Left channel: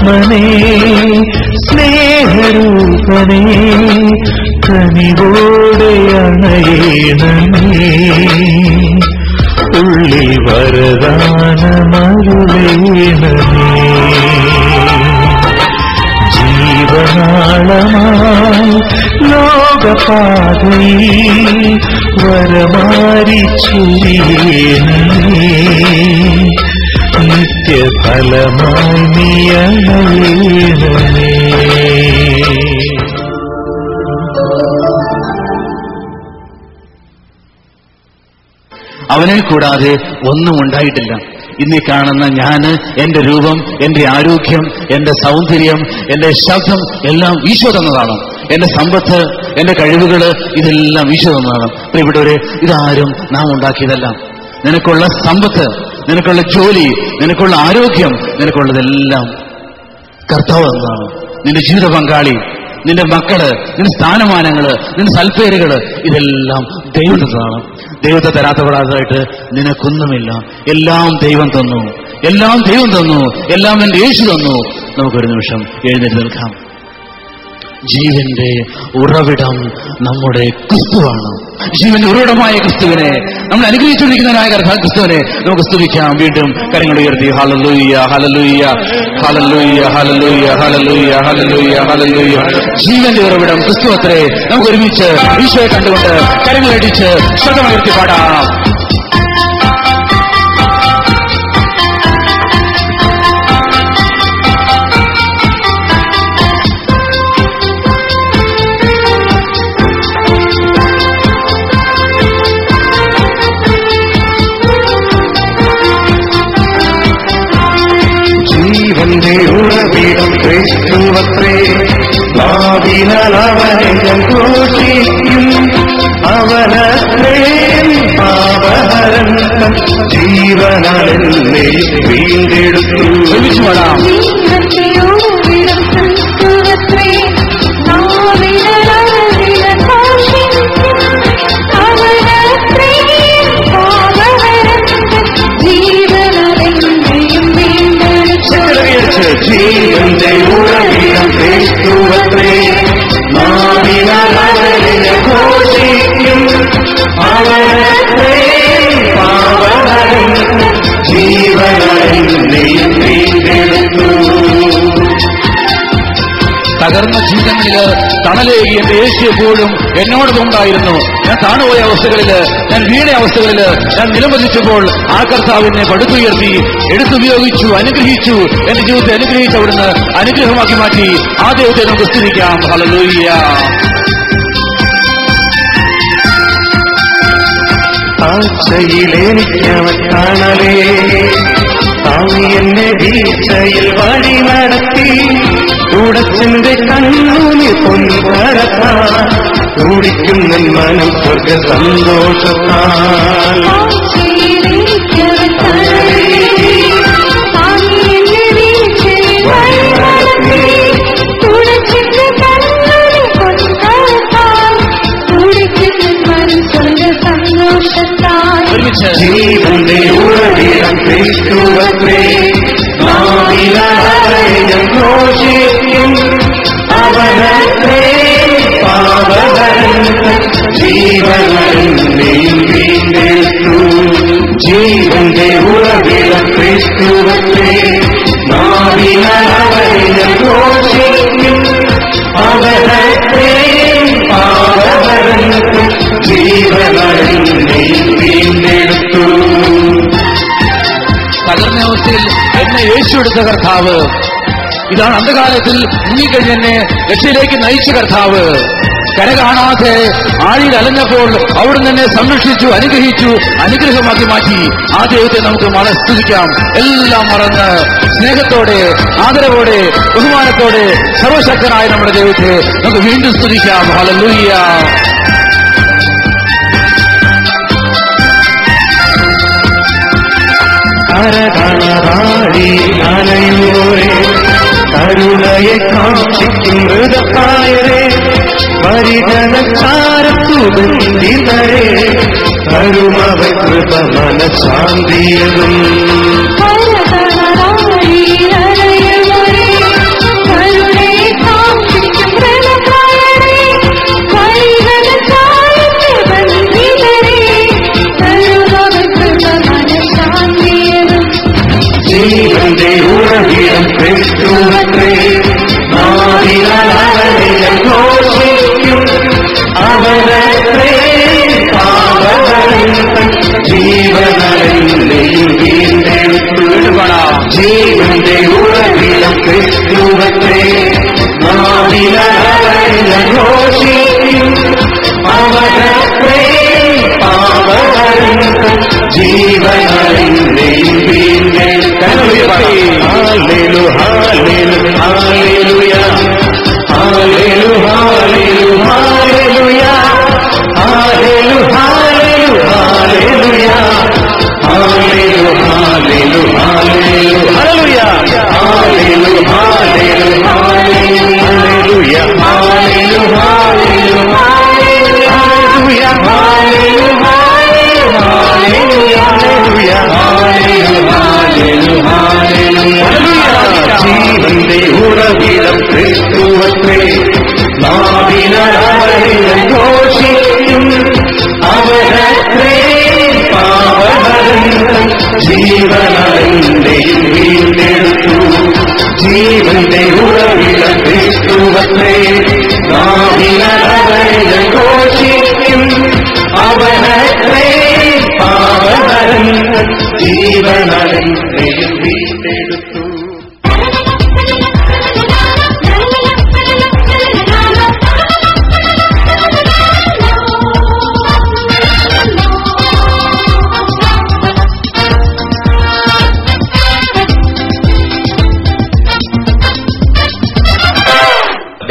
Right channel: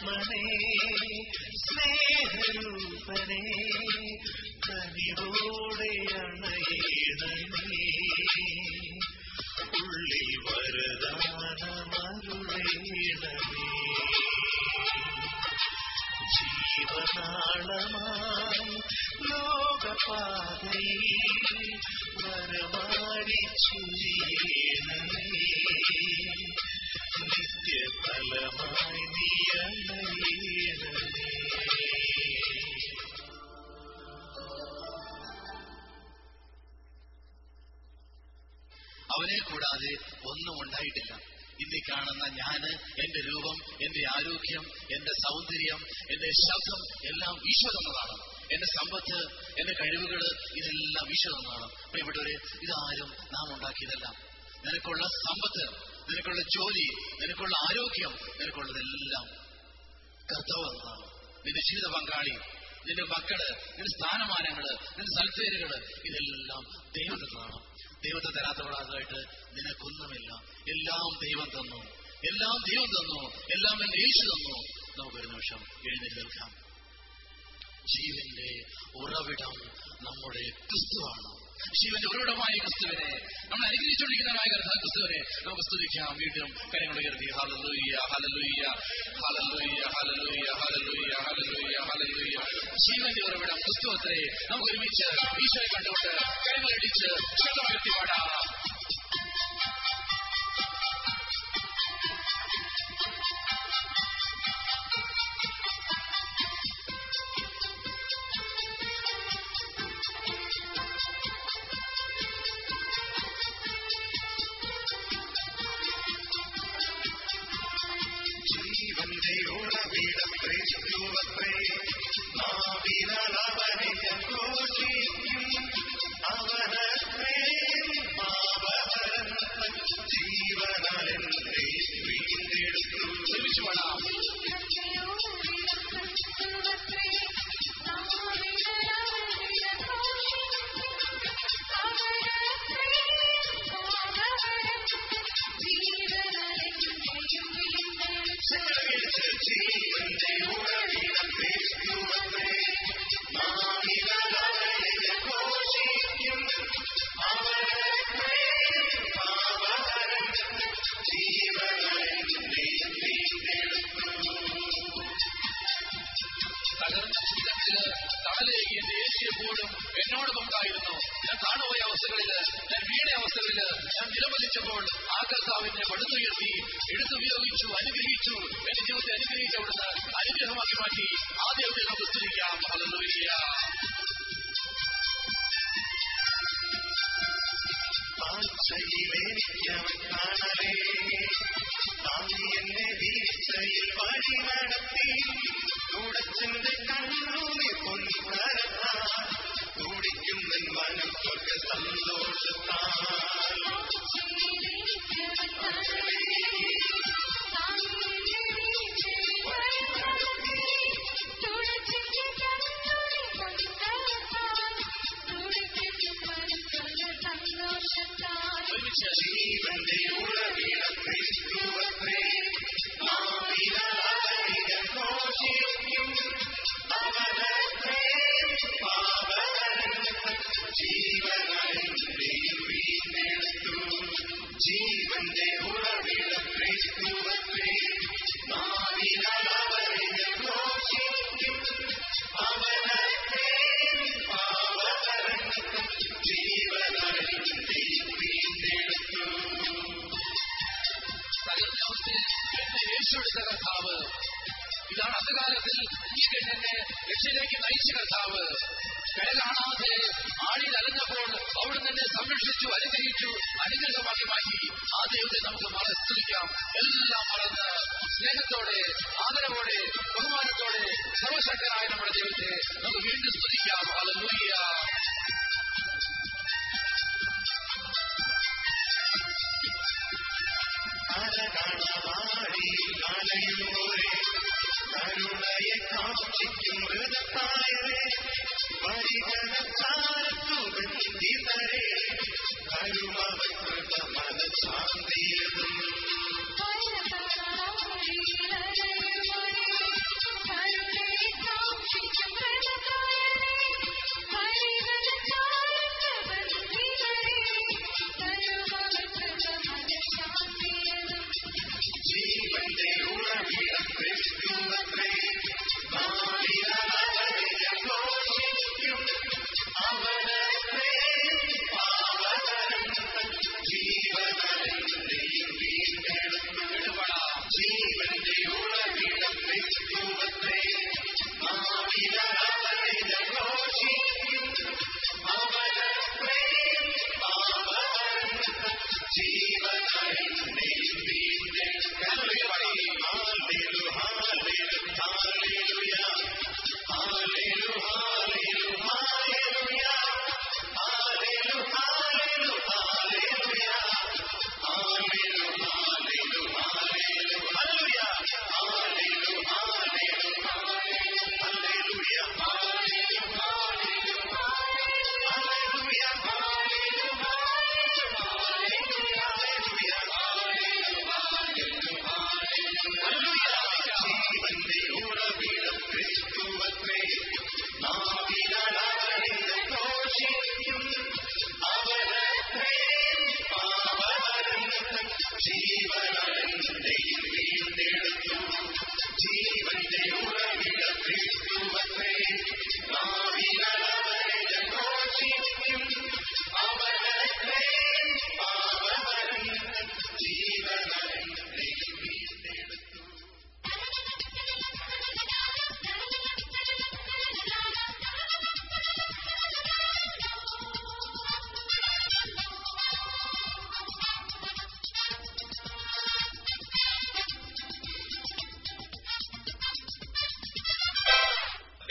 ആത്മനേ സ്നേഹരൂപനേ കനിവോടെ അണയണമേ ഉള്ളിൽ വരദാനമരുളേണമേ ജീവനാളമായി ലോകപാതയിൽ വരമാരി ചൊരിയേണമേ നിത്യഫലമായി നീയണയേണമേ. അവനെ കൂടാതെ ഒന്നും ഉണ്ടായിട്ടില്ല. ഇന്നീ കാണുന്ന ഞാന്, എന്റെ രൂപം, എന്റെ ആരോഗ്യം, എന്റെ സൗന്ദര്യം, എന്റെ ശബ്ദം എല്ലാം ഈശോ തന്നതാണ്. എന്റെ സമ്പത്ത്, എന്റെ കഴിവുകള് ഇതെല്ലാം ഈശോ തന്നതാണ്. പ്രിയപ്പെട്ടവരെ, ഇതാരും നാം ഉണ്ടാക്കിയതല്ല. നിനക്കുള്ള സമ്പത്ത്, നിനക്കുള്ള ജോലി, നിനക്കുള്ള ആരോഗ്യം, നിനക്കുള്ളതെല്ലാം കർത്താവ് തന്നതാണ്. നിന്റെ ജീവിത പങ്കാളി, നിന്റെ മക്കള്, നിന്റെ സ്ഥാനമാനങ്ങള്, നിന്റെ സൽപ്പേരുകള് ഇതെല്ലാം ദൈവം തന്നതാണ്. ദൈവത്തെ തരാത്തപ്പെടാതായിട്ട് നിനക്കൊന്നുമില്ല. എല്ലാം ദൈവം തന്നു, എല്ലാം ദൈവം തന്നു, എല്ലാം എന്റെ യേശു തന്നു. നമുക്കൊരു നിമിഷം എഴുന്നേറ്റ് നിൽക്കാം. ജീവന്റെ ഉറവിടം നമ്മുടെ ക്രിസ്തുവാണ്. ജീവന്റെ ഉറവിടമായ ക്രിസ്തുവിനെ, നമ്മൾ അനുഗ്രഹിച്ചുകൊണ്ടിരിക്കുന്നതിനായ ക്രിസ്തുവിനെ നമുക്ക് സ്തുതിക്കാം. വീണ്ടും കരങ്ങൾ ഉയർത്തി hallelujah hallelujah hallelujah hallelujah hallelujah hallelujah hallelujah. ജീവന്റെ ഉറവിടം ക്രിസ്തു അത്രേ. നമുക്ക് ഒരുമിച്ച് ഈശോയെ കണ്ടുകൊണ്ട് കരങ്ങളടിച്ച് ശബ്ദമുയർത്തി പാടാം. ജീവന്റെ ഉറവിടം ക്രിസ്തുവത്രേ. നാവിനാൽ അവനെ ഞാൻ ഘോഷിക്കും. അവനത്രേ പാപഹരൻ ജീവനാൽ എന്നെ വീണ്ടെടുത്തു. ജീവന്റെ ഉറവിടം ക്രിസ്തുവത്രേ. നാവിനാൽ അവനെ ഘോഷിക്കും. അവനത്രേ പാപഹരൻ ജീവനാൽ എന്നെ വീണ്ടെടുത്തു. തകർന്ന ജീവിതങ്ങളില് തണലേകി എന്റെ യേശു എപ്പോഴും എന്നോടൊപ്പം ഉണ്ടായിരുന്നു. ഞാൻ താണുപോയ അവസ്ഥകളില്, ഞാൻ വീണ അവസ്ഥകളില്, ഞാൻ നിലംപതിച്ചപ്പോൾ ആ കർത്താവിനെ പടുത്തുയർത്തി എടുത്തുപയോഗിച്ചു, അനുഗ്രഹിച്ചു. എന്റെ ജീവിതത്തെ അനുഗ്രഹിച്ച് അവിടുന്ന് അനുഗ്രഹമാക്കി മാറ്റി. ആ ദൈവത്തെ നമുക്ക് സ്തുതിക്കാം. ഹല്ലേലൂയ. ആഴ്ചയിലെനിക്കവൻ കാണലേ. താങ്ങി എന്നെ വീഴ്ചയിൽ വഴി നടത്തി. ഉടച്ചെന്റെ കണ്ണൂനി പൊൻകരത്താൽ തുടിക്കുന്ന മനം സ്വർഗ സന്തോഷത്താൽ. ജീവന്റെ ഉറവിടം ക്രിസ്തുവത്രേ. നാവിനാൽ അവനെ ഞാൻ ഘോഷിക്കും. അവനത്രേ പാപഹരൻ ജീവനാൽ എന്നെ വീണ്ടെടുത്തു. ജീവന്റെ ഉറവിടം ക്രിസ്തുവത്രേ. നാവിനാൽ അവനെ ഞാൻ ഘോഷിക്കും. അവനത്രേ പാപഹരൻ ജീവനാൽ എന്നെ വീണ്ടെടുത്തു. തകർന്ന അവസ്ഥയിൽ എന്നെ യേശു എടുത്ത കർത്താവ്, ഇതാണ് അന്ധകാലത്തിൽ മുങ്ങിക്കഴിഞ്ഞ് എന്നെ രക്ഷയിലേക്ക് നയിച്ച കർത്താവ്. കര കാണാതെ ആഴിയിൽ അലഞ്ഞപ്പോൾ അവിടുന്ന് എന്നെ സംരക്ഷിച്ചു, അനുഗ്രഹിച്ചു, അനുഗ്രഹമാക്കി മാറ്റി. ആ ദൈവത്തെ നമുക്ക് സ്തുതിക്കാം. എല്ലാം മറന്ന് സ്നേഹത്തോടെ, ആദരവോടെ, ബഹുമാനത്തോടെ സർവശക്തനായ നമ്മുടെ ദൈവത്തെ നമുക്ക് വീണ്ടും സ്തുതിക്കാം. ഹല്ലേലൂയ. കരകണറാടി അലയൂരേ. കരുണയെ കാക്ഷിക്കും മൃതപ്രായരേ. പരിജനച്ചാരത്തു ബന്ധിതരേ. കരുമവ കൃപ മനഃശാന്തിയതും.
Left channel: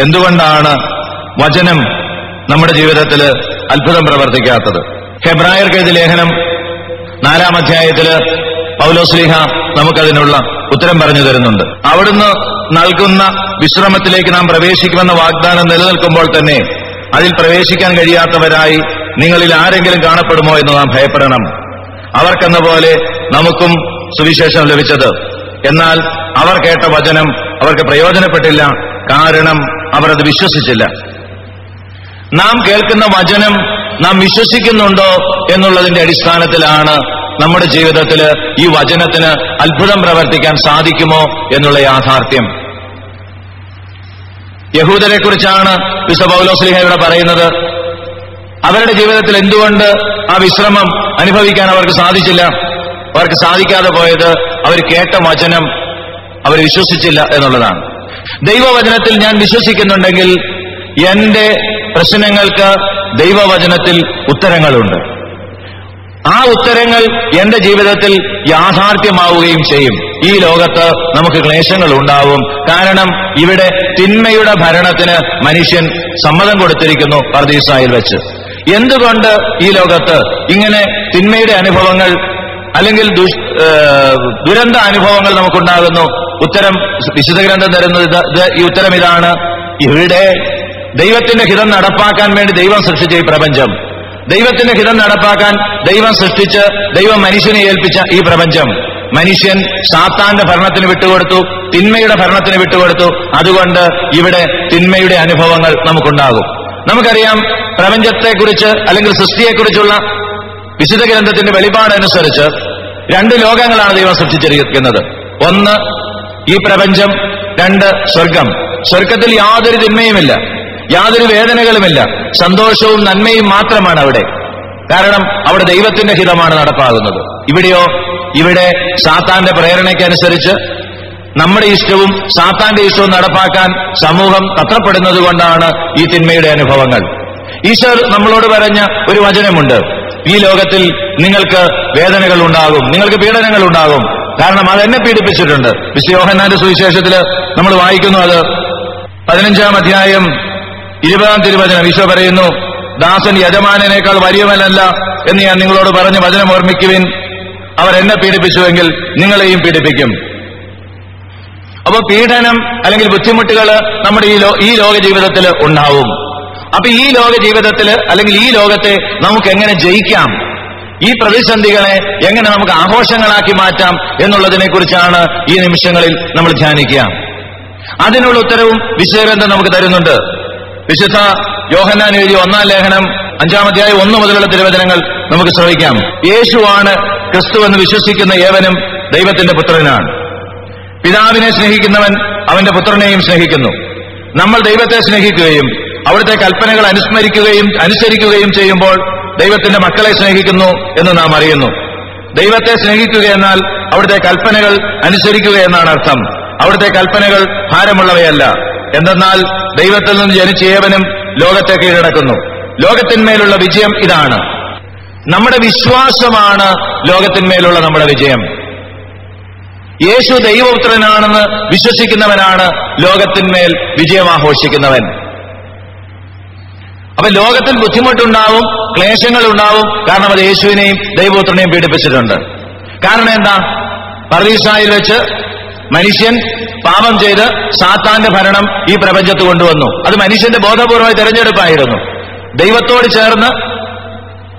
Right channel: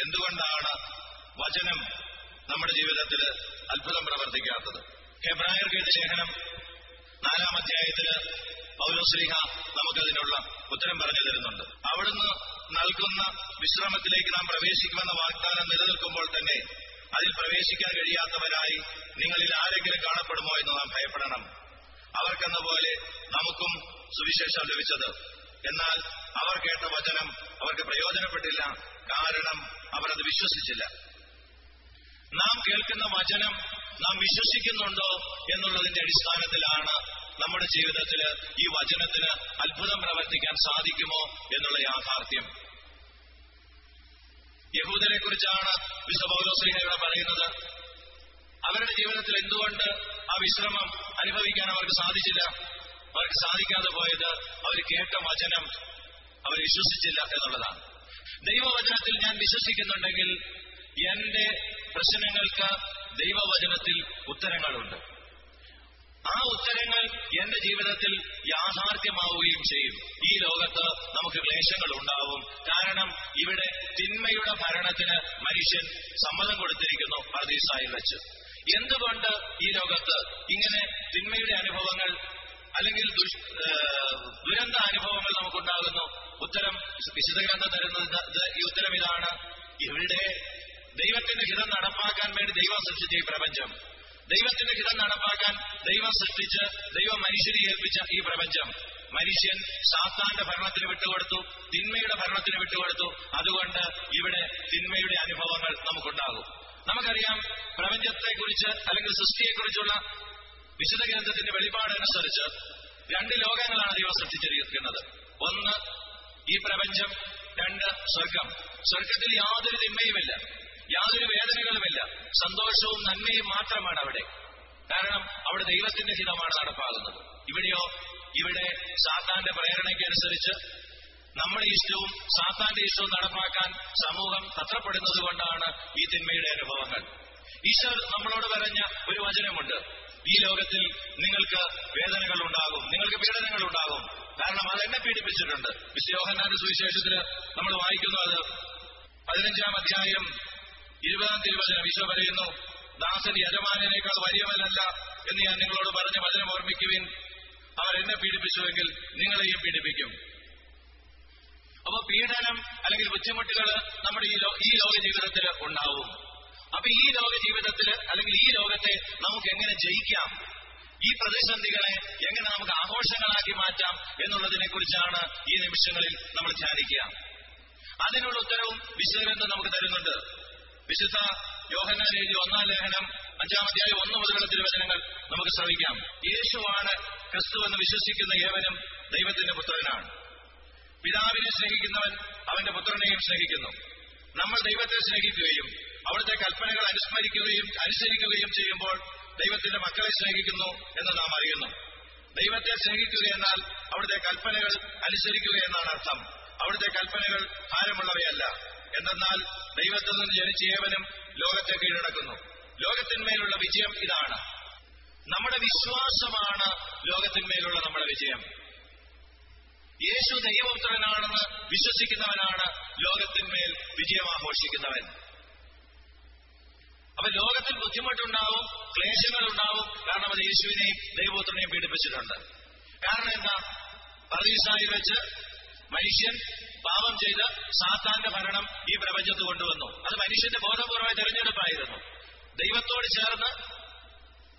എന്തുകൊണ്ടാണ് വചനം നമ്മുടെ ജീവിതത്തിൽ അത്ഭുതം പ്രവർത്തിക്കാത്തത്? ഹെബ്രായർക്കെഴുതിയ ലേഖനം 4-ാം അധ്യായത്തില് പൗലോസ്ലീഹ നമുക്കതിനുള്ള ഉത്തരം പറഞ്ഞു തരുന്നുണ്ട്. അവിടുന്ന് നൽകുന്ന വിശ്രമത്തിലേക്ക് നാം പ്രവേശിക്കുമെന്ന വാഗ്ദാനം നിലനിൽക്കുമ്പോൾ തന്നെ അതിൽ പ്രവേശിക്കാൻ കഴിയാത്തവരായി നിങ്ങളിൽ ആരെങ്കിലും കാണപ്പെടുമോ എന്ന് നാം ഭയപ്പെടണം. അവർക്കെന്ന പോലെ നമുക്കും സുവിശേഷം ലഭിച്ചത്. എന്നാൽ അവർ കേട്ട വചനം അവർക്ക് പ്രയോജനപ്പെട്ടില്ല, കാരണം അവർ അത് വിശ്വസിച്ചില്ല. നാം കേൾക്കുന്ന വചനം നാം വിശ്വസിക്കുന്നുണ്ടോ എന്നുള്ളതിന്റെ അടിസ്ഥാനത്തിലാണ് നമ്മുടെ ജീവിതത്തിൽ ഈ വചനത്തിന് അത്ഭുതം പ്രവർത്തിക്കാൻ സാധിക്കുമോ എന്നുള്ള യാഥാർത്ഥ്യം. യഹൂദരെ കുറിച്ചാണ് വിശുദ്ധ പൗലോസ്ലീഹ ഇവിടെ പറയുന്നത്. അവരുടെ ജീവിതത്തിൽ എന്തുകൊണ്ട് ആ വിശ്രമം അനുഭവിക്കാൻ അവർക്ക് സാധിച്ചില്ല? അവർക്ക് സാധിക്കാതെ പോയത് അവർ കേട്ട വചനം അവർ വിശ്വസിച്ചില്ല എന്നുള്ളതാണ്. ദൈവവചനത്തിൽ ഞാൻ വിശ്വസിക്കുന്നുണ്ടെങ്കിൽ എന്റെ പ്രശ്നങ്ങൾക്ക് ദൈവവചനത്തിൽ ഉത്തരങ്ങളുണ്ട്. ആ ഉത്തരങ്ങൾ എന്റെ ജീവിതത്തിൽ യാഥാർത്ഥ്യമാവുകയും ചെയ്യും. ഈ ലോകത്ത് നമുക്ക് ക്ലേശങ്ങൾ ഉണ്ടാവും. കാരണം ഇവിടെ തിന്മയുടെ ഭരണത്തിന് മനുഷ്യൻ സമ്മതം കൊടുത്തിരിക്കുന്നു പർദീസായിൽ വെച്ച്. എന്തുകൊണ്ട് ഈ ലോകത്ത് ഇങ്ങനെ തിന്മയുടെ അനുഭവങ്ങൾ അല്ലെങ്കിൽ ദുരന്ത അനുഭവങ്ങൾ നമുക്കുണ്ടാകുന്നു? ഉത്തരം വിശുദ്ധ ഗ്രന്ഥം തരുന്നത് ഈ ഉത്തരം ഇതാണ്. ഇവിടെ ദൈവത്തിന്റെ ഹിതം നടപ്പാക്കാൻ വേണ്ടി ദൈവം സൃഷ്ടിച്ച ഈ പ്രപഞ്ചം, ദൈവത്തിന്റെ ഹിതം നടപ്പാക്കാൻ ദൈവം സൃഷ്ടിച്ച് ദൈവം മനുഷ്യനെ ഏൽപ്പിച്ച ഈ പ്രപഞ്ചം, മനുഷ്യൻ സാത്താന്റെ ഭരണത്തിന് വിട്ടുകൊടുത്തു, തിന്മയുടെ ഭരണത്തിന് വിട്ടുകൊടുത്തു. അതുകൊണ്ട് ഇവിടെ തിന്മയുടെ അനുഭവങ്ങൾ നമുക്കുണ്ടാകും. നമുക്കറിയാം, പ്രപഞ്ചത്തെക്കുറിച്ച് അല്ലെങ്കിൽ സൃഷ്ടിയെക്കുറിച്ചുള്ള വിശുദ്ധ ഗ്രന്ഥത്തിന്റെ വെളിപാടനുസരിച്ച് 2 ലോകങ്ങളാണ് ദൈവം സൃഷ്ടിച്ചിരിക്കുന്നത്. ഒന്ന് ഈ പ്രപഞ്ചം, 2 സ്വർഗം. സ്വർഗത്തിൽ യാതൊരു തിന്മയുമില്ല, യാതൊരു വേദനകളുമില്ല, സന്തോഷവും നന്മയും മാത്രമാണ് അവിടെ. കാരണം അവിടെ ദൈവത്തിന്റെ ഹിതമാണ് നടപ്പാകുന്നത്. ഇവിടെയോ, ഇവിടെ സാത്താന്റെ പ്രേരണയ്ക്കനുസരിച്ച് നമ്മുടെ ഇഷ്ടവും സാത്താന്റെ ഇഷ്ടവും നടപ്പാക്കാൻ സമൂഹം തത്രപ്പെടുന്നത് കൊണ്ടാണ് ഈ തിന്മയുടെ അനുഭവങ്ങൾ. ഈശോ നമ്മളോട് പറഞ്ഞ ഒരു വചനമുണ്ട്: ഈ ലോകത്തിൽ നിങ്ങൾക്ക് വേദനകൾ ഉണ്ടാകും, നിങ്ങൾക്ക് പീഡനങ്ങൾ ഉണ്ടാകും. കാരണം അതെന്നെ പീഡിപ്പിച്ചിട്ടുണ്ട്. വിശുദ്ധ യോഹന്നാന്റെ സുവിശേഷത്തില് നമ്മൾ വായിക്കുന്നു, അത് 15-ാം അധ്യായം 20-ാം തിരുവചനം. ഈശോ പറയുന്നു, ദാസൻ യജമാനേക്കാൾ വലിയവനല്ല എന്ന് ഞാൻ നിങ്ങളോട് പറഞ്ഞ് വചനം ഓർമ്മിക്കുവിൻ. അവർ എന്നെ പീഡിപ്പിച്ചുവെങ്കിൽ നിങ്ങളെയും പീഡിപ്പിക്കും. അപ്പൊ പീഡനം അല്ലെങ്കിൽ ബുദ്ധിമുട്ടുകൾ നമ്മുടെ ഈ ലോക ജീവിതത്തിൽ ഉണ്ടാവും. അപ്പൊ ഈ ലോക ജീവിതത്തിൽ അല്ലെങ്കിൽ ഈ ലോകത്തെ നമുക്ക് എങ്ങനെ ജയിക്കാം, ഈ പ്രതിസന്ധികളെ എങ്ങനെ നമുക്ക് ആഘോഷങ്ങളാക്കി മാറ്റാം എന്നുള്ളതിനെ കുറിച്ചാണ് ഈ നിമിഷങ്ങളിൽ നമ്മൾ ധ്യാനിക്കുക. അതിനുള്ള ഉത്തരവും വിശുദ്ധഗ്രന്ഥം നമുക്ക് തരുന്നുണ്ട്. വിശുദ്ധ യോഹന്നാൻ എഴുതിയ 1-ാം ലേഖനം 5-ാം അധ്യായം 1 മുതലുള്ള തിരുവചനങ്ങൾ നമുക്ക് ശ്രവിക്കാം. യേശുവാണ് ക്രിസ്തുവെന്ന് വിശ്വസിക്കുന്ന ഏവനും ദൈവത്തിന്റെ പുത്രനാണ്. പിതാവിനെ സ്നേഹിക്കുന്നവൻ അവന്റെ പുത്രനെയും സ്നേഹിക്കുന്നു. നമ്മൾ ദൈവത്തെ സ്നേഹിക്കുകയും അവിടുത്തെ കൽപ്പനകൾ അനുസരിക്കുകയും ചെയ്യുമ്പോൾ ദൈവത്തിന്റെ മക്കളെ സ്നേഹിക്കുന്നു എന്ന് നാം അറിയുന്നു. ദൈവത്തെ സ്നേഹിക്കുക എന്നാൽ അവിടുത്തെ കൽപ്പനകൾ അനുസരിക്കുക എന്നാണ് അർത്ഥം. അവിടുത്തെ കൽപ്പനകൾ ഭാരമുള്ളവയല്ല. എന്തെന്നാൽ ദൈവത്തിൽ നിന്ന് ജനിച്ച ഏവനും ലോകത്തെ കീഴടക്കുന്നു. ലോകത്തിന്മേലുള്ള വിജയം ഇതാണ്. നമ്മുടെ വിശ്വാസമാണ് ലോകത്തിന്മേലുള്ള നമ്മുടെ വിജയം. യേശു ദൈവപുത്രനാണെന്ന് വിശ്വസിക്കുന്നവനാണ് ലോകത്തിന്മേൽ വിജയം ആഘോഷിക്കുന്നവൻ. അപ്പൊ ലോകത്തിൽ ബുദ്ധിമുട്ടുണ്ടാവും, ക്ലേശങ്ങൾ ഉണ്ടാവും. കാരണം അത് യേശുവിനെയും ദൈവപുത്രനെയും പീഡിപ്പിച്ചിട്ടുണ്ട്. കാരണം എന്താ? പർദീസായിൽ വെച്ച് മനുഷ്യൻ പാപം ചെയ്ത് സാത്താന്റെ ഭരണം ഈ പ്രപഞ്ചത്ത് കൊണ്ടുവന്നു. അത് മനുഷ്യന്റെ ബോധപൂർവമായ തെരഞ്ഞെടുപ്പായിരുന്നു. ദൈവത്തോട് ചേർന്ന്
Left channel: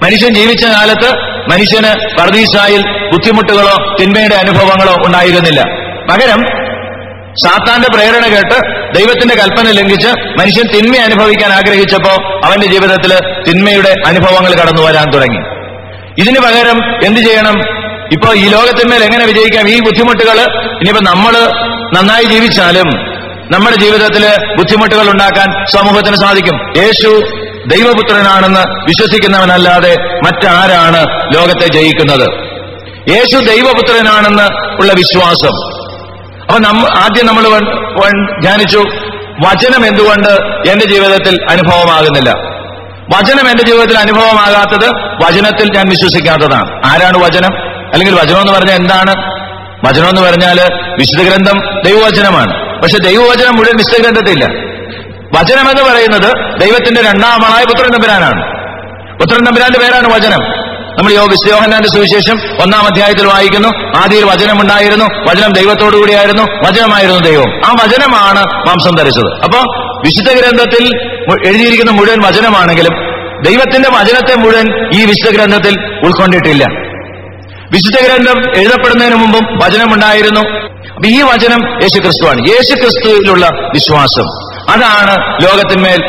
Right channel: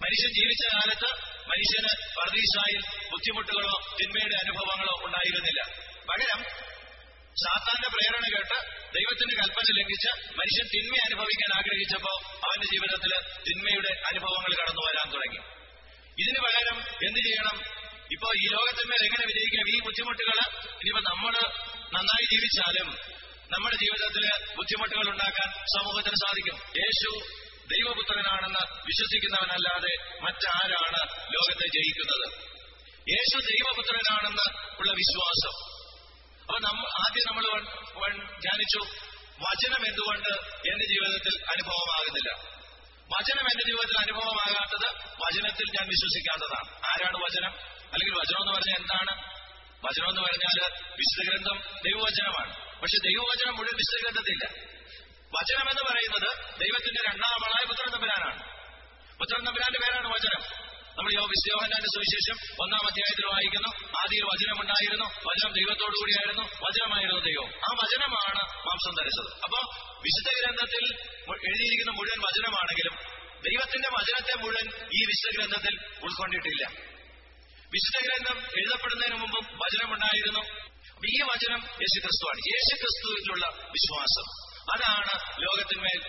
മനുഷ്യൻ ജീവിച്ച കാലത്ത് മനുഷ്യന് പർദീസായിൽ ബുദ്ധിമുട്ടുകളോ തിന്മയുടെ അനുഭവങ്ങളോ ഉണ്ടായിരുന്നില്ല. പകരം സാത്താന്റെ പ്രേരണ കേട്ട് ദൈവത്തിന്റെ കൽപ്പന ലംഘിച്ച് മനുഷ്യൻ തിന്മ അനുഭവിക്കാൻ ആഗ്രഹിച്ചപ്പോ അവന്റെ ജീവിതത്തിൽ തിന്മയുടെ അനുഭവങ്ങൾ കടന്നു വരാൻ തുടങ്ങി. ഇതിന് പകരം എന്ത് ചെയ്യണം? ഇപ്പോ ഈ ലോകത്തിന്മേൽ എങ്ങനെ വിജയിക്കാം? ഈ ബുദ്ധിമുട്ടുകൾ ഇനിയിപ്പോ നമ്മൾ നന്നായി ജീവിച്ചാലും നമ്മുടെ ജീവിതത്തിൽ ബുദ്ധിമുട്ടുകൾ ഉണ്ടാക്കാൻ സമൂഹത്തിന് സാധിക്കും. യേശു ദൈവപുത്രനാണെന്ന് വിശ്വസിക്കുന്നവനല്ലാതെ മറ്റാരാണ് ലോകത്തെ ജയിക്കുന്നത്? യേശു ദൈവപുത്രനാണെന്ന് ഉള്ള വിശ്വാസം. അപ്പൊ ആദ്യം നമ്മൾ ധ്യാനിച്ചു, വചനം എന്തുകൊണ്ട് എന്റെ ജീവിതത്തിൽ അനുഭവമാകുന്നില്ല? വചനം എന്റെ ജീവിതത്തിൽ അനുഭവമാകാത്തത് വചനത്തിൽ ഞാൻ വിശ്വസിക്കാത്തതാണ്. ആരാണ് വചനം? അല്ലെങ്കിൽ വചനം എന്ന് പറഞ്ഞാൽ എന്താണ്? വചനം എന്ന് പറഞ്ഞാൽ വിശുദ്ധ ഗ്രന്ഥം ദൈവവചനമാണ്. പക്ഷെ ദൈവവചനം മുഴുവൻ വിശുദ്ധ ഗ്രന്ഥത്തില്ല. വചനമെന്ന് പറയുന്നത് ദൈവത്തിന്റെ രണ്ടാമനായ പുത്രൻ തമ്പുരാനാണ്. പുത്രൻ തമ്പുരാന്റെ പേരാണ് വചനം. നമ്മൾ യോഹന്നാന്റെ സുവിശേഷം 1-ാം അധ്യായത്തിൽ വായിക്കുന്നു, ആദിയിൽ വചനമുണ്ടായിരുന്നു, വചനം ദൈവത്തോടുകൂടിയായിരുന്നു, വചനമായിരുന്നു ദൈവം. ആ വചനമാണ് മാംസം ധരിച്ചത്. അപ്പോ വിശുദ്ധ ഗ്രന്ഥത്തിൽ എഴുതിയിരിക്കുന്ന മുഴുവൻ വചനമാണെങ്കിലും ദൈവത്തിന്റെ വചനത്തെ മുഴുവൻ ഈ വിശുദ്ധ ഗ്രന്ഥത്തിൽ ഉൾക്കൊണ്ടിട്ടില്ല. വിശുദ്ധ ഗ്രന്ഥം എഴുതപ്പെടുന്നതിന് മുമ്പും വചനമുണ്ടായിരുന്നു. അപ്പൊ ഈ വചനം യേശുക്രിസ്തുവാണ്. യേശുക്രിസ്തുവിലുള്ള വിശ്വാസം, അതാണ് ലോകത്തിന്മേൽ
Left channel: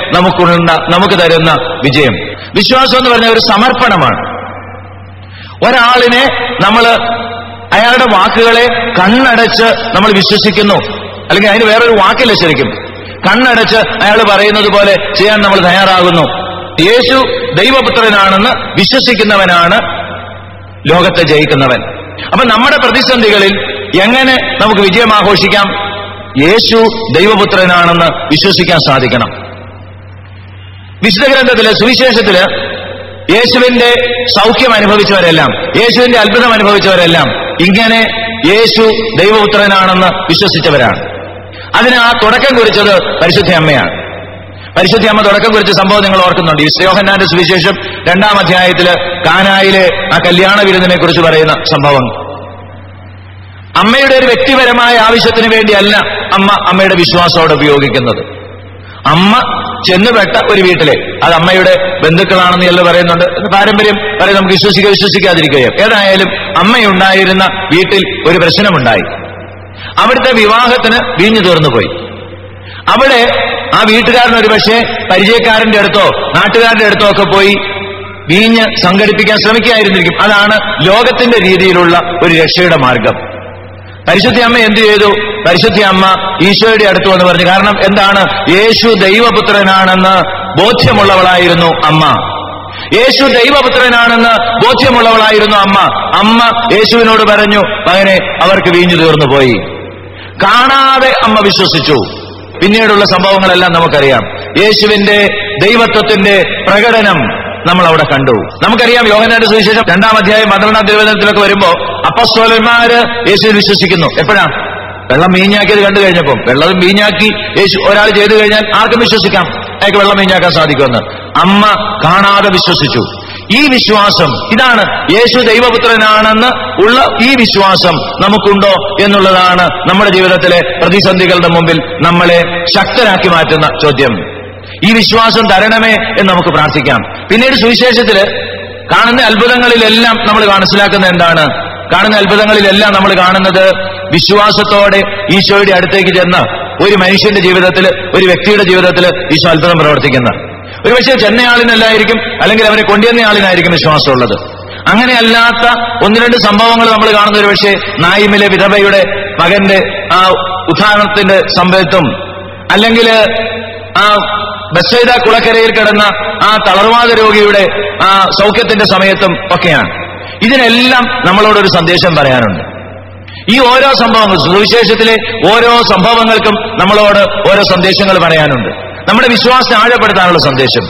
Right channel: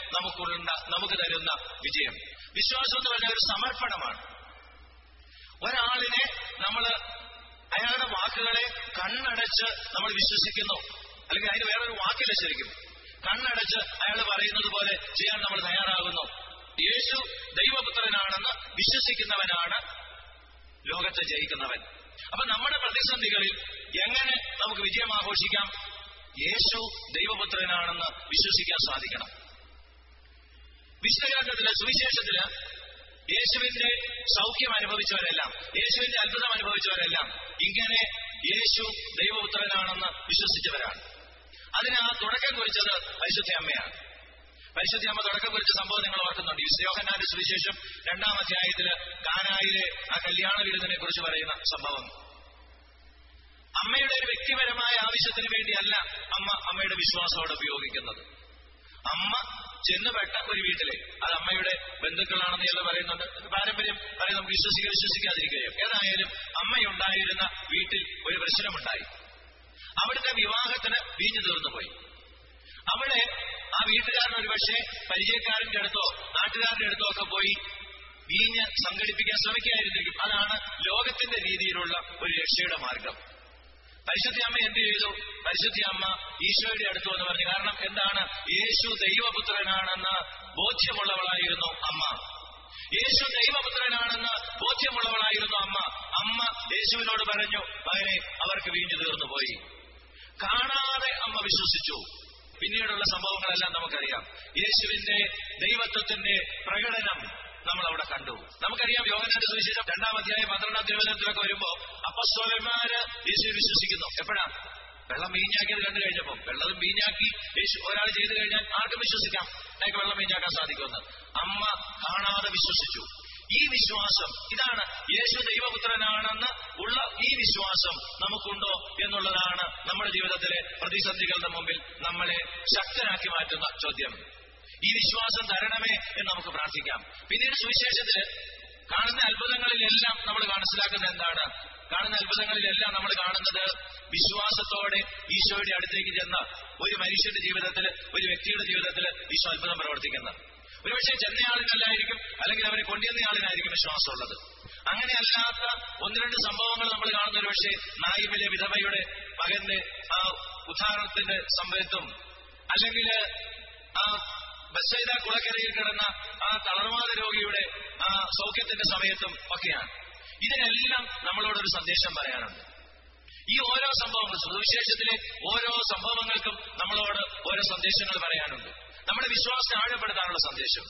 നമുക്ക് തരുന്ന വിജയം. വിശ്വാസം എന്ന് പറഞ്ഞ ഒരു സമർപ്പണമാണ്. ഒരാളിനെ അയാളുടെ വാക്കുകളെ കണ്ണടച്ച് നമ്മൾ വിശ്വസിക്കുന്നു, അല്ലെങ്കിൽ അതിന് വേറൊരു വാക്കില്ല, ശരിക്കും കണ്ണടച്ച് അയാൾ പറയുന്നത് പോലെ ചെയ്യാൻ നമ്മൾ തയ്യാറാകുന്നു. യേശു ദൈവപുത്രനാണെന്ന് വിശ്വസിക്കുന്നവനാണ് ലോകത്തെ ജയിക്കുന്നവൻ. അപ്പൊ നമ്മുടെ പ്രതിസന്ധികളിൽ എങ്ങനെ നമുക്ക് വിജയം ആഘോഷിക്കാം? യേശു ദൈവപുത്രനാണെന്ന് വിശ്വസിക്കാൻ സാധിക്കണം. വിശുദ്ധ ഗ്രന്ഥത്തില്, സുവിശേഷത്തില് യേശുവിന്റെ സൗഖ്യം അനുഭവിച്ചവരെല്ലാം, യേശുവിന്റെ അത്ഭുതം അനുഭവിച്ചവരെല്ലാം ഇങ്ങനെ യേശു ദൈവപുത്രനാണെന്ന് വിശ്വസിച്ചവരാണ്. അതിന് ആ തുടക്കം കുറിച്ചത് പരിശുദ്ധ അമ്മയാണ്. പരിശുദ്ധ അമ്മ തുടക്കം കുറിച്ച സംഭവം നിങ്ങൾ ഓർക്കുന്നുണ്ട്. യോഹന്നാന്റെ സുവിശേഷം 2-ാം അധ്യായത്തില് കാനായിലെ ആ കല്യാണ വിരുന്നിനെ കുറിച്ച് പറയുന്ന സംഭവം. അമ്മയുടെ ഒരു വ്യക്തിപരമായ ആവശ്യത്തിന് വേണ്ടിയല്ല അമ്മയുടെ വിശ്വാസത്തോടെ ഉപയോഗിക്കുന്നത്. അമ്മ ചെന്നുപെട്ട ഒരു വീട്ടിലെ, അത് അമ്മയുടെ ബന്ധുക്കളാണെന്ന് എല്ലാം പറയുന്നുണ്ട്. പാരമ്പര്യം പറയും, നമുക്ക് വിശ്വസിക്കാതിരിക്കുകയും. ഏതായാലും അമ്മയുണ്ടായിരുന്ന വീട്ടിൽ ഒരു പ്രശ്നമുണ്ടായി. അവിടുത്തെ വിവാഹത്തിന് വീഞ്ഞു തീർന്നുപോയി. അവിടെ ആ വീട്ടുകാരൻ ഒരു പക്ഷേ പരിചയക്കാരന്റെ അടുത്തോ നാട്ടുകാരന്റെ അടുത്തോ ഒക്കെ പോയി വീഞ്ഞ് സംഘടിപ്പിക്കാൻ ശ്രമിക്കുകയായിരുന്നിരിക്കും. അതാണ് ലോകത്തിന്റെ രീതിയിലുള്ള ഒരു രക്ഷയുടെ മാർഗം. പരിശുദ്ധ അമ്മ എന്ത് ചെയ്തു? പരിശുദ്ധ അമ്മ ഈശോയുടെ അടുത്ത് വന്ന് പറഞ്ഞു. കാരണം എന്താണ്? യേശു ദൈവപുത്രനാണെന്ന് ബോധ്യമുള്ളവളായിരുന്നു അമ്മ. യേശു ദൈവപുത്രനാണെന്ന് ബോധ്യമുള്ളവളായിരുന്നു അമ്മ. അമ്മ യേശുവിനോട് പറഞ്ഞു, മകനെ, അവർക്ക് വീഞ്ഞു തീർന്നു പോയി. കാണാതെ അമ്മ വിശ്വസിച്ചു. പിന്നീടുള്ള സംഭവങ്ങളെല്ലാം നമുക്കറിയാം. യേശുവിന്റെ ദൈവത്വത്തിന്റെ പ്രകടനം നമ്മൾ അവിടെ കണ്ടു. നമുക്കറിയാം, യോഹന്നാന്റെ സുവിശേഷം 2-ാം അധ്യായം 12-ാം തിരുവചനത്തിലൊക്കെ വരുമ്പോ അപ്പസ്തോലന്മാര് യേശുവിൽ വിശ്വസിക്കുന്നു. എപ്പോഴാ? വെള്ളം വീഞ്ഞാക്കിയത് കണ്ടു കഴിഞ്ഞപ്പം. വെള്ളം വീഞ്ഞാക്കി യേശു ഒരാൾ ചെയ്തു കഴിഞ്ഞാൽ ആർക്കും വിശ്വസിക്കാം അയാൾക്ക് വെള്ളം വീഞ്ഞാക്കാൻ സാധിക്കുമെന്ന്. അമ്മ കാണാതെ വിശ്വസിച്ചു. ഈ വിശ്വാസം, ഇതാണ് യേശു ദൈവപുത്രനാണെന്ന് ഉള്ള ഈ വിശ്വാസം നമുക്കുണ്ടോ എന്നുള്ളതാണ് നമ്മുടെ ജീവിതത്തിലെ പ്രതിസന്ധികളുടെ മുമ്പിൽ നമ്മളെ ശക്തരാക്കി മാറ്റുന്ന ചോദ്യം. ഈ വിശ്വാസം തരണമേ എന്ന് നമുക്ക് പ്രാർത്ഥിക്കാം. പിന്നീട് സുവിശേഷത്തില് കാണുന്ന അത്ഭുതങ്ങളിലെല്ലാം നമ്മൾ മനസ്സിലാക്കുന്ന എന്താണ്? കാണുന്ന അത്ഭുതങ്ങളിലെല്ലാം നമ്മൾ കാണുന്നത് വിശ്വാസത്തോടെ ഈശോയുടെ അടുത്തേക്ക് ചെന്ന് ഒരു മനുഷ്യന്റെ ജീവിതത്തിൽ, ഒരു വ്യക്തിയുടെ ജീവിതത്തിൽ ഈശോ അത്ഭുതം പ്രവർത്തിക്കുന്ന, ഒരുപക്ഷെ ചെന്നയാളിനല്ലായിരിക്കും, അല്ലെങ്കിൽ അവരെ കൊണ്ടുവന്നയാളിനായിരിക്കും വിശ്വാസമുള്ളത്. അങ്ങനെയല്ലാത്ത 1-2 സംഭവങ്ങൾ നമ്മൾ കാണുന്ന ഒരു പക്ഷേ നായിമിലെ വിധവയുടെ മകന്റെ ആ ഉദ്ധാരണത്തിന്റെ സമയത്തും, അല്ലെങ്കിൽ ആ ബെത്സൈദ കുളക്കരയിൽ കിടന്ന ആ തളർവാദ രോഗിയുടെ ആ സൗഖ്യത്തിന്റെ സമയത്തും ഒക്കെയാണ്. ഇതിനെല്ലാം നമ്മളോടൊരു സന്ദേശം പറയാനുണ്ട്. ഈ ഓരോ സംഭവങ്ങൾ, സുവിശേഷത്തിലെ ഓരോ സംഭവങ്ങൾക്കും നമ്മളോട് ഓരോ സന്ദേശങ്ങൾ പറയാനുണ്ട്. നമ്മുടെ വിശ്വാസത്തെ ആഴപ്പെടുത്താനുള്ള സന്ദേശം.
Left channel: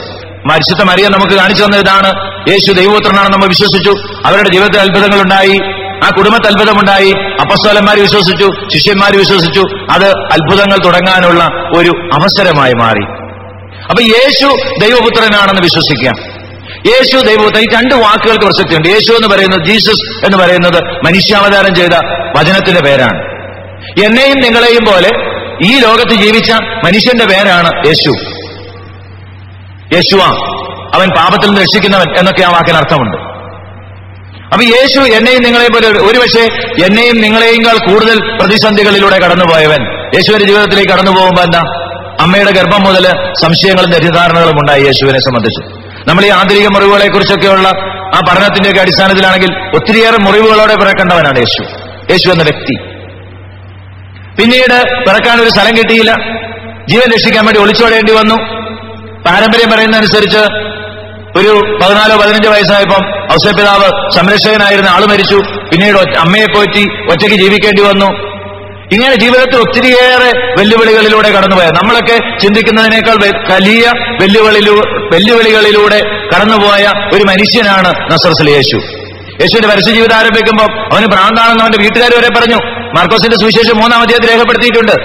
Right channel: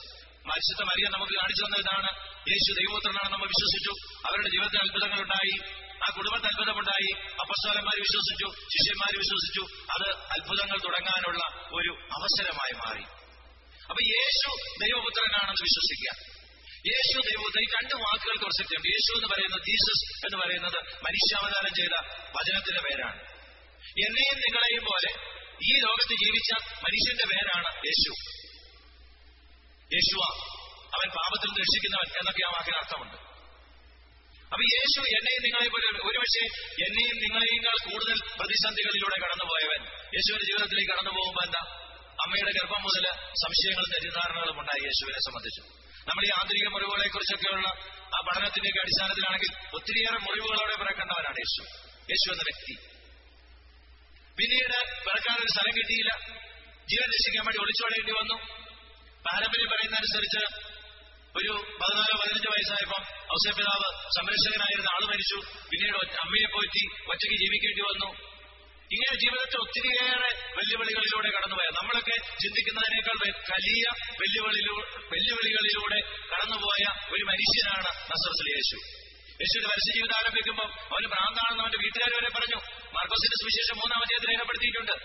പരിശുദ്ധ മറിയ നമുക്ക് കാണിച്ചു തന്ന ഇതാണ്. യേശു ദൈവപുത്രനാണെന്ന് നമ്മൾ വിശ്വസിച്ചു. അവരുടെ ജീവിതത്തിൽ അത്ഭുതങ്ങളുണ്ടായി. ആ കുടുംബത്തിൽ അത്ഭുതമുണ്ടായി. അപ്പസ്തോലന്മാർ വിശ്വസിച്ചു, ശിഷ്യന്മാർ വിശ്വസിച്ചു. അത് അത്ഭുതങ്ങൾ തുടങ്ങാനുള്ള ഒരു അവസരമായി മാറി. അപ്പൊ യേശു ദൈവപുത്രനാണെന്ന് വിശ്വസിക്കുക. യേശു ദൈവപുത്രൻ. ഈ 2 വാക്കുകൾക്ക് പ്രസക്തിയുണ്ട്. യേശു എന്ന് പറയുന്നത്, ജീസസ് എന്ന് പറയുന്നത് മനുഷ്യാവതാരം ചെയ്ത വചനത്തിന്റെ പേരാണ്. എന്നെയും നിങ്ങളെയും പോലെ ഈ ലോകത്ത് ജീവിച്ച മനുഷ്യന്റെ പേരാണ് യേശു. യേശുവ, അവൻ പാപത്തിൽ നിന്ന് രക്ഷിക്കുന്നവൻ എന്നൊക്കെ ആ വാക്കിന് അർത്ഥമുണ്ട്. അപ്പൊ യേശു എന്നെയും നിങ്ങളെയും പോലെ, ഒരുപക്ഷെ എന്നെയും നിങ്ങളെയുംകാൾ കൂടുതൽ പ്രതിസന്ധികളിലൂടെ കടന്നുപോയവൻ യേശുവിന്റെ ജീവിതത്തിലേക്ക് കടന്നു പോകുമ്പോ എന്താ? അമ്മയുടെ ഗർഭം മുതൽ സംശയങ്ങളും തെറ്റിദ്ധാരണകളും ഉണ്ടായി യേശുവിനെ സംബന്ധിച്ച്. നമ്മൾ ഈ ആന്തരിക മുറിവുകളെ കുറിച്ചൊക്കെയുള്ള ആ പഠനത്തിന്റെയൊക്കെ അടിസ്ഥാനത്തിലാണെങ്കിൽ ഒത്തിരിയേറെ മുറിവുകളോടെ പിറക്കേണ്ടവനാണ് യേശു. യേശു എന്ന വ്യക്തി. പിന്നീട് പിറക്കാൻ ഒരു സ്ഥലം കിട്ടിയില്ല. ജീവൻ രക്ഷിക്കാൻ വേണ്ടി ഒളിച്ചോടേണ്ടി വന്നു. പാരമ്പര്യം പറയുന്നതനുസരിച്ച് ഒരു 14-15 വയസ്സായപ്പം ഔസേപ്പിതാവ് സംരക്ഷകനായിരുന്ന ആള് മരിച്ചു. പിന്നീട് അമ്മയെ പോറ്റി ഒറ്റയ്ക്ക് ജീവിക്കേണ്ടി വന്നു. ഇങ്ങനെ ജീവിതത്തിൽ ഒത്തിരിയേറെ വെല്ലുവിളികളിലൂടെ കടന്നുപോയ, നമ്മളൊക്കെ ചിന്തിക്കുന്നതിനേക്കാൾ വലിയ വെല്ലുവിളികളിലൂടെ കടന്നുപോയ ഒരു മനുഷ്യനാണ് നസ്രത്തിലെ യേശു. യേശുവിന്റെ പരസ്യ ജീവിതം ആരംഭിക്കുമ്പോൾ അവന് ഭ്രാന്താണെന്ന് അവന്റെ വീട്ടുകാർ വരെ പറഞ്ഞു. മാർക്കോസിന്റെ സുവിശേഷം 3-ാം അധ്യായത്തിൽ രേഖപ്പെടുത്തിയിട്ടുണ്ട്.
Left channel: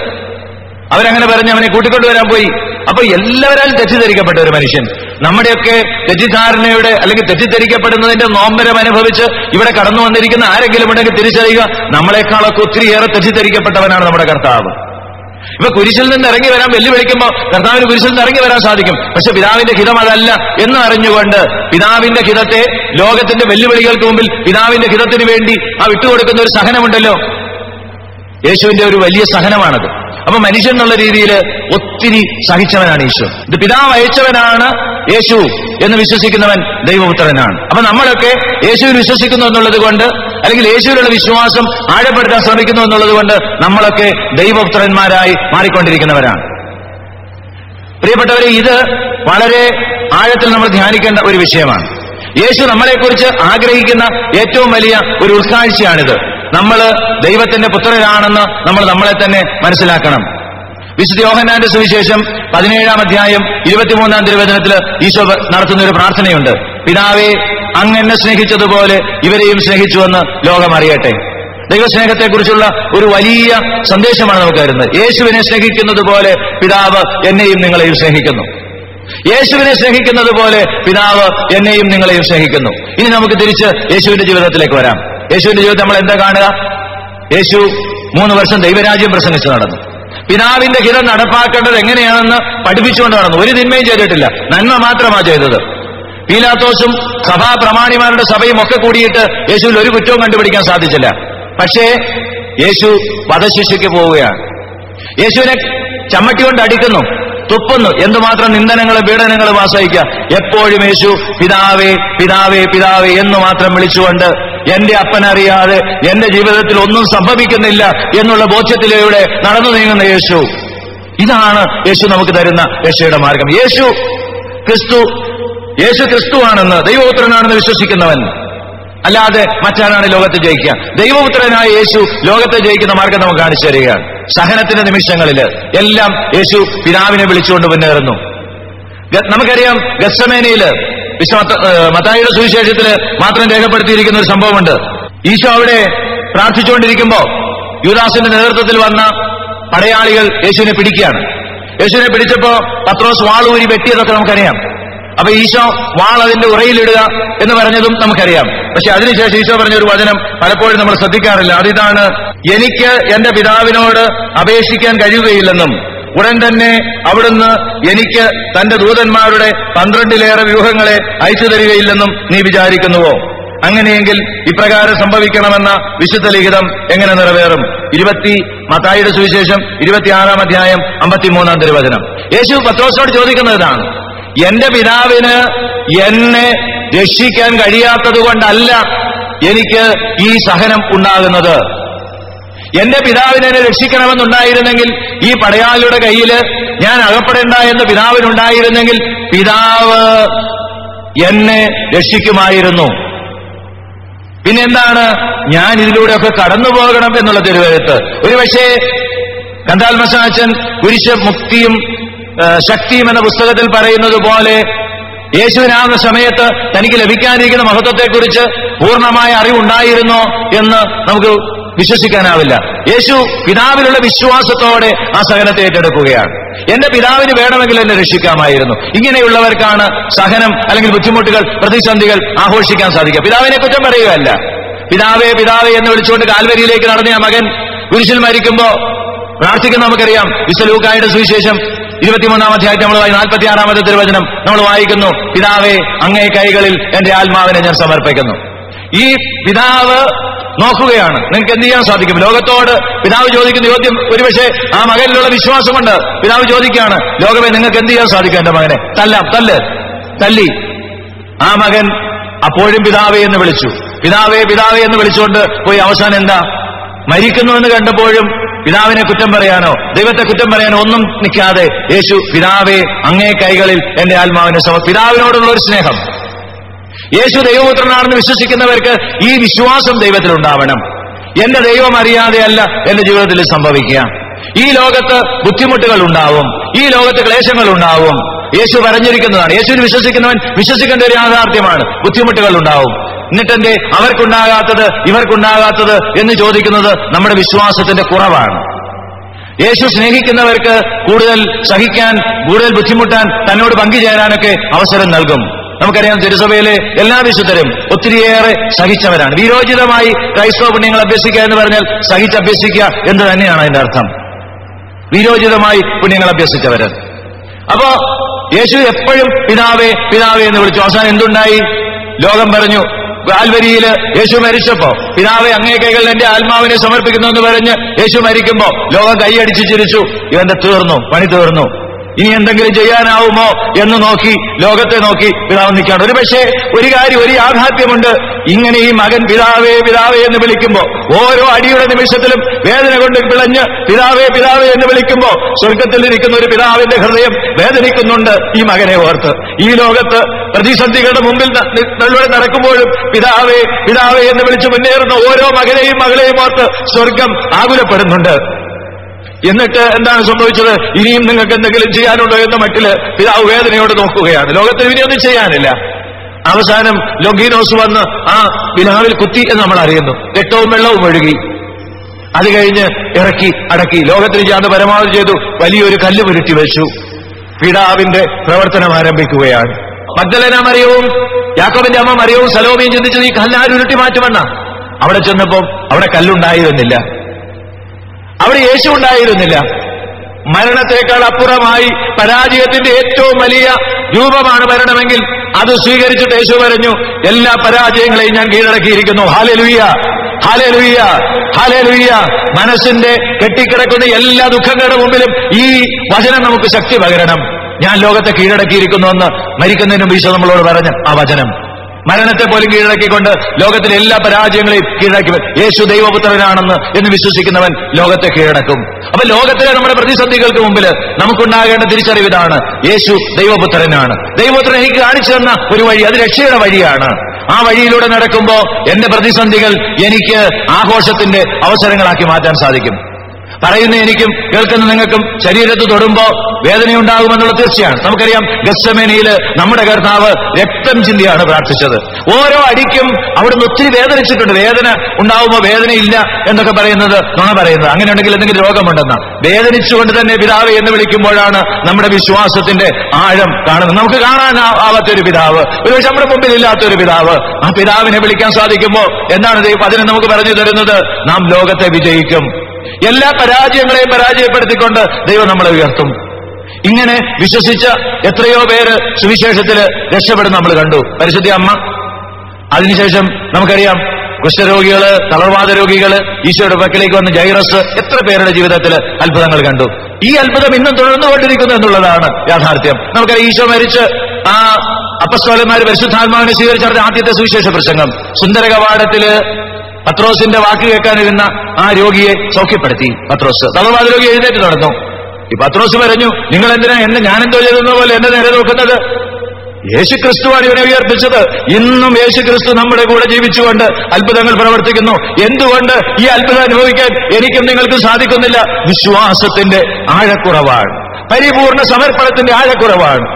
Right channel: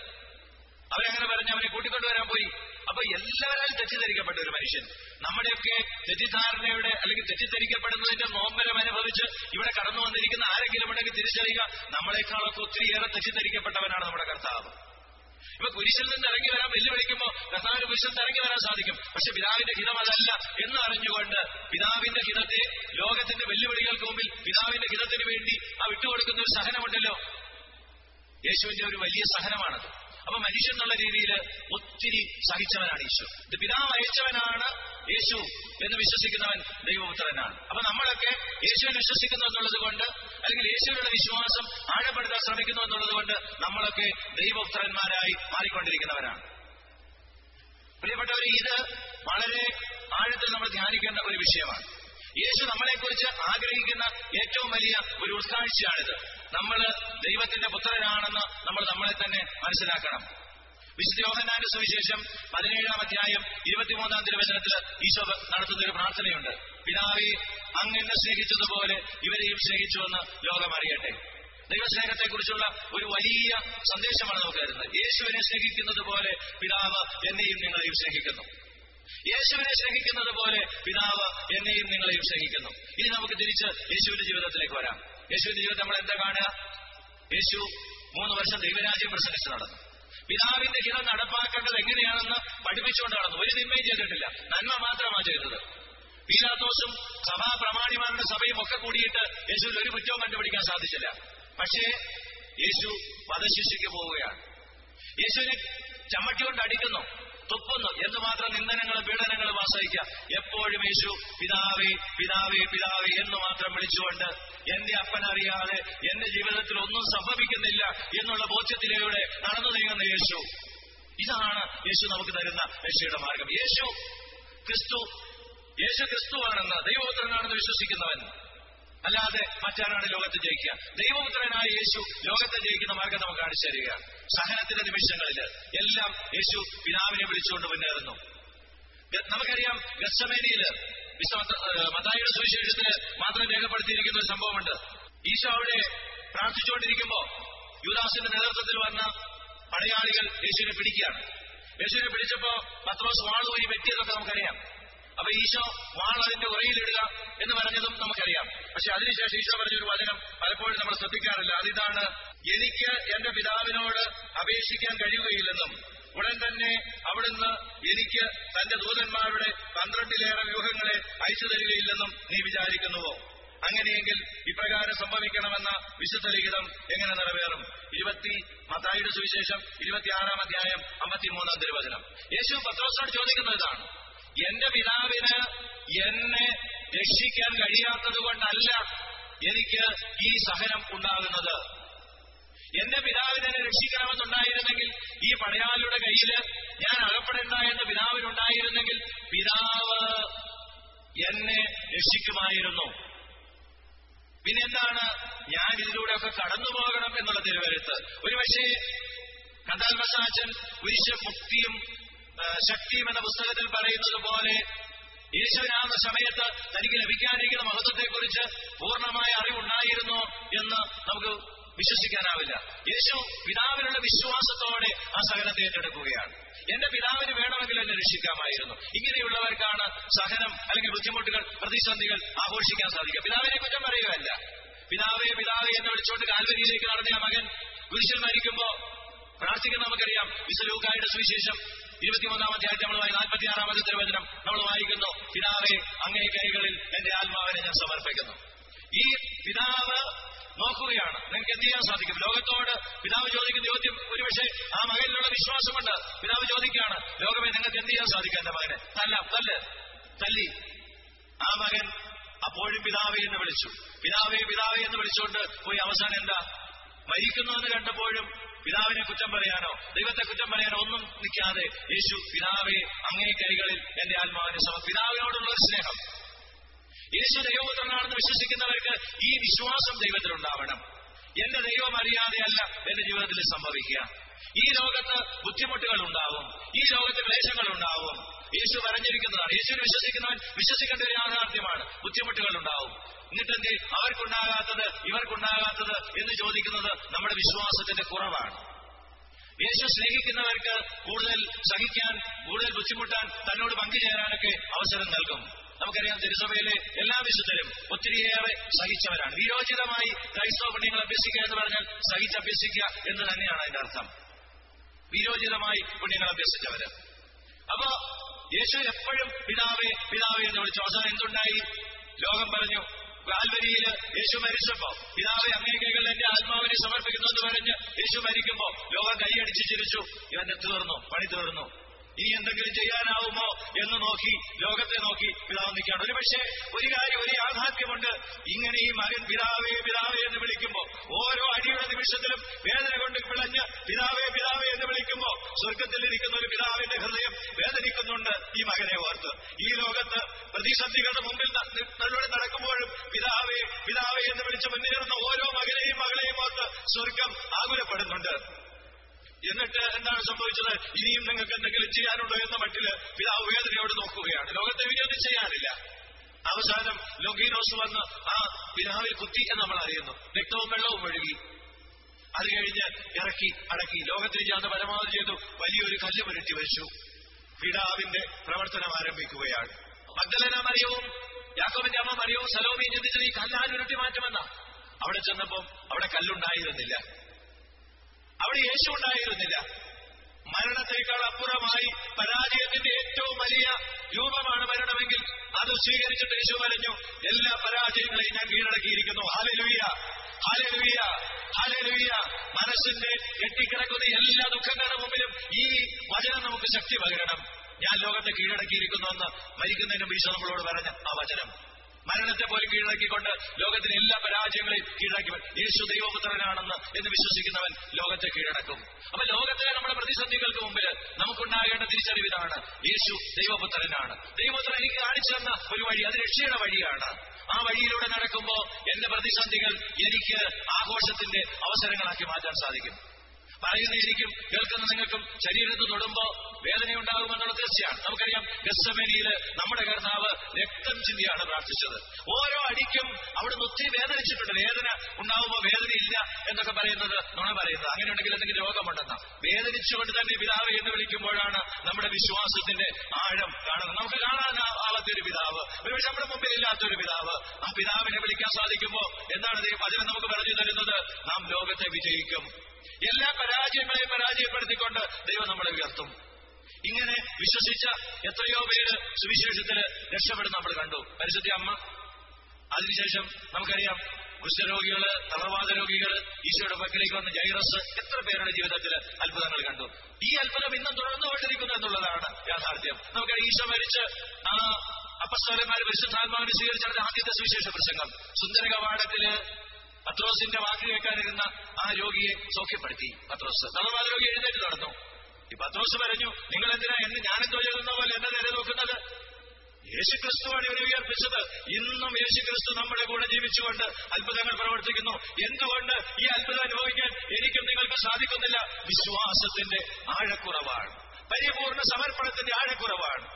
അവരങ്ങനെ പറഞ്ഞ് അവനെ കൂട്ടിക്കൊണ്ടുവരാൻ പോയി. അപ്പൊ എല്ലാവരാലും തെറ്റിദ്ധരിക്കപ്പെട്ട ഒരു മനുഷ്യൻ, നമ്മുടെയൊക്കെ തെറ്റിദ്ധാരണയുടെ അല്ലെങ്കിൽ തെറ്റിദ്ധരിക്കപ്പെടുന്നതിന്റെ നോമ്പരം അനുഭവിച്ച് ഇവിടെ കടന്നു വന്നിരിക്കുന്ന ആരെങ്കിലും ഉണ്ടെങ്കിൽ തിരിച്ചറിയുക, നമ്മളെക്കാളൊക്കെ ഒത്തിരിയേറെ തെറ്റിദ്ധരിക്കപ്പെട്ടവനാണ് നമ്മുടെ കർത്താവ്. ഇപ്പൊ കുരിശിൽ നിന്ന് ഇറങ്ങി വരാൻ വെല്ലുവിളിക്കുമ്പോൾ കർത്താവിന് കുരിശിൽ നിന്ന് ഇറങ്ങി വരാൻ സാധിക്കും. പക്ഷെ പിതാവിന്റെ ഹിതം അതല്ല എന്ന് അറിഞ്ഞുകൊണ്ട് പിതാവിന്റെ ഹിതത്തെ, ലോകത്തിന്റെ വെല്ലുവിളികൾക്ക് മുമ്പിൽ പിതാവിന്റെ ഹിതത്തിന് വേണ്ടി ആ വിട്ടുകൊടുക്കുന്ന ഒരു സഹനമുണ്ടല്ലോ, യേശുവിന്റെ ഒരു വലിയ സഹനമാണത്. അപ്പൊ മനുഷ്യൻ എന്നുള്ള രീതിയിൽ ഒത്തിരി സഹിച്ചവനാണ് ഈശോ. ഇത് പിതാവ് അയച്ചവനാണ് യേശു എന്ന് വിശ്വസിക്കുന്നവൻ ദൈവപുത്രനാണ്. അപ്പൊ നമ്മളൊക്കെ യേശുവിൽ വിശ്വസിക്കുന്നു എന്നുള്ളത് കൊണ്ട്, അല്ലെങ്കിൽ യേശുവിലുള്ള വിശ്വാസം ആഴപ്പെടുത്താൻ ശ്രമിക്കുന്നു എന്നുള്ളത് കൊണ്ട് നമ്മളൊക്കെ ദൈവപുത്രന്മാരായി മാറിക്കൊണ്ടിരിക്കുന്നവരാണ്. പ്രിയപ്പെട്ടവരെ, ഇത് വളരെ ആഴത്തിൽ നമ്മൾ ധ്യാനിക്കേണ്ട ഒരു വിഷയമാണ്. യേശു നമ്മളെക്കുറിച്ച് ആഗ്രഹിക്കുന്ന ഏറ്റവും വലിയ ഒരു ഉൾക്കാഴ്ചയാണിത്. നമ്മൾ ദൈവത്തിന്റെ പുത്രരാണെന്ന് നമ്മൾ നമ്മളെ തന്നെ മനസ്സിലാക്കണം. വിശുദ്ധ യോഹന്നാന്റെ സുവിശേഷം 17-ാം അധ്യായം 23-ാം തിരുവചനത്തിൽ ഈശോ നടത്തുന്ന ഒരു പ്രാർത്ഥനയുണ്ട്. പിതാവേ, അങ്ങ് എന്നെ സ്നേഹിച്ചതുപോലെ ഇവരെയും സ്നേഹിച്ചുവെന്ന് ലോകം അറിയട്ടെ. ദൈവസ്നേഹത്തെക്കുറിച്ചുള്ള ഒരു വലിയ സന്ദേശമാണ് നമുക്ക് തരുന്നത്. യേശുവിനെ സ്നേഹിക്കുന്നത് പോലെ പിതാവ് എന്നെയും നിങ്ങളെയും സ്നേഹിക്കുന്നു. യേശുവിനെ സ്നേഹിക്കുന്നത് പോലെ പിതാവ് എന്നെയും നിങ്ങളെയും സ്നേഹിക്കുന്നു. ഇനി നമുക്ക് തിരിച്ച് യേശുവിന്റെ ജീവിതത്തിലേക്ക് വരാം. യേശുവിന്റെ ജീവിതത്തിൽ നമ്മൾ എന്താ കാണുക? യേശു 3 വർഷം ദൈവരാജ്യം പ്രസംഗിച്ച് നടന്നു. പിതാവിന്റെ ഹിതം നടപ്പാക്കേണ്ടത് എങ്ങനെയാണെന്ന് പഠിപ്പിച്ചുകൊണ്ട് നടന്നു. ഒരു തിന്മയും ചെയ്തിട്ടില്ല, നന്മ മാത്രമാണ് ചെയ്തത്. പീലാത്തോസും സഭാ പ്രമാണിമാരുടെ സഭയും ഒക്കെ കൂടിയിട്ട് യേശുവിൽ ഒരു കുറ്റവും കണ്ടുപിടിക്കാൻ സാധിച്ചില്ല. പക്ഷേ യേശു വധശിക്ഷയ്ക്ക് പോവുകയാണ്. യേശുവിനെ ചമ്മട്ടി കൊണ്ട് അടിക്കുന്നു, തുപ്പുന്നു. എന്തുമാത്രം നിന്ദനങ്ങളും പീഡനങ്ങളും ആശ്രയിക്കുക. എപ്പോഴും യേശു പിതാവേ പിതാവേ പിതാവേ എന്ന് മാത്രം വിളിച്ചുകൊണ്ട് എന്റെ അപ്പനറിയാതെ എന്റെ ജീവിതത്തിൽ ഒന്നും സംഭവിക്കുന്നില്ല എന്നുള്ള ബോധ്യത്തിലൂടെ നടന്നു നീങ്ങുന്ന യേശു. ഇതാണ് യേശു നമുക്ക് തരുന്ന രക്ഷയുടെ മാർഗം. യേശു ക്രിസ്തുവാണെന്ന്, ദൈവപുത്രനാണെന്ന് വിശ്വസിക്കുന്നവൻ അല്ലാതെ മറ്റാരാണ് ലോകത്തെ ജയിക്കുക? ദൈവപുത്രനായ യേശു ലോകത്തെ ജയിക്കുന്ന മാർഗം നമുക്ക് കാണിച്ചു തരികയാണ്. സഹനത്തിന്റെ നിമിഷങ്ങളിൽ എല്ലാം യേശു പിതാവിനെ വിളിച്ചുകൊണ്ട് മുന്നേറുന്നു. നമുക്കറിയാം, ഗത്സമേനയില് മത്തായിയുടെ സുവിശേഷത്തിൽ മാത്രം രേഖപ്പെടുത്തിയിരിക്കുന്ന ഒരു സംഭവമുണ്ട്. ഈശോ അവിടെ പ്രാർത്ഥിച്ചുകൊണ്ടിരിക്കുമ്പോ യൂദാസിന്റെ നേതൃത്വത്തിൽ വന്ന പടയാളികൾ യേശുവിനെ പിടിക്കുകയാണ്. യേശുവിനെ പിടിച്ചപ്പോ പത്രോസ് വാളൂരി വെട്ടിയതൊക്കെ നമുക്കറിയാം. അപ്പൊ ഈശോ വാൾ അതിന്റെ ഉറയിലിടുക എന്ന് പറഞ്ഞതും നമുക്കറിയാം. പക്ഷെ അതിനുശേഷം ഈശോ പറഞ്ഞ ഒരു വചനം പലപ്പോഴും നമ്മൾ ശ്രദ്ധിക്കാറില്ല. അതിതാണ്, എനിക്ക് എന്റെ പിതാവിനോട് അപേക്ഷിക്കാൻ കഴിയുകയില്ലെന്നും ഉടൻ തന്നെ അവിടുന്ന് എനിക്ക് തന്റെ ദൂതന്മാരുടെ 12-ലേറെ വ്യൂഹങ്ങളെ അയച്ചു തരികയില്ലെന്നും നീ വിചാരിക്കുന്നുവോ? അങ്ങനെയെങ്കിൽ ഇപ്രകാരം സംഭവിക്കണമെന്ന വിശുദ്ധ ലിഖിതം എങ്ങനെ നിറവേറും? മത്തായിയുടെ സുവിശേഷം 26-ാം അധ്യായം 53-ാം തിരുവചനം. യേശു പത്രോസിനോട് ചോദിക്കുന്നതാണ്, എന്റെ പിതാവിന് എന്നെ രക്ഷിക്കാൻ കഴിയാത്തത് കൊണ്ടല്ല എനിക്ക് ഈ സഹനം ഉണ്ടാകുന്നത്. എന്റെ പിതാവിനെ എന്നെ രക്ഷിക്കണമെന്നുണ്ടായിരുന്നെങ്കിൽ, ഈ പടയാളിയുടെ കയ്യിൽ ഞാൻ അകപ്പെടേണ്ട എന്ന് പിതാവിനുണ്ടായിരുന്നെങ്കിൽ പിതാവ് എന്നെ രക്ഷിക്കുമായിരുന്നു. പിന്നെന്താണ്, ഞാൻ ഇതിലൂടെയൊക്കെ കടന്നു പോകണം എന്നുള്ള തിരുവെഴുത്ത്. ഒരുപക്ഷേ കന്താൽമസാച്ചൻ കുരിശ് മുക്തിയും ശക്തിയും എന്ന പുസ്തകത്തിൽ പറയുന്നത് പോലെ യേശുവിനാകുന്ന സമയത്ത് തനിക്ക് ലഭിക്കാനിരിക്കുന്ന മഹത്വത്തെക്കുറിച്ച് പൂർണ്ണമായ അറിവുണ്ടായിരുന്നോ എന്ന് നമുക്ക് വിശ്വസിക്കാനാവില്ല. യേശു പിതാവിലുള്ള വിശ്വാസത്തോടെ ആ സഹനത്തെ ഏറ്റെടുക്കുകയാണ്. എന്റെ പിതാവിന് വേണമെങ്കിൽ എന്നെ രക്ഷിക്കാമായിരുന്നു. ഇങ്ങനെയുള്ളവർക്കാണ് സഹനം അല്ലെങ്കിൽ ബുദ്ധിമുട്ടുകൾ, പ്രതിസന്ധികൾ ആഘോഷിക്കാൻ സാധിക്കുക. പിതാവിനെ കുറ്റം പറയുകയല്ല. പിതാവേ പിതാവേ എന്ന് വിളിച്ചുകൊണ്ട് കാൽവരിയിലേക്ക് നടന്ന ആ മകൻ കുരിശിൽ മരിക്കുമ്പോ പ്രാർത്ഥിക്കുന്ന നമുക്കറിയാം. വിശുദ്ധ ലൂക്കായുടെ സുവിശേഷം 23-ാം അധ്യായത്തിൽ നമ്മൾ 46-ാമത്തെ തിരുവചനം നമ്മൾ വായിക്കുന്നു, പിതാവേ അങ്ങേ കൈകളിൽ എന്റെ ആത്മാവിനെ ഞാൻ സമർപ്പിക്കുന്നു. ഈ പിതാവ് നോക്കുകയാണ്, നിങ്ങൾക്ക് എന്ത് ചെയ്യാൻ സാധിക്കും? ലോകത്തോട് പിതാവ് ചോദിക്കുന്ന ചോദ്യം ഒരുപക്ഷെ ആ മകനിലുള്ള വിശ്വാസം കൊണ്ട് പിതാവ് ചോദിക്കുകയാണ്, ലോകമേ നിങ്ങൾക്ക് എന്ത് ചെയ്യാൻ സാധിക്കും? എന്റെ മകനെ തല്ലി. ആ മകൻ അപ്പോഴും പിതാവേ എന്ന് വിളിച്ചു. പിതാവേ പിതാവേ എന്ന് വിളിച്ചുകൊണ്ട് പോയി അവസാനം എന്താ? മരിക്കുന്നുവെന്ന് കണ്ടപ്പോഴും പിതാവിനെ കുറ്റം പറയാനോ ദൈവത്തെ കുറ്റം പറയാനോ ഒന്നും നിൽക്കാതെ യേശു പിതാവേ അങ്ങേ കൈകളിൽ എന്റെ ആത്മാവിനെ പിതാവിനോടുള്ള ഒരു സ്നേഹം. യേശു ദൈവപുത്രനാണെന്ന് വിശ്വസിക്കുന്നവർക്ക് ഈ വിശ്വാസം ദൈവത്തിലുണ്ടാവണം. എന്റെ ദൈവം അറിയാതെയല്ല എന്റെ ജീവിതത്തിൽ സംഭവിക്കുക. ഈ ലോകത്ത് ബുദ്ധിമുട്ടുകൾ ഉണ്ടാവും, ഈ ലോകത്ത് ക്ലേശങ്ങൾ ഉണ്ടാവും. യേശു പറഞ്ഞിരിക്കുന്നതാണ്. യേശുവിന് വിശ്വസിക്കുന്നവൻ വിശ്വസിക്കേണ്ട ഒരു യാഥാർത്ഥ്യമാണ്. ബുദ്ധിമുട്ടുകൾ ഉണ്ടാവും. എന്നിട്ടെന്റെ അവർക്കുണ്ടാകാത്തത് ഇവർക്കുണ്ടാകാത്തത് എന്ന് ചോദിക്കുന്നത് നമ്മുടെ വിശ്വാസത്തിന്റെ കുറവാണ്. യേശു സ്നേഹിക്കുന്നവർക്ക് കൂടുതൽ സഹിക്കാൻ, കൂടുതൽ ബുദ്ധിമുട്ടാൻ, തന്നോട് പങ്കുചേരാനൊക്കെ അവസരം നൽകും. നമുക്കറിയാം, തിരുസഭയിലെ എല്ലാ വിശുദ്ധരും ഒത്തിരിയേറെ സഹിച്ചവരാണ്. വീരോചിതമായി ക്രൈസ്തവ പുണ്യങ്ങൾ അഭ്യസിക്കുക എന്ന് പറഞ്ഞാൽ സഹിച്ചഭ്യസിക്കുക എന്ന് തന്നെയാണ് അതിന്റെ അർത്ഥം. വീരോചിതമായി പുണ്യങ്ങൾ അഭ്യസിച്ചവര്. അപ്പോ യേശു എപ്പോഴും പിതാവേ പിതാവേ എന്ന് വിളിച്ചു. അവസാനം എന്തുണ്ടായി? ലോകം പറഞ്ഞു. കാൽവരിയില് യേശു മരിച്ചപ്പോ പിതാവേ അങ്ങേ കൈകളിൽ എന്റെ ആത്മാവിനെ സമർപ്പിക്കുന്നു എന്ന് പറഞ്ഞ് യേശു മരിക്കുമ്പോ ലോകം കൈയടിച്ച് ചിരിച്ചു. ഇവന്റെ തീർന്നു, പണി തീർന്നു. ഇനി എന്തെങ്കിലും ചെയ്യാനാവുമോ എന്ന് നോക്കി, ലോകത്തെ നോക്കി പിതാവ് നിൽക്കുകയാണ്. ഒരു പക്ഷേ ഒരു കാര്യം, ഒരു യാഥാർത്ഥ്യമുണ്ട്. ഇങ്ങനെ ഈ മകൻ പിതാവേ പിതാവേ എന്ന് വിളിക്കുമ്പോ, ഓരോ അടിയുടെ നിമിഷത്തിലും വേദന കൊണ്ട് പിളഞ്ഞ് പിതാവേ പിതാവേ എന്ന് വിളിക്കുമ്പോ സ്വർഗത്തിൽ ഇരിക്കുന്ന ഒരു പിതാവിന്റെ ഹൃദയം വേദനിക്കുന്നുണ്ട് ഈ മകനെ ഓർത്ത്. ഈ ലോകത്ത് പ്രതിസന്ധികളുടെ മുമ്പിൽ നടക്കുമ്പോഴും പിതാവേ പിതാവേ എന്ന് വിളിച്ച് മുന്നേറുന്ന ഓരോ മകനെയും മകളെയും ഓർത്ത് സ്വർഗം ആകുലപ്പെടുന്നുണ്ട്. എന്നിട്ട് എന്താണ് സംഭവിച്ചത്? ഇനിയും നിങ്ങൾക്ക് എന്തെങ്കിലും ചെയ്യാനുണ്ടോ എന്ന മട്ടില് പിതാവ് വേദനയോട് നോക്കുകയാണ്. ലോകത്തിന് ഇനിയൊന്നും ചെയ്യാനില്ല. അവസാനം ലൊങ്കീനോസ് വന്ന് ആ പിതാവിൽ കുത്തി എന്ന് നമ്മൾ അറിയുന്നു. രക്തവും വെള്ളവും ഒഴുകി. അത് കഴിഞ്ഞ് ഇറക്കി അടക്കി. ലോകത്തിന് ചെയ്യാന്ന് പരമാവധി ചെയ്തു. വലിയൊരു കല്ല് പുരട്ടി വെച്ചു. പിതാവിന്റെ പ്രവർത്തനം ആരംഭിക്കുകയാണ്. മഗ്ദലേന മറിയവും യാക്കോബിന്റെ അമ്മ മറിയവും സലോമിയും ചിന്തിച്ചത് ഈ കല്ലാരും ഉരുട്ടി മാറ്റുമെന്ന. അവിടെ ചെന്നപ്പോൾ അവിടെ കല്ലുണ്ടായിരുന്നില്ല, അവിടെ യേശു ഉണ്ടായിരുന്നില്ല. മരണത്തെക്കാൾ അപ്പുറമായി പരാജയത്തിന്റെ ഏറ്റവും വലിയ രൂപമാണ് മരണമെങ്കിൽ അത് സ്വീകരിച്ചിട്ട് യേശു പറഞ്ഞു, എല്ലാ പരാജയങ്ങളെയും ഞാൻ കീഴടക്കിയിരിക്കുന്നു. Hallelujah, hallelujah, hallelujah. മനസ്സിന്റെ കെട്ടിക്കിടക്കുന്ന എല്ലാ ദുഃഖങ്ങളുടെ മുമ്പിലും ഈ വചനം നമുക്ക് ശക്തി പകരണം. ഞാൻ ലോകത്തെ കീഴടക്കിയിരിക്കുന്നുവെന്ന് മരിക്കുന്നതിന് മുമ്പ് ഈശോ നമ്മളോട് പറഞ്ഞ ആ വചനം, മരണത്തെ പോലും കീഴടക്കിക്കൊണ്ട് ലോകത്തിലെ എല്ലാ പരാജയങ്ങളെയും കീഴടക്കി. യേശു ദൈവപുത്രനാണെന്ന് എന്ന് വിശ്വസിക്കുന്നവൻ ലോകത്തെ കീഴടക്കും. അപ്പൊ ലോകത്തിലെ നമ്മുടെ പ്രതിസന്ധികൾക്ക് മുമ്പിൽ നമുക്കുണ്ടാകേണ്ട തിരിച്ചറിവ് ഇതാണ്: യേശു ദൈവപുത്രനാണ്. ദൈവപുത്രൻ എനിക്ക് കാണിച്ചു തന്ന ഒരു വഴി, അത് രക്ഷയുടെ വഴിയാണ്. ആ വഴിയിലൂടെ നടക്കുമ്പോ എന്റെ പ്രതിസന്ധികൾ എനിക്ക് ആഘോഷത്തിന്റെ അവസരങ്ങളാക്കി മാറ്റാൻ സാധിക്കും. പറയുന്ന എനിക്കും കേൾക്കുന്ന നിങ്ങൾക്കും ശരീരത്ത് തൊടുമ്പോ വേദനയുണ്ടാകുമെന്നുള്ള തീർച്ചയാണ്. നമുക്കറിയാം, ഗത്സമേനയില് നമ്മുടെ കർത്താവ് രക്തം ചിന്തിയാണ് പ്രാർത്ഥിച്ചത്. ഓരോ അടിക്കും അവിടുന്ന് ഒത്തിരി വേദനിച്ചിട്ടുണ്ട്. വേദന ഉണ്ടാവുമ്പോ വേദനയില്ല എന്നൊക്കെ പറയുന്നത് നുണ പറയുന്നത്. അങ്ങനെ ഉണ്ടെങ്കിൽ എന്തെങ്കിലും രോഗമുണ്ടെന്ന. വേദനിച്ചുകൊണ്ട് തന്നെ പിതാവ് എന്ന് വിളിക്കുമ്പോഴാണ് നമ്മുടെ വിശ്വാസത്തിന്റെ ആഴം കാണുന്നത്. നമുക്ക് കാണാനാവാത്തൊരു പിതാവ്, ഒരുപക്ഷെ നമ്മുടെ മുമ്പിൽ ഇല്ലാത്തൊരു പിതാവ്, ആ പിതാവിനെ വിളിക്കാൻ സാധിക്കുമ്പോ എന്താണ് ദൈവം അതിനെ നമുക്ക് പറഞ്ഞു തരുന്നത്? നാം ലോകത്തെ വിജയിക്കും. എല്ലാ പരാജയങ്ങളെയും പരാജയപ്പെടുത്തിക്കൊണ്ട് ദൈവം നമ്മളെ ഉയർത്തും. ഇങ്ങനെ വിശ്വസിച്ച എത്രയോ പേര് സുവിശേഷത്തില് രക്ഷപ്പെടുന്ന നമ്മൾ കണ്ടു. പരിശുദ്ധ അമ്മ, അതിനുശേഷം നമുക്കറിയാം കുഷ്ഠരോഗികള്, തളർവാദ രോഗികള്, ഈശോയുടെ പക്കലേക്ക് വന്ന് ജൈറസ്, എത്ര പേരുടെ ജീവിതത്തിൽ അത്ഭുതങ്ങൾ കണ്ടു. ഈ അത്ഭുതം ഇന്നും തുടർന്നുകൊണ്ടിരിക്കുന്നു എന്നുള്ളതാണ് യാഥാർത്ഥ്യം. നമുക്കറിയാം, ഈശോ മരിച്ച് ആ അപ്പസ്തോലന്മാര് പരിശുദ്ധാത്മാവിനെ സ്വീകരിച്ച ആദ്യത്തെ സുവിശേഷ പ്രസംഗം സുന്ദര കവാടത്തില് പത്രോസിന്റെ വാക്ക് കേൾക്കാനിരുന്ന ആ രോഗിയെ സൗഖ്യപ്പെടുത്തി. പത്രോസ് തളർവാദ രോഗി എഴുന്നേറ്റ് നടന്നു. ഈ പത്രോസ് പറഞ്ഞു, നിങ്ങൾ എന്തിനാ ഞാനെന്തോ ചെയ്തെന്ന പോലെ എന്നെ നേരെ നോക്കുന്നത്? യേശുക്രിസ്തുവാണ് ഇവനെ ഉയർപ്പിച്ചത്. ഇന്നും യേശുക്രിസ്തു നമ്മുടെ കൂടെ ജീവിച്ചുകൊണ്ട് അത്ഭുതങ്ങൾ പ്രവർത്തിക്കുന്നു. എന്തുകൊണ്ട് ഈ അത്ഭുതം അനുഭവിക്കാൻ എനിക്കും നിങ്ങൾക്കും സാധിക്കുന്നില്ല? വിശ്വാസത്തിന്റെ ആഴക്കുറവാണ്, പരിപൂർണ സമർപ്പണത്തിന്റെ ആഴക്കുറവാണ്.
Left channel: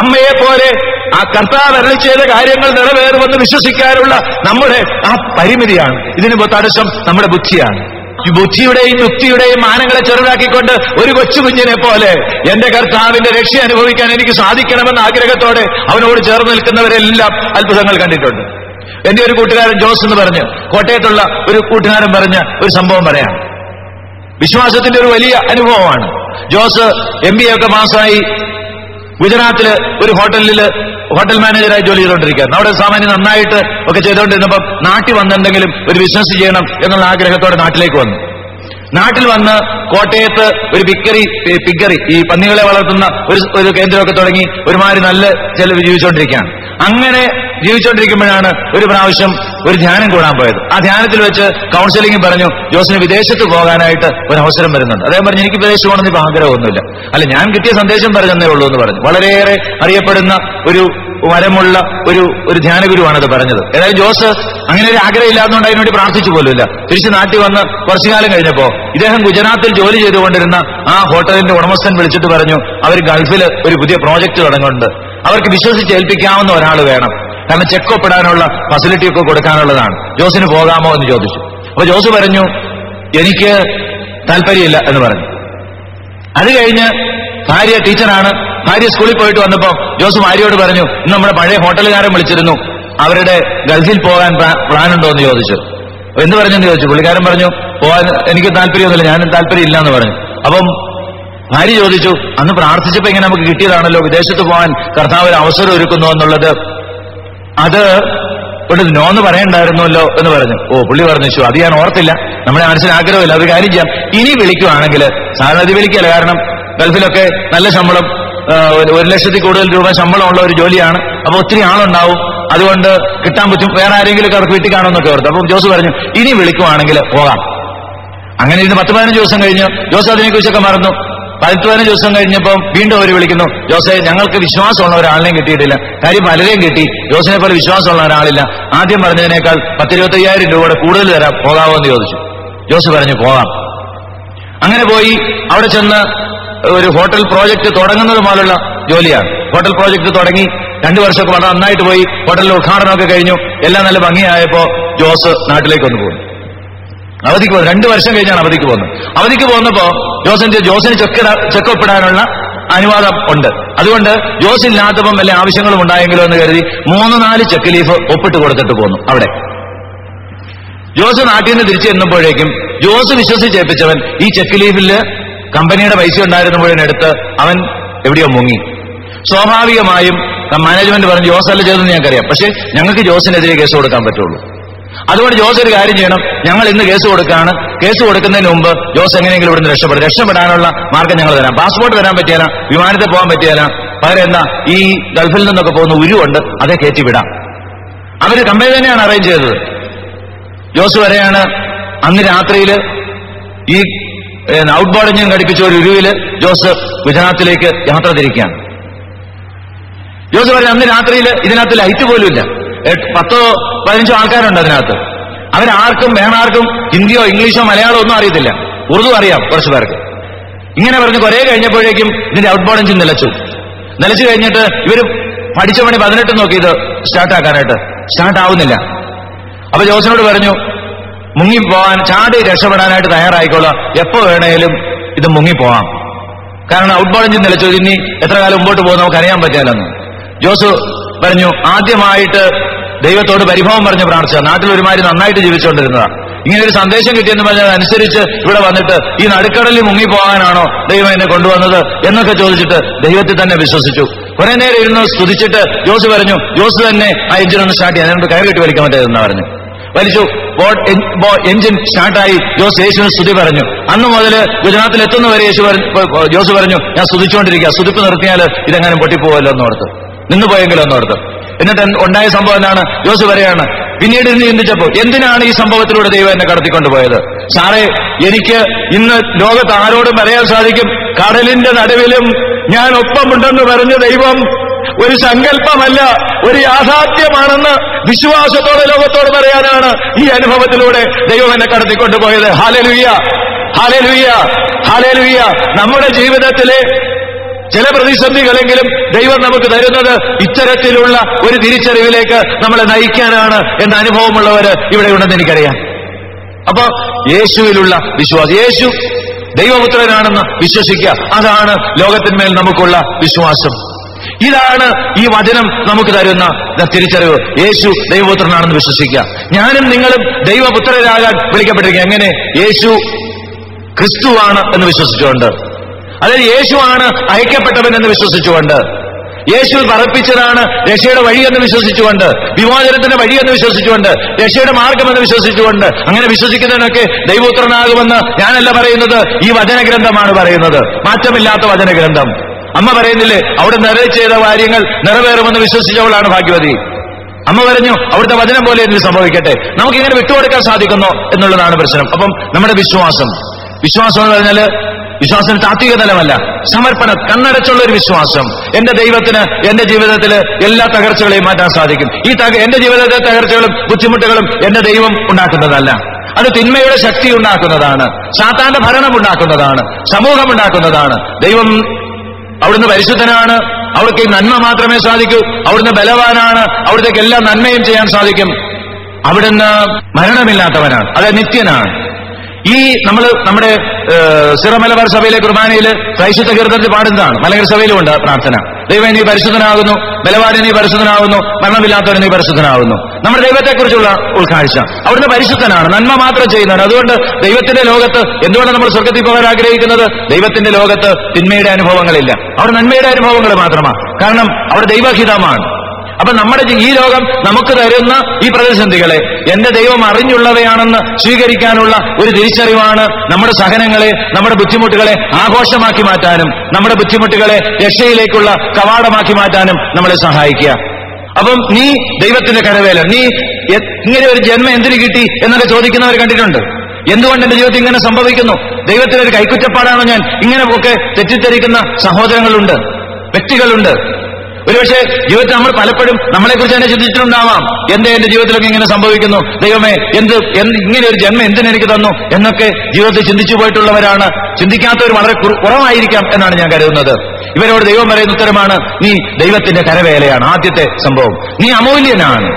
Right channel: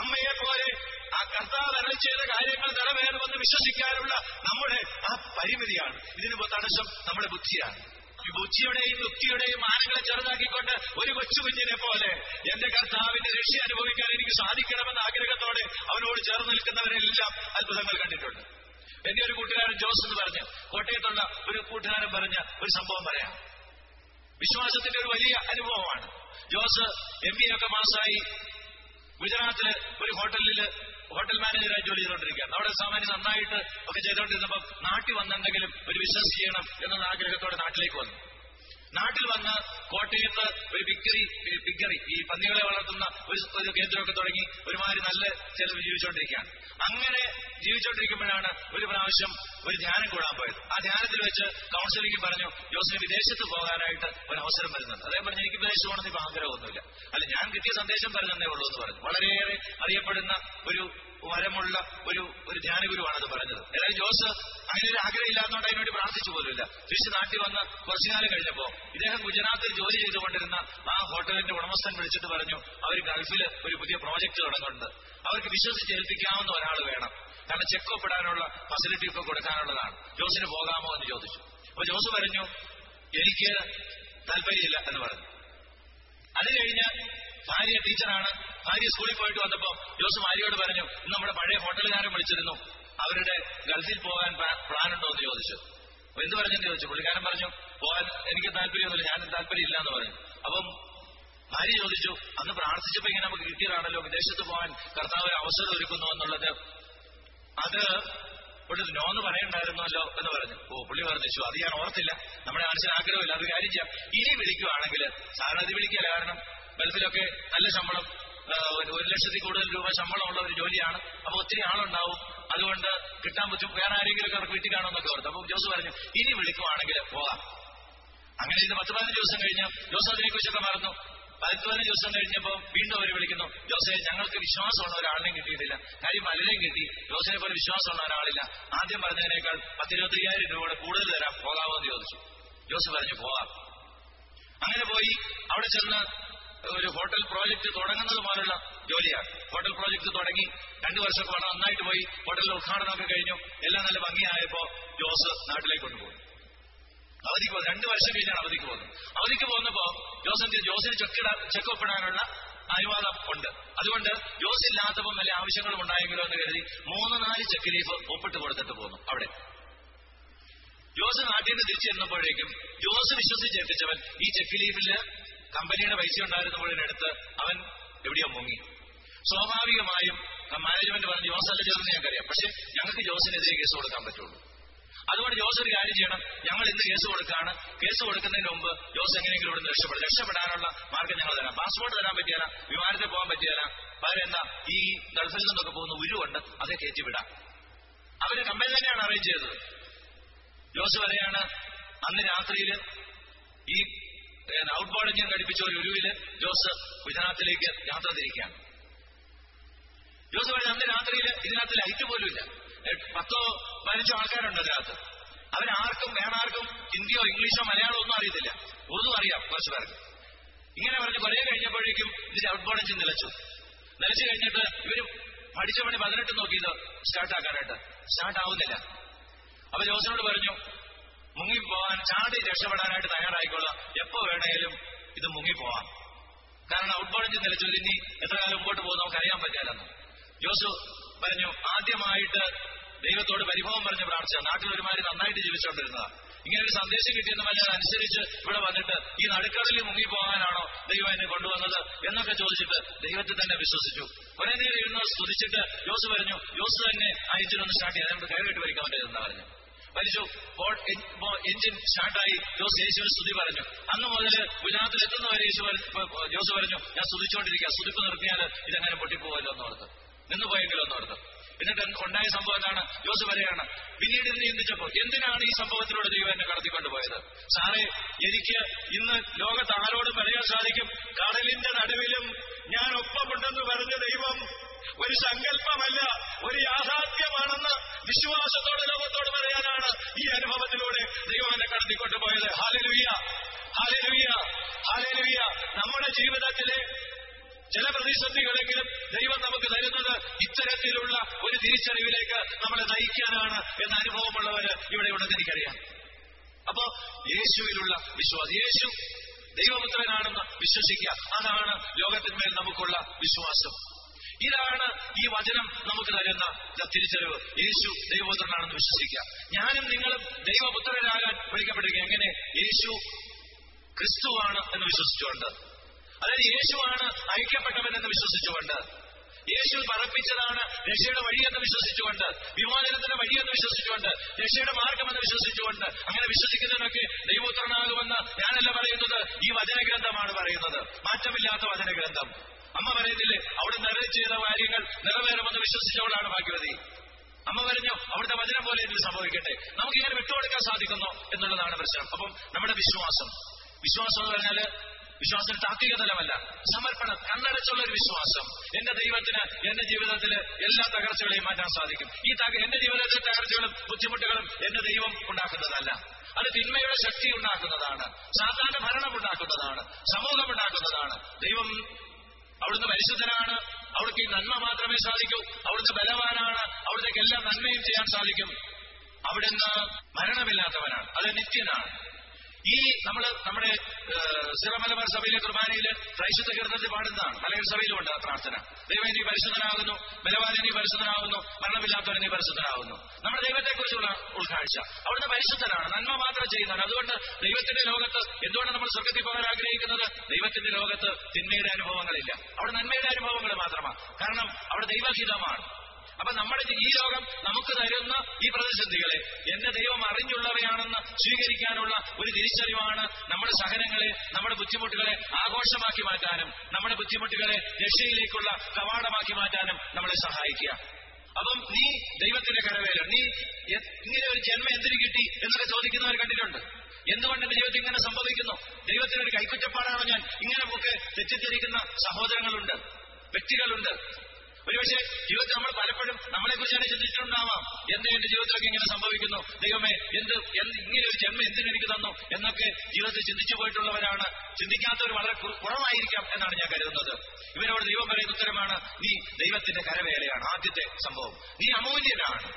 അമ്മയെ പോലെ ആ കർത്താവ് അരുളി ചെയ്ത കാര്യങ്ങൾ നിറവേറുമെന്ന് വിശ്വസിക്കാനുള്ള നമ്മുടെ ആ പരിമിതിയാണ്. ഇതിന് തടസ്സം നമ്മുടെ ബുദ്ധിയാണ്. ഈ ബുദ്ധിയുടെയും യുക്തിയുടെയും മാനങ്ങളെ ചെറുതാക്കിക്കൊണ്ട് ഒരു കൊച്ചുകുഞ്ഞിനെ പോലെ എന്റെ കർത്താവിന്റെ രക്ഷ അനുഭവിക്കാൻ എനിക്ക് സാധിക്കണമെന്ന ആഗ്രഹത്തോടെ അവനോട് ചേർന്ന് നിൽക്കുന്നവരെല്ലാം അത്ഭുതങ്ങൾ കണ്ടിട്ടുണ്ട്. എന്റെ ഒരു കൂട്ടുകാരൻ ജോസ് എന്ന് പറഞ്ഞ്, കോട്ടയത്തുള്ള ഒരു കൂട്ടുകാരൻ പറഞ്ഞ ഒരു സംഭവം പറയാം. വിശ്വാസത്തിന്റെ ഒരു വലിയ അനുഭവമാണ്. ജോസ് MBA ഒക്കെ പാസ്സായി ഗുജറാത്തില് ഒരു ഹോട്ടൽ മാനേജറായി ജോലി ചെയ്തുകൊണ്ടിരിക്കുകയാണ്. അവിടെ സാമാന്യം നന്നായിട്ട് ഒക്കെ ചെയ്തുകൊണ്ടിരുന്നപ്പം നാട്ടിൽ വന്നെന്തെങ്കിലും ഒരു ബിസിനസ് ചെയ്യണം എന്നുള്ള ആഗ്രഹത്തോടെ നാട്ടിലേക്ക് വന്നു. നാട്ടിൽ വന്ന് കോട്ടയത്ത് ഒരു പിഗറി ഈ പന്നികളെ വളർത്തുന്ന ഒരു കേന്ദ്രമൊക്കെ തുടങ്ങി ഒരുമാതിരി നല്ല ചെലവ് ജീവിച്ചുകൊണ്ടിരിക്കുകയാണ്. അങ്ങനെ ജീവിച്ചുകൊണ്ടിരിക്കുമ്പോഴാണ് ഒരു പ്രാവശ്യം ഒരു ധ്യാനം കൂടാൻ പോയത്. ആ ധ്യാനത്തിൽ വെച്ച് കൗൺസിലിംഗ് പറഞ്ഞു, ജോസിന് വിദേശത്ത് പോകാനായിട്ട് ഒരു അവസരം വരുന്നുണ്ട്. അദ്ദേഹം പറഞ്ഞു, എനിക്ക് വിദേശത്ത് പോകണമെന്ന് ഇപ്പൊ ആഗ്രഹമൊന്നുമില്ല. അല്ല, ഞാൻ കിട്ടിയ സന്ദേശം പറഞ്ഞതേ ഉള്ളൂ എന്ന് പറഞ്ഞു. വളരെയേറെ അറിയപ്പെടുന്ന ഒരു വരമുള്ള ഒരു ധ്യാനഗുരുവാണത് പറഞ്ഞത്. ഏതായാലും ജോസ് അങ്ങനെ ഒരു ആഗ്രഹം ഇല്ലാത്തതുകൊണ്ട് അതിനുവേണ്ടി പ്രാർത്ഥിച്ചു പോലുമില്ല. തിരിച്ച് നാട്ടിൽ വന്ന് കുറച്ചു കാലം കഴിഞ്ഞപ്പോ ഇദ്ദേഹം ഗുജറാത്തിൽ ജോലി ചെയ്തുകൊണ്ടിരുന്ന ആ ഹോട്ടലിന്റെ ഉടമസ്ഥൻ വിളിച്ചിട്ട് പറഞ്ഞു, അവർ ഗൾഫിൽ ഒരു പുതിയ പ്രോജക്റ്റ് തുടങ്ങുന്നുണ്ട്, അവർക്ക് വിശ്വസിച്ച് ഏൽപ്പിക്കാവുന്ന ഒരാൾ വേണം, കാരണം ചെക്ക് ഒപ്പിടാനുള്ള ഫെസിലിറ്റി ഒക്കെ കൊടുക്കാനുള്ളതാണ്, ജോസിന് പോകാമോ എന്ന് ചോദിച്ചു. അപ്പൊ ജോസ് പറഞ്ഞു, എനിക്ക് താല്പര്യമില്ല എന്ന് പറഞ്ഞു. അത് കഴിഞ്ഞ് ഭാര്യ ടീച്ചറാണ്. ഭാര്യ സ്കൂളിൽ പോയിട്ട് വന്നപ്പോ ജോസ് ഭാര്യയോട് പറഞ്ഞു, ഇന്ന് നമ്മുടെ പഴയ ഹോട്ടലുകാരൻ വിളിച്ചിരുന്നു, അവരുടെ ഗൾഫിൽ പോകാൻ പ്ലാൻ ഉണ്ടോ എന്ന് ചോദിച്ചു. എന്ത് പറഞ്ഞെന്ന് ചോദിച്ചു. പുള്ളിക്കാരൻ പറഞ്ഞു, പോകാൻ എനിക്ക് താല്പര്യമൊന്നുമില്ല, ഞാനും താല്പര്യം ഇല്ല എന്ന് പറഞ്ഞു. അപ്പം ഭാര്യ ചോദിച്ചു, അന്ന് പ്രാർത്ഥിച്ചപ്പോ ഇങ്ങനെ നമുക്ക് കിട്ടിയതാണല്ലോ, വിദേശത്ത് പോകാൻ കർത്താവ് ഒരു അവസരം ഒരുക്കുന്നു എന്നുള്ളത്, അത് ഒരു നോന്ന് പറയണ്ടായിരുന്നല്ലോ എന്ന് പറഞ്ഞു. പുള്ളി പറഞ്ഞു, അത് ഞാൻ ഓർത്തില്ല, നമ്മുടെ മനസ്സിന് ആഗ്രഹമില്ല, ഒരു കാര്യം ചെയ്യാം, ഇനി വിളിക്കുവാണെങ്കിൽ, സാധാരണ അത് വിളിക്കല്ല, കാരണം ഗൾഫിലൊക്കെ നല്ല ശമ്പളം, 1,00,000 കൂടുതൽ രൂപ ശമ്പളമുള്ള ഒരു ജോലിയാണ്. അപ്പൊ ഒത്തിരി ആളുണ്ടാവും, അതുകൊണ്ട് കിട്ടാൻ പറ്റും, വേറെ ആരെങ്കിലും അവർക്ക് വീട്ടിൽ കാണുമെന്നൊക്കെ ഓർത്തു. അപ്പം ജോസ് പറഞ്ഞു, ഇനി വിളിക്കുവാണെങ്കിൽ പോകാം. അങ്ങനെ ഇതിന് 10-15 ദിവസം കഴിഞ്ഞു. ജോസ് അതിനെക്കുറിച്ചൊക്കെ മറന്നു. 10-15 ദിവസം കഴിഞ്ഞപ്പം വീണ്ടും അവർ വിളിക്കുന്നു, ജോസെ, ഞങ്ങൾക്ക് വിശ്വാസമുള്ള ഒരാളിനെയും കിട്ടിയിട്ടില്ല, കാര്യം പലരെയും കിട്ടി, ജോസിനെ പോലെ വിശ്വാസമുള്ള ഒരാളില്ല, ആദ്യം പറഞ്ഞതിനേക്കാൾ 10,000-25,000 രൂപയുടെ കൂടുതൽ തരാം, പോകാമോ എന്ന് ചോദിച്ചു. ജോസ് പറഞ്ഞു, പോകാം. അങ്ങനെ പോയി അവിടെ ചെന്ന് ഒരു ഹോട്ടൽ പ്രോജക്ട് തുടങ്ങുന്നത് പോലുള്ള ജോലിയാണ്. ഹോട്ടൽ പ്രോജക്ട് തുടങ്ങി 2 വർഷമൊക്കെ വളരെ നന്നായിട്ട് പോയി. ഹോട്ടലിന്റെ ഉദ്ഘാടനമൊക്കെ കഴിഞ്ഞു, എല്ലാം നല്ല ഭംഗിയായപ്പോ ജോസ് നാട്ടിലേക്ക് ഒന്ന് പോകുന്നു. അവധിക്ക് പോകുന്നു. 2 വർഷം കഴിഞ്ഞാണ് അവധിക്ക് പോകുന്നത്. അവധിക്ക് പോകുന്നപ്പോ ജോസിന് ചെക്കൊപ്പിടാനുള്ള അനുവാദം ഉണ്ട്. അതുകൊണ്ട് ജോസ് ഇല്ലാത്തപ്പം വല്ല ആവശ്യങ്ങളും ഉണ്ടായെങ്കിലോ എന്ന് കരുതി 3-4 ചെക്ക് ലീഫ് ഒപ്പിട്ട് കൊടുത്തിട്ട് പോന്നു. അവിടെ ജോസ് നാട്ടിൽ നിന്ന് തിരിച്ചു ചെന്നപ്പോഴേക്കും ജോസ് വിശ്വസിച്ചേൽപ്പിച്ചവൻ ഈ ചെക്ക് ലീഫില് കമ്പനിയുടെ പൈസ ഉണ്ടായിരുന്നപ്പോഴെടുത്ത് അവൻ എവിടെയോ മുങ്ങി. സ്വാഭാവികമായും മാനേജ്മെന്റ് പറഞ്ഞു, ജോസ് അല്ല ചെയ്തെന്ന് ഞങ്ങൾക്കറിയാം, പക്ഷെ ഞങ്ങൾക്ക് ജോസിനെതിരെ കേസ് കൊടുക്കാൻ പറ്റുള്ളൂ. അതുകൊണ്ട് ജോസ് ഒരു കാര്യം ചെയ്യണം, ഞങ്ങൾ ഇന്ന് കേസ് കൊടുക്കുകയാണ്, കേസ് കൊടുക്കുന്നതിന് മുമ്പ് ജോസ് എങ്ങനെയെങ്കിലും ഇവിടുന്ന് രക്ഷപ്പെടാനുള്ള മാർഗം ഞങ്ങൾ തരാം. പാസ്പോർട്ട് തരാൻ പറ്റിയാല, വിമാനത്തിൽ പോകാൻ പറ്റിയാല, പകരം എന്താ ഈ ഗൾഫിൽ നിന്നൊക്കെ പോകുന്ന ഉരുവുണ്ട്, അതേ കയറ്റി വിടാം. അവര് കമ്പനി തന്നെയാണ് അറേഞ്ച് ചെയ്തത്. ജോസ് വരെയാണ് അന്ന് രാത്രിയിൽ ഈ ഔട്ട് ബോർഡ് എഞ്ചിൻ ഘടിപ്പിച്ച ഒരു ഉരുവില് ജോസ് ഗുജറാത്തിലേക്ക് യാത്ര തിരിക്കുകയാണ്. ജോസ് പറയാം, അന്ന് രാത്രിയിൽ ഇതിനകത്ത് ലൈറ്റ് പോലും ഇല്ല, 10-15 ആൾക്കാരുണ്ട് അതിനകത്ത്. അവരാർക്കും വേണാർക്കും ഹിന്ദിയോ ഇംഗ്ലീഷോ മലയാളമോ ഒന്നും അറിയത്തില്ല, ഉറുദു അറിയാം കുറച്ചു പേർക്ക്. ഇങ്ങനെ പറഞ്ഞ് കുറെ കഴിഞ്ഞപ്പോഴേക്കും ഇതിന്റെ ഔട്ട് ബോർഡ് എഞ്ചിൻ നിലച്ചു കഴിഞ്ഞിട്ട് ഇവര് പഠിച്ച പണി 18 നോക്കി ഇത് സ്റ്റാർട്ടാക്കാനായിട്ട്, സ്റ്റാർട്ട് ആവുന്നില്ല. അപ്പൊ ജോസിനോട് പറഞ്ഞു, മുങ്ങിപ്പോവാൻ, ചാടി രക്ഷപ്പെടാനായിട്ട് തയ്യാറായിക്കോളാം, എപ്പോ വേണേലും ഇത് മുങ്ങിപ്പോവാം, കാരണം ഔട്ട് ബോർഡ് എഞ്ചിൻ നിലച്ചു, ഇനി എത്ര കാലം മുമ്പോട്ട് പോകുന്ന നമുക്ക് അറിയാൻ പറ്റിയാലെന്ന്. ജോസ് പറഞ്ഞു, ആദ്യമായിട്ട് ദൈവത്തോട് പരിഭവം പറഞ്ഞ് പ്രാർത്ഥിച്ച, നാട്ടിൽ ഒരുമാതിരി നന്നായിട്ട് ജീവിച്ചുകൊണ്ടിരുന്നതാണ്, ഇങ്ങനെ ഒരു സന്ദേശം കിട്ടിയെന്ന് പറഞ്ഞത് അനുസരിച്ച് ഇവിടെ വന്നിട്ട് ഈ നടുക്കടലിൽ മുങ്ങിപ്പോകാനാണോ ദൈവം എന്നെ കൊണ്ടുവന്നത് എന്നൊക്കെ ചോദിച്ചിട്ട് ദൈവത്തിൽ തന്നെ വിശ്വസിച്ചു. കുറെ നേരം ഇരുന്ന് സ്തുതിച്ചിട്ട് ജോസ് പറഞ്ഞു, ജോസ് തന്നെ ആ എഞ്ചിൻ ഒന്ന് സ്റ്റാർട്ട് ചെയ്യാൻ, അതിനോട് കയറി കെട്ടി വലിക്കാൻ പറ്റിയതെന്ന് പറഞ്ഞു. വലിച്ചു. എഞ്ചിൻ സ്റ്റാർട്ടായി. ജോസ് യേശുവിന് സ്തുതി പറഞ്ഞു. അന്ന് മുതൽ ഗുജറാത്തിൽ എത്തുന്നവരെ ജോസ് പറഞ്ഞു, ഞാൻ സ്തുതിച്ചുകൊണ്ടിരിക്കുക, സ്തുതിപ്പ് നിർത്തിയാൽ ഇതെങ്ങനെ പൊട്ടിപ്പോവല്ലോ എന്നോർത്ത്, നിന്നുപോയെങ്കിലോ എന്നോർത്ത്. എന്നിട്ട് ഉണ്ടായ സംഭവം എന്താണ്? ജോസ് പറയാണ്, പിന്നീട് ഇന്ന് ചിന്തിച്ചപ്പോ, എന്തിനാണ് ഈ സംഭവത്തിലൂടെ ദൈവം എന്നെ കടത്തിക്കൊണ്ടുപോയത്? സാറേ, എനിക്ക് ഇന്ന് ലോകത്ത് ആരോടും പറയാൻ സാധിക്കും, കടലിന്റെ നടുവിലും ഞാൻ ഒപ്പമുണ്ടെന്ന് പറഞ്ഞ ദൈവം ഒരു സങ്കല്പമല്ല, ഒരു യാഥാർത്ഥ്യമാണെന്ന് വിശ്വാസത്തോടെ ലോകത്തോട് പറയാനാണ് ഈ അനുഭവത്തിലൂടെ ദൈവം എന്നെ കടത്തിക്കൊണ്ടുപോയത്. Hallelujah, hallelujah, hallelujah. നമ്മുടെ ജീവിതത്തിലെ ചില പ്രതിസന്ധികളെങ്കിലും ദൈവം നമുക്ക് തരുന്നത് ഇത്തരത്തിലുള്ള ഒരു തിരിച്ചറിവിലേക്ക് നമ്മളെ നയിക്കാനാണ് എന്ന അനുഭവമുള്ളവര് ഇവിടെ ഉണ്ടെന്ന് എനിക്കറിയാം. അപ്പൊ യേശുവിലുള്ള വിശ്വാസം, യേശു ദൈവപുത്രനാണെന്ന് വിശ്വസിക്കുക, അതാണ് ലോകത്തിന്മേൽ നമുക്കുള്ള വിശ്വാസം. ഇതാണ് ഈ വചനം നമുക്ക് തരുന്ന തിരിച്ചറിവ്. യേശു ദൈവപുത്രനാണെന്ന് വിശ്വസിക്കുക. ഞാനും നിങ്ങളും ദൈവപുത്രരാകാൻ വിളിക്കപ്പെട്ടിരിക്കുക. എങ്ങനെ? യേശു ക്രിസ്തുവാണ് എന്ന് വിശ്വസിച്ചുകൊണ്ട്, അതായത് യേശുവാണ് അയക്കപ്പെട്ടവൻ എന്ന് വിശ്വസിച്ചുകൊണ്ട്, യേശു പറപ്പിച്ചതാണ് രക്ഷയുടെ വഴിയെന്ന് വിശ്വസിച്ചുകൊണ്ട്, വിമോചനത്തിന്റെ വഴിയെന്ന് വിശ്വസിച്ചുകൊണ്ട്, രക്ഷയുടെ മാർഗമെന്ന് വിശ്വസിച്ചുകൊണ്ട്, അങ്ങനെ വിശ്വസിക്കുന്നതിനൊക്കെ ദൈവപുത്രനാകുമെന്ന് ഞാനല്ല പറയുന്നത്, ഈ വചനഗ്രന്ഥമാണ് പറയുന്നത്, മാറ്റമില്ലാത്ത വചനഗ്രന്ഥം. അമ്മ പറയുന്നില്ലേ, അവിടെ ചെയ്ത കാര്യങ്ങൾ നിറവേറുമെന്ന് വിശ്വസിച്ചവളാണ് ഭാഗ്യവതി. അമ്മ പറഞ്ഞു, അവിടുത്തെ വചനം പോലെ എന്നിൽ സംഭവിക്കട്ടെ. നമുക്കിങ്ങനെ വിട്ടുകൊടുക്കാൻ സാധിക്കുന്നോ എന്നുള്ളതാണ് പ്രശ്നം. അപ്പം നമ്മുടെ വിശ്വാസം എന്ന് പറഞ്ഞാൽ വിശ്വാസത്തിന് താത്വിക തലമല്ല, സമർപ്പണം, കണ്ണടച്ചുള്ള ഒരു വിശ്വാസം. എന്റെ ദൈവത്തിന് എന്റെ ജീവിതത്തില് എല്ലാ തകർച്ചകളെയും മാറ്റാൻ സാധിക്കും. എന്റെ ജീവിതത്തിലെ തകർച്ചകളും ബുദ്ധിമുട്ടുകളും എന്റെ ദൈവം ഉണ്ടാക്കുന്നതല്ല, അത് തിന്മയുടെ ശക്തി ഉണ്ടാക്കുന്നതാണ്, സാത്താന്റെ ഭരണം ഉണ്ടാക്കുന്നതാണ്, സമൂഹം ഉണ്ടാക്കുന്നതാണ്. ദൈവം അവിടുന്ന് പരിശുദ്ധനാണ്, അവിടേക്ക് നന്മ മാത്രമേ സാധിക്കൂ. അവിടുന്ന് ബലവാനാണ്, അവിടത്തേക്ക് എല്ലാ നന്മയും ചെയ്യാൻ സാധിക്കും. അവിടുന്ന് മരണമില്ലാത്തവനാണ്, അത് നിത്യനാണ്. ഈ നമ്മുടെ സിറ മലബാർ സഭയിലെ കുർബാനയിൽ ക്രൈസ്തവ കീർത്തനത്തിൽ പാടുന്നതാണ്. മലങ്കര സഭയിലും ഉണ്ട് പ്രാർത്ഥന. ദൈവം നീ പരിശുദ്ധനാകുന്നു, ബലവാൻ നീ പരിശുദ്ധനാകുന്നു, മരണമില്ലാത്തവൻ നീ പരിശുദ്ധനാകുന്നു. നമ്മുടെ ദൈവത്തെക്കുറിച്ചുള്ള ഉൾക്കാഴ്ച. അവിടുന്ന് പരിശുദ്ധനാണ്, നന്മ മാത്രം ചെയ്യുന്നതാണ്. അതുകൊണ്ട് ദൈവത്തിന്റെ ലോകത്ത് എന്തുകൊണ്ട് നമ്മൾ സ്വർഗത്തിൽ പോകാൻ ആഗ്രഹിക്കുന്നത്? ദൈവത്തിന്റെ ലോകത്ത് തിന്മയുടെ അനുഭവങ്ങളില്ല, അവിടെ നന്മയുടെ അനുഭവങ്ങൾ മാത്രമാണ്. കാരണം അവിടെ ദൈവഹിതമാണ്. അപ്പൊ നമ്മുടെ ഈ ലോകം നമുക്ക് തരുന്ന ഈ പ്രതിസന്ധികളെ എന്റെ ദൈവം അറിഞ്ഞുള്ളവയാണെന്ന് സ്വീകരിക്കാനുള്ള ഒരു തിരിച്ചറിവാണ് നമ്മുടെ സഹനങ്ങളെ, നമ്മുടെ ബുദ്ധിമുട്ടുകളെ ആഘോഷമാക്കി മാറ്റാനും നമ്മുടെ ബുദ്ധിമുട്ടുകളെ രക്ഷയിലേക്കുള്ള കവാടമാക്കി മാറ്റാനും നമ്മളെ സഹായിക്കുക. അപ്പം നീ ദൈവത്തിന്റെ കരവേല, നീ ഇങ്ങനെ ഒരു ജന്മം എന്തിനു കിട്ടി എന്നൊക്കെ ചോദിക്കുന്നവർ കണ്ടിട്ടുണ്ട്. എന്തുകൊണ്ട് എന്റെ ജീവിതത്തിൽ ഇങ്ങനെ സംഭവിക്കുന്നു? ദൈവത്തിന്റെ ഒരു കൈക്കുറ്റപ്പാടാണോ ഞാൻ? ഇങ്ങനെ ഒക്കെ തെറ്റിദ്ധരിക്കുന്ന സഹോദരങ്ങളുണ്ട്, വ്യക്തികളുണ്ട്. ഒരുപക്ഷെ ജീവിതത്തിൽ നമ്മൾ പലപ്പോഴും നമ്മളെക്കുറിച്ച് തന്നെ ചിന്തിച്ചിട്ടുണ്ടാവാം. എന്റെ ജീവിതത്തിലൊക്കെ ഇങ്ങനെ സംഭവിക്കുന്നു, ദൈവമേ ഇങ്ങനെ ഒരു ജന്മം എന്തിനെനിക്ക് തന്നു എന്നൊക്കെ ജീവിതത്തിൽ ചിന്തിച്ചു പോയിട്ടുള്ളവരാണ്. ചിന്തിക്കാത്തവർ വളരെ കുറവായിരിക്കാം എന്നാണ് ഞാൻ കരുതുന്നത്. ഇവരോട് ദൈവം പറയുന്ന ഉത്തരമാണ്, നീ ദൈവത്തിന്റെ കരവേലയാണ്. ആദ്യത്തെ സംഭവം, നീ അമൂല്യനാണ്.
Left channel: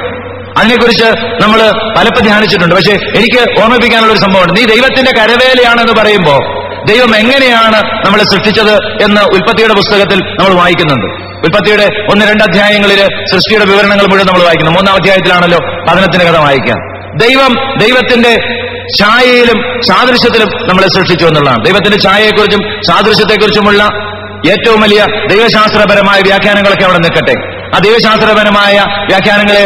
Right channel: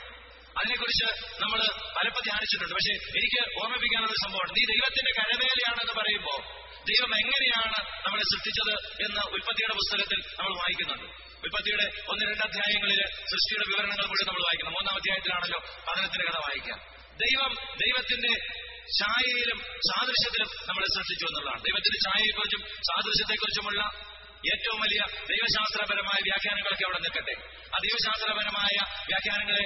അതിനെക്കുറിച്ച് നമ്മൾ പലപ്പോൾ ധ്യാനിച്ചിട്ടുണ്ട്. പക്ഷെ എനിക്ക് ഓർമ്മിപ്പിക്കാനുള്ള ഒരു സംഭവമുണ്ട്. നീ ദൈവത്തിന്റെ കരവേലയാണെന്ന് പറയുമ്പോൾ ദൈവം എങ്ങനെയാണ് നമ്മളെ സൃഷ്ടിച്ചത് എന്ന് ഉൽപ്പത്തിയുടെ പുസ്തകത്തിൽ നമ്മൾ വായിക്കുന്നുണ്ട്. ഉൽപ്പത്തിയുടെ 1-2 അധ്യായങ്ങളിൽ സൃഷ്ടിയുടെ വിവരണങ്ങൾ മുഴുവൻ നമ്മൾ വായിക്കുന്നു. 3-ാം അധ്യായത്തിലാണല്ലോ പതനത്തിന്റെ കഥ വായിക്കാം. ദൈവത്തിന്റെ ഛായയിലും സാദൃശ്യത്തിലും നമ്മളെ സൃഷ്ടിച്ചു എന്നുള്ളതാണ്. ദൈവത്തിന്റെ ഛായയെക്കുറിച്ചും സാദൃശ്യത്തെക്കുറിച്ചുമുള്ള ഏറ്റവും വലിയ ദൈവശാസ്ത്രപരമായ വ്യാഖ്യാനങ്ങളൊക്കെ അവിടെ നിൽക്കട്ടെ. ആ ദൈവശാസ്ത്രപരമായ വ്യാഖ്യാനങ്ങളെ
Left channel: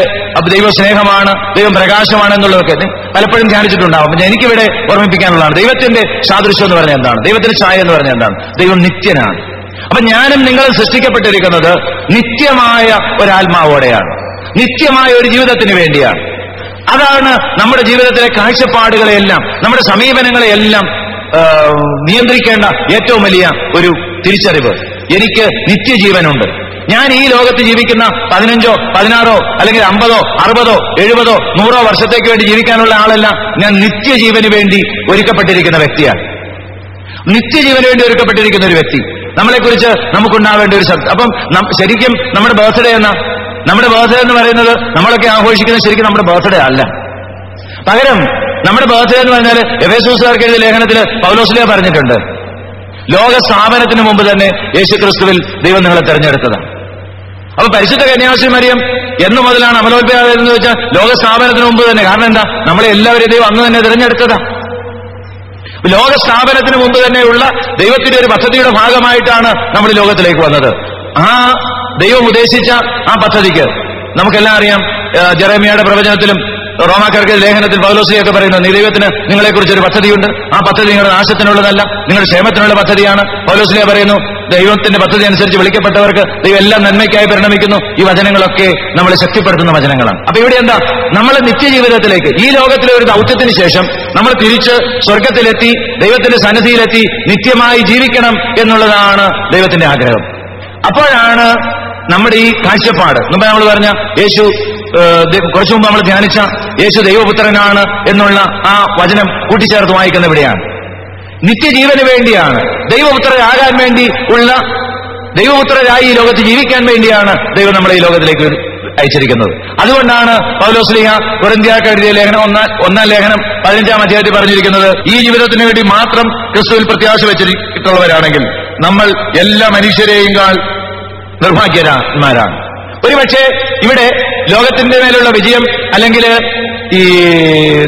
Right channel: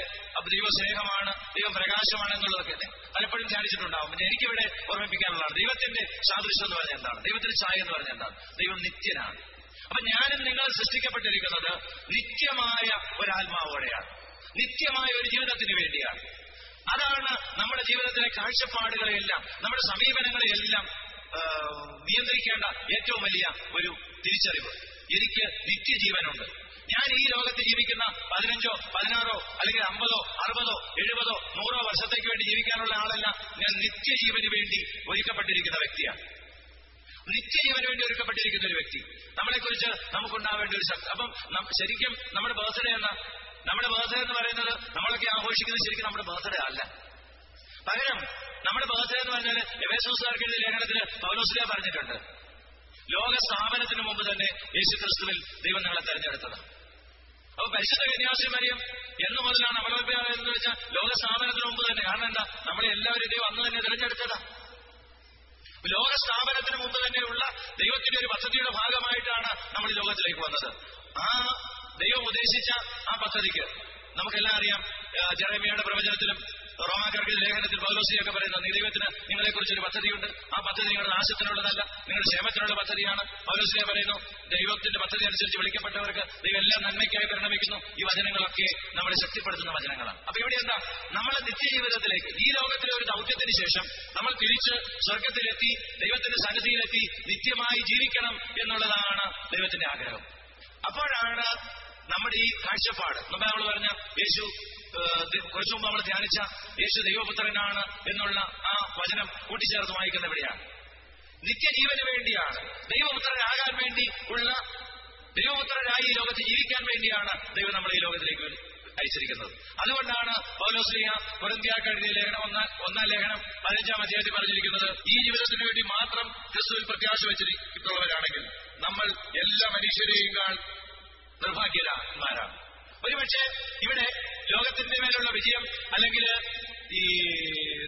ദൈവ സ്നേഹമാണ്, ദൈവം പ്രകാശമാണ് എന്നുള്ളതൊക്കെ പലപ്പോഴും ധ്യാനിച്ചിട്ടുണ്ടാവും. എനിക്കിവിടെ ഓർമ്മിപ്പിക്കാനുള്ളതാണ്, ദൈവത്തിന്റെ സാദൃശ്യം എന്ന് പറഞ്ഞാൽ എന്താണ്, ദൈവത്തിന്റെ ഛായ എന്ന് പറഞ്ഞാൽ എന്താണ്? ദൈവം നിത്യനാണ്. അപ്പൊ ഞാനും നിങ്ങളും സൃഷ്ടിക്കപ്പെട്ടിരിക്കുന്നത് നിത്യമായ ഒരാത്മാവോടെയാണ്, നിത്യമായ ഒരു ജീവിതത്തിന് വേണ്ടിയാണ്. അതാണ് നമ്മുടെ ജീവിതത്തിലെ കാഴ്ചപ്പാടുകളെയെല്ലാം, നമ്മുടെ സമീപനങ്ങളെയെല്ലാം നിയന്ത്രിക്കേണ്ട ഏറ്റവും വലിയ ഒരു തിരിച്ചറിവ്. എനിക്ക് നിത്യജീവനുണ്ട്. ഞാൻ ഈ ലോകത്ത് ജീവിക്കുന്ന 15, 16 അല്ലെങ്കിൽ 50, 60, 70, 100 വർഷത്തേക്ക് വേണ്ടി ജീവിക്കാനുള്ള ആളല്ല. ഞാൻ നിത്യജീവന് വേണ്ടി ഒരുക്കപ്പെട്ടിരിക്കുന്ന വ്യക്തിയാണ്. നിത്യജീവന് വേണ്ടി ഒരുക്കപ്പെട്ടിരിക്കുന്ന ഒരു വ്യക്തി. നമ്മളെക്കുറിച്ച് നമുക്കുണ്ടാവേണ്ട ഒരു ശബ്ദം. അപ്പം ശരിക്കും നമ്മുടെ ബർത്ത്ഡേ എന്ന് പറയുന്നത് നമ്മളൊക്കെ ആഘോഷിക്കുന്നത് ശരിക്കും നമ്മുടെ ബർത്ത്ഡേ അല്ല. പകരം നമ്മുടെ ബർത്ത്ഡേ എന്ന് പറഞ്ഞാൽ എഫേസോസുകാർക്ക് എഴുതിയ ലേഖനത്തിൽ പൗലോസ്ലീഹ പറഞ്ഞിട്ടുണ്ട്, ലോക സ്ഥാപനത്തിന് മുമ്പ് തന്നെ യേശുക്രിസ്തുവിൽ ദൈവം നിങ്ങളെ തെരഞ്ഞെടുത്തതാണ്. അപ്പൊ പരിശുദ്ധ കന്യാശ്രീ മറിയം എന്നു മുതലാണ് അമലോത്ഭവമായതെന്ന് വെച്ചാൽ ലോക സ്ഥാപനത്തിന് മുമ്പ് തന്നെ. കാരണം എന്താ? നമ്മളെ എല്ലാവരെയും ദൈവം അന്ന് തന്നെ തിരഞ്ഞെടുത്തതാ. ലോക സ്ഥാപനത്തിന് മുമ്പ് തന്നെയുള്ള ദൈവത്തിന്റെ ഒരു പദ്ധതിയുടെ ഭാഗമായിട്ടാണ് നമ്മൾ ലോകത്തിലേക്ക് വന്നത്. ആ ദൈവം ഉദ്ദേശിച്ച ആ പദ്ധതിക്ക് നമുക്കെല്ലാം അറിയാം. ജെറേമിയയുടെ പ്രവചനത്തിലും റോമാക്കാർക്ക് ലേഖനത്തിൽ പൗലോസ്ലീഹയൊക്കെ പറയുന്നു, ദൈവത്തിന് നിങ്ങളെക്കുറിച്ചൊരു പദ്ധതിയുണ്ട്. ആ പദ്ധതി നിങ്ങളുടെ നാശത്തിനുള്ളതല്ല, നിങ്ങളുടെ ക്ഷേമത്തിനുള്ള പദ്ധതിയാണ്. പൗലോസ്ലീഹ പറയുന്നു, ദൈവത്തിന്റെ പദ്ധതി അനുസരിച്ച് വിളിക്കപ്പെട്ടവർക്ക് ദൈവം എല്ലാം നന്മയ്ക്കായി പരിണമിക്കുന്നു. ഈ വചനങ്ങളൊക്കെ നമ്മളെ ശക്തിപ്പെടുത്തുന്ന വചനങ്ങളാണ്. അപ്പൊ ഇവിടെ എന്താ? നമ്മൾ നിത്യജീവിതത്തിലേക്ക്, ഈ ലോകത്തിലെ ഒരു ദൗത്യത്തിന് ശേഷം നമ്മൾ തിരിച്ച് സ്വർഗത്തിലെത്തി ദൈവത്തിന്റെ സന്നിധിയിലെത്തി നിത്യമായി ജീവിക്കണം എന്നുള്ളതാണ് ദൈവത്തിന്റെ ആഗ്രഹം. അപ്പോഴാണ് നമ്മുടെ ഈ കാഴ്ചപ്പാട്, മുമ്പ് നമ്മൾ പറഞ്ഞ യേശു, കുറച്ചു മുമ്പ് നമ്മൾ ധ്യാനിച്ച യേശു ദൈവപുത്രനാണ് എന്നുള്ള ആ വചനം കൂട്ടിച്ചേർത്ത് വായിക്കുന്ന ഇവിടെയാണ്. നിത്യജീവന് വേണ്ടിയാണ്, ദൈവപുത്രരാകാൻ വേണ്ടി ഉള്ള, ദൈവപുത്രരായി ഈ ലോകത്ത് ജീവിക്കാൻ വേണ്ടിയാണ് ദൈവം നമ്മളെ ഈ ലോകത്തിലേക്ക് അയച്ചിരിക്കുന്നത്. അതുകൊണ്ടാണ് പൗലോസ്ലീഹ കൊരിന്ത്യർക്ക് എഴുതിയ ലേഖനം 1-ാം ലേഖനം 15-ാം അധ്യായത്തിൽ പറഞ്ഞിരിക്കുന്നത്, ഈ ജീവിതത്തിന് വേണ്ടി മാത്രം ക്രിസ്തുവിൽ പ്രത്യാശ വെച്ചിട്ടുള്ളവരാണെങ്കിൽ നമ്മൾ എല്ലാ മനുഷ്യരെയും നിർഭാഗ്യന്മാരാണ്. ഒരുപക്ഷെ ഇവിടെ ലോകത്തിന്റെ മേലുള്ള വിജയം അല്ലെങ്കിൽ ഈ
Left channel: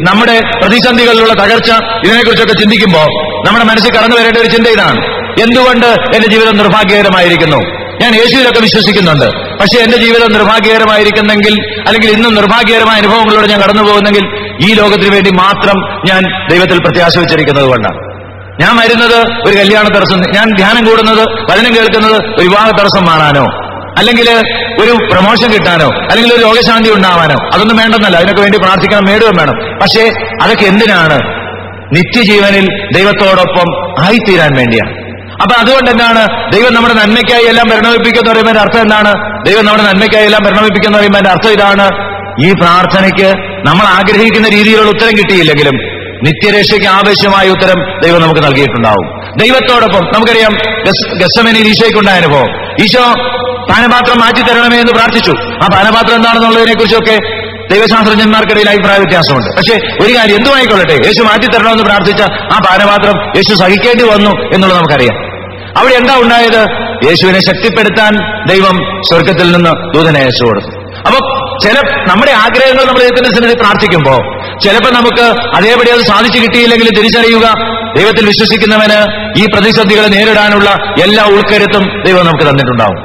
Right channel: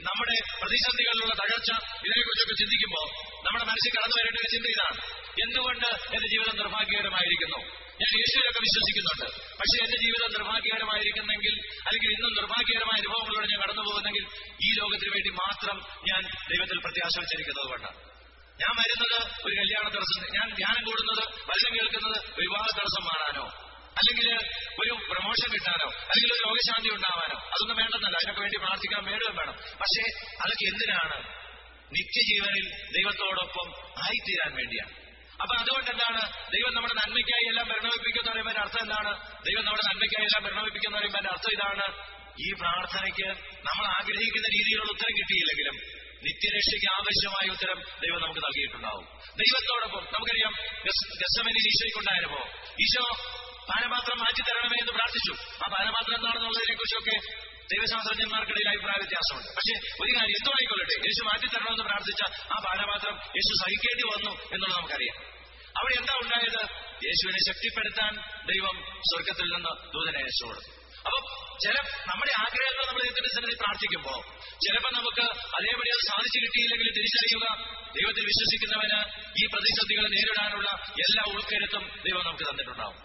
നമ്മുടെ പ്രതിസന്ധികളിലുള്ള തകർച്ച, ഇതിനെക്കുറിച്ചൊക്കെ ചിന്തിക്കുമ്പോൾ നമ്മുടെ മനസ്സിൽ കടന്നു വരേണ്ട ഒരു ചിന്ത ഇതാണ്: എന്തുകൊണ്ട് എന്റെ ജീവിതം നിർഭാഗ്യകരമായിരിക്കുന്നു? ഞാൻ യേശുവിലൊക്കെ വിശ്വസിക്കുന്നുണ്ട്, പക്ഷെ എന്റെ ജീവിതം നിർഭാഗ്യകരമായിരിക്കുന്നെങ്കിൽ, അല്ലെങ്കിൽ ഇന്നും നിർഭാഗ്യകരമായ അനുഭവങ്ങളിലൂടെ ഞാൻ കടന്നു പോകുന്നെങ്കിൽ ഈ ലോകത്തിന് വേണ്ടി മാത്രം ഞാൻ ദൈവത്തിൽ പ്രത്യാശ വെച്ചിരിക്കുന്നത് കൊണ്ടാണ്. ഞാൻ വരുന്നത് ഒരു കല്യാണ തടസ്സം, ഞാൻ ധ്യാനം കൂടുന്നത്, വചനം കേൾക്കുന്നത് ഒരു വിവാഹ തടസ്സം മാറാനോ, അല്ലെങ്കിൽ ഒരു പ്രമോഷൻ കിട്ടാനോ, അല്ലെങ്കിൽ ഒരു രോഗശാന്തി ഉണ്ടാവാനോ, അതൊന്നും വേണ്ടെന്നല്ല. അതിനൊക്കെ വേണ്ടി പ്രാർത്ഥിക്കണം, നേടുകയും വേണം. പക്ഷേ അതൊക്കെ എന്തിനാണ്? നിത്യജീവനിൽ ദൈവത്തോടൊപ്പം ആയിത്തീരാൻ വേണ്ടിയാണ്. അപ്പൊ അതുകൊണ്ട് എന്താണ്? ദൈവം നമ്മുടെ നന്മയ്ക്കായി എല്ലാം പരിണമിപ്പിക്കുന്ന പറയുമ്പോൾ അർത്ഥം എന്താണ്? ദൈവം നമ്മുടെ നന്മയ്ക്കായി എല്ലാം പരിണമിപ്പിക്കുന്ന പറയുമ്പോൾ അർത്ഥം ഇതാണ്: ഈ പ്രാർത്ഥനയ്ക്ക് നമ്മൾ ആഗ്രഹിക്കുന്ന രീതിയിലുള്ള ഉത്തരം കിട്ടിയില്ലെങ്കിലും നിത്യരക്ഷയ്ക്ക് ആവശ്യമായ ഉത്തരം ദൈവം നമുക്ക് നൽകിയിട്ടുണ്ടാവും. ദൈവത്തോടൊപ്പം നമുക്കറിയാം, ഗെത്സമനിയിൽ ഈശോയ്ക്കുണ്ടായ അനുഭവം. ഈശോ പാനപാത്രം മാറ്റി തരണമേ എന്ന് പ്രാർത്ഥിച്ചു. ആ പാനപാത്രം എന്താണെന്നുള്ളതിനെ കുറിച്ചൊക്കെ ദൈവശാസ്ത്രജ്ഞന്മാർക്കിടയിൽ അഭിപ്രായ വ്യത്യാസമുണ്ട്. പക്ഷേ ഒരു കാര്യം എന്തുമായിക്കൊള്ളട്ടെ, യേശു മാറ്റിത്തരണമെന്ന് പ്രാർത്ഥിച്ച ആ പാനപാത്രം യേശു സഹിക്കേണ്ടി വന്നു എന്നുള്ളത് നമുക്കറിയാം. അവിടെ എന്താ ഉണ്ടായത്? യേശുവിനെ ശക്തിപ്പെടുത്താൻ ദൈവം സ്വർഗത്തിൽ നിന്ന് ദൂതനെ അയച്ചു കൊടുത്തു. അപ്പൊ നമ്മുടെ ആഗ്രഹങ്ങൾ നമ്മൾ ദൈവത്തിന്റെ സന്നിധിയിൽ പ്രാർത്ഥിക്കുമ്പോൾ ചിലപ്പോൾ നമുക്ക് അതേപടി അത് സാധിച്ചു കിട്ടിയില്ലെങ്കിൽ തിരിച്ചറിയുക, ദൈവത്തിൽ വിശ്വസിക്കുന്നവന് ഈ പ്രതിസന്ധികളെ നേരിടാനുള്ള എല്ലാ ഉൾക്കരുത്തും ദൈവം നമുക്ക് തന്നിട്ടുണ്ടാവും.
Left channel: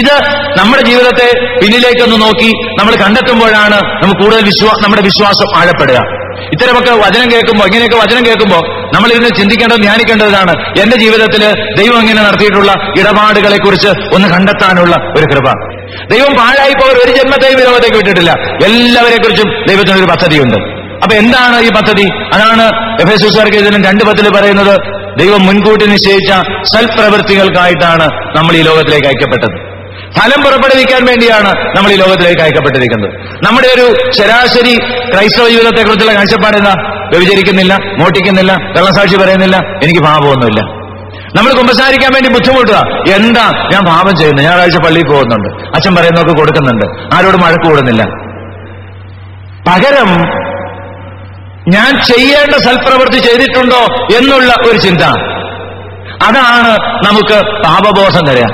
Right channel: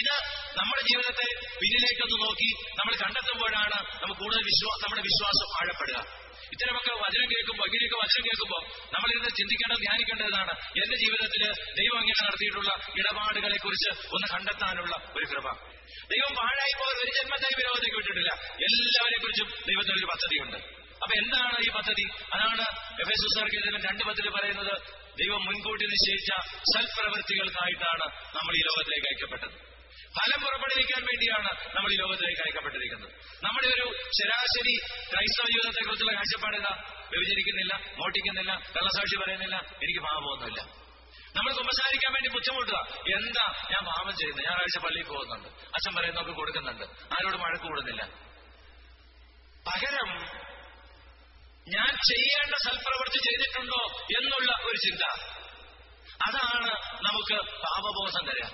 ഇത് നമ്മുടെ ജീവിതത്തെ പിന്നിലേക്കൊന്ന് നോക്കി നമ്മൾ കണ്ടെത്തുമ്പോഴാണ് നമുക്ക് കൂടുതൽ നമ്മുടെ വിശ്വാസം ആഴപ്പെടുക. ഇത്തരമൊക്കെ വചനം കേൾക്കുമ്പോൾ, ഇങ്ങനെയൊക്കെ വചനം കേൾക്കുമ്പോൾ നമ്മൾ ഇതിനെ ചിന്തിക്കേണ്ടത്, ധ്യാനിക്കേണ്ടതാണ് എന്റെ ജീവിതത്തിൽ ദൈവം ഇങ്ങനെ നടത്തിയിട്ടുള്ള ഇടപാടുകളെ കുറിച്ച് ഒന്ന് കണ്ടെത്താനുള്ള ഒരു കൃപ. ദൈവം പാഴായി പോകാൻ ഒരു ജന്മത്തെയും ഈ ലോകത്തേക്ക് വിട്ടിട്ടില്ല. എല്ലാവരെ കുറിച്ചും ദൈവത്തിനൊരു പദ്ധതിയുണ്ട്. അപ്പൊ എന്താണ് ഈ പദ്ധതി? അതാണ് എഫെസോസുകാർക്ക് ഇതിനും 2:10 പറയുന്നത്. ദൈവം മുൻകൂട്ടി നിശ്ചയിച്ച സൽപ്രവൃത്തികൾക്കായിട്ടാണ് നമ്മൾ ഈ ലോകത്തിലേക്ക് അയക്കപ്പെട്ടത്. ഫലം പുറപ്പെടുവിക്കാൻ വേണ്ടിയാണ് നമ്മൾ ഈ ലോകത്തിലേക്ക് അയക്കപ്പെട്ടിരിക്കുന്നത്. നമ്മുടെ ഒരു ശരാശരി ക്രൈസ്തവ ജീവിതത്തെക്കുറിച്ചുള്ള കാഴ്ചപ്പാട് എന്താ? വ്യഭിചരിക്കുന്നില്ല, മോഷ്ടിക്കുന്നില്ല, കള്ളസാക്ഷി പറയുന്നില്ല, എനിക്ക് പാപമൊന്നുമില്ല. നമ്മൾ കുമ്പസാരിക്കാൻ വേണ്ടി ബുദ്ധിമുട്ടുക. എന്താ ഞാൻ പാപം ചെയ്യുന്നു, ഞായറാഴ്ച പള്ളിയിൽ പോകുന്നുണ്ട്, അച്ഛൻ പറയുന്നതൊക്കെ കൊടുക്കുന്നുണ്ട്, ആരോടും വഴക്ക് കൂടുന്നില്ല. പകരം ഞാൻ ചെയ്യേണ്ട സൽപ്രവൃത്തി ചെയ്തിട്ടുണ്ടോ എന്നുള്ള ഒരു ചിന്ത, അതാണ് നമുക്ക് പാപബോധം തരിക.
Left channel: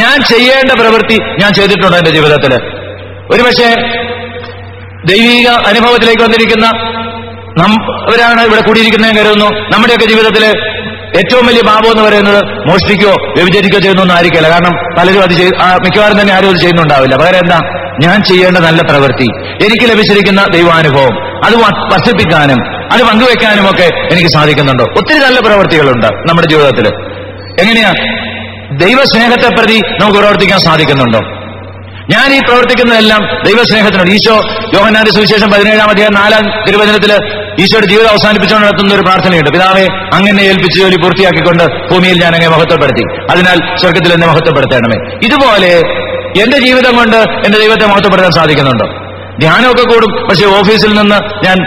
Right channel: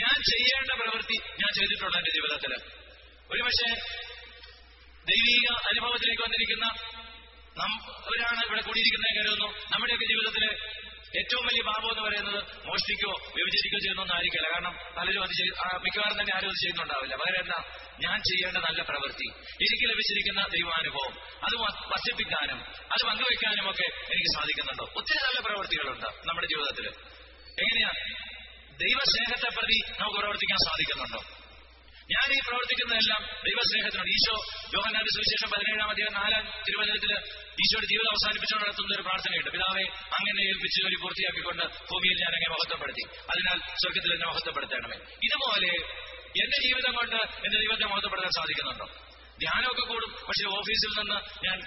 ഞാൻ ചെയ്യേണ്ട പ്രവൃത്തി ഞാൻ ചെയ്തിട്ടുണ്ടോ എന്റെ ജീവിതത്തിൽ? ഒരുപക്ഷെ ദൈവിക അനുഭവത്തിലേക്ക് വന്നിരിക്കുന്ന അവരാണ് ഇവിടെ കൂടിയിരിക്കുന്നതെന്ന് കരുതുന്നു. നമ്മുടെയൊക്കെ ജീവിതത്തിൽ ഏറ്റവും വലിയ പാപം എന്ന് പറയുന്നത് മോഷ്ടിക്കുകയോ വ്യഭിചരിക്കുകയോ ചെയ്യുന്നൊന്നും ആയിരിക്കില്ല. കാരണം പലരും അത് മിക്കവാറും തന്നെ ആരും അത് ചെയ്യുന്നുണ്ടാവില്ല. പകരം എന്താ? ഞാൻ ചെയ്യേണ്ട നല്ല പ്രവൃത്തി, എനിക്ക് ലഭിച്ചിരിക്കുന്ന ദൈവാനുഭവം അത് വർദ്ധിപ്പിക്കാനും അത് പങ്കുവെക്കാനും ഒക്കെ എനിക്ക് സാധിക്കുന്നുണ്ടോ? ഒത്തിരി നല്ല പ്രവൃത്തികളുണ്ട് നമ്മുടെ ജീവിതത്തിൽ. എങ്ങനെയാ? ദൈവസ്നേഹത്തെ പ്രതി നമുക്ക് പ്രവർത്തിക്കാൻ സാധിക്കുന്നുണ്ടോ? ഞാൻ ഈ പ്രവർത്തിക്കുന്നതെല്ലാം ദൈവസ്നേഹത്തിനോട്. ഈശോ യോഹന്നാന്റെ സുവിശേഷം 17-ാം അധ്യായം 4-ാം തിരുവചനത്തില് ഈശോയുടെ ജീവിതം അവസാനിപ്പിച്ചുകൊണ്ട് നടത്തുന്ന ഒരു പ്രാർത്ഥനയുണ്ട്. പിതാവേ, അങ്ങനെ ഏൽപ്പിച്ച ജോലി പൂർത്തിയാക്കിക്കൊണ്ട് ഭൂമിയിൽ ഞാൻ അങ്ങേ മഹത്വപ്പെടുത്തി, അതിനാൽ സ്വർഗത്തിൽ എന്നെ മഹത്വപ്പെടുത്തണമേ. ഇതുപോലെ എന്റെ ജീവിതം കൊണ്ട് എന്റെ ദൈവത്തെ മഹത്വപ്പെടുത്താൻ സാധിക്കുന്നുണ്ടോ? ധ്യാനമൊക്കെ കൂടും, പക്ഷെ ഓഫീസിൽ നിന്ന് ഞാൻ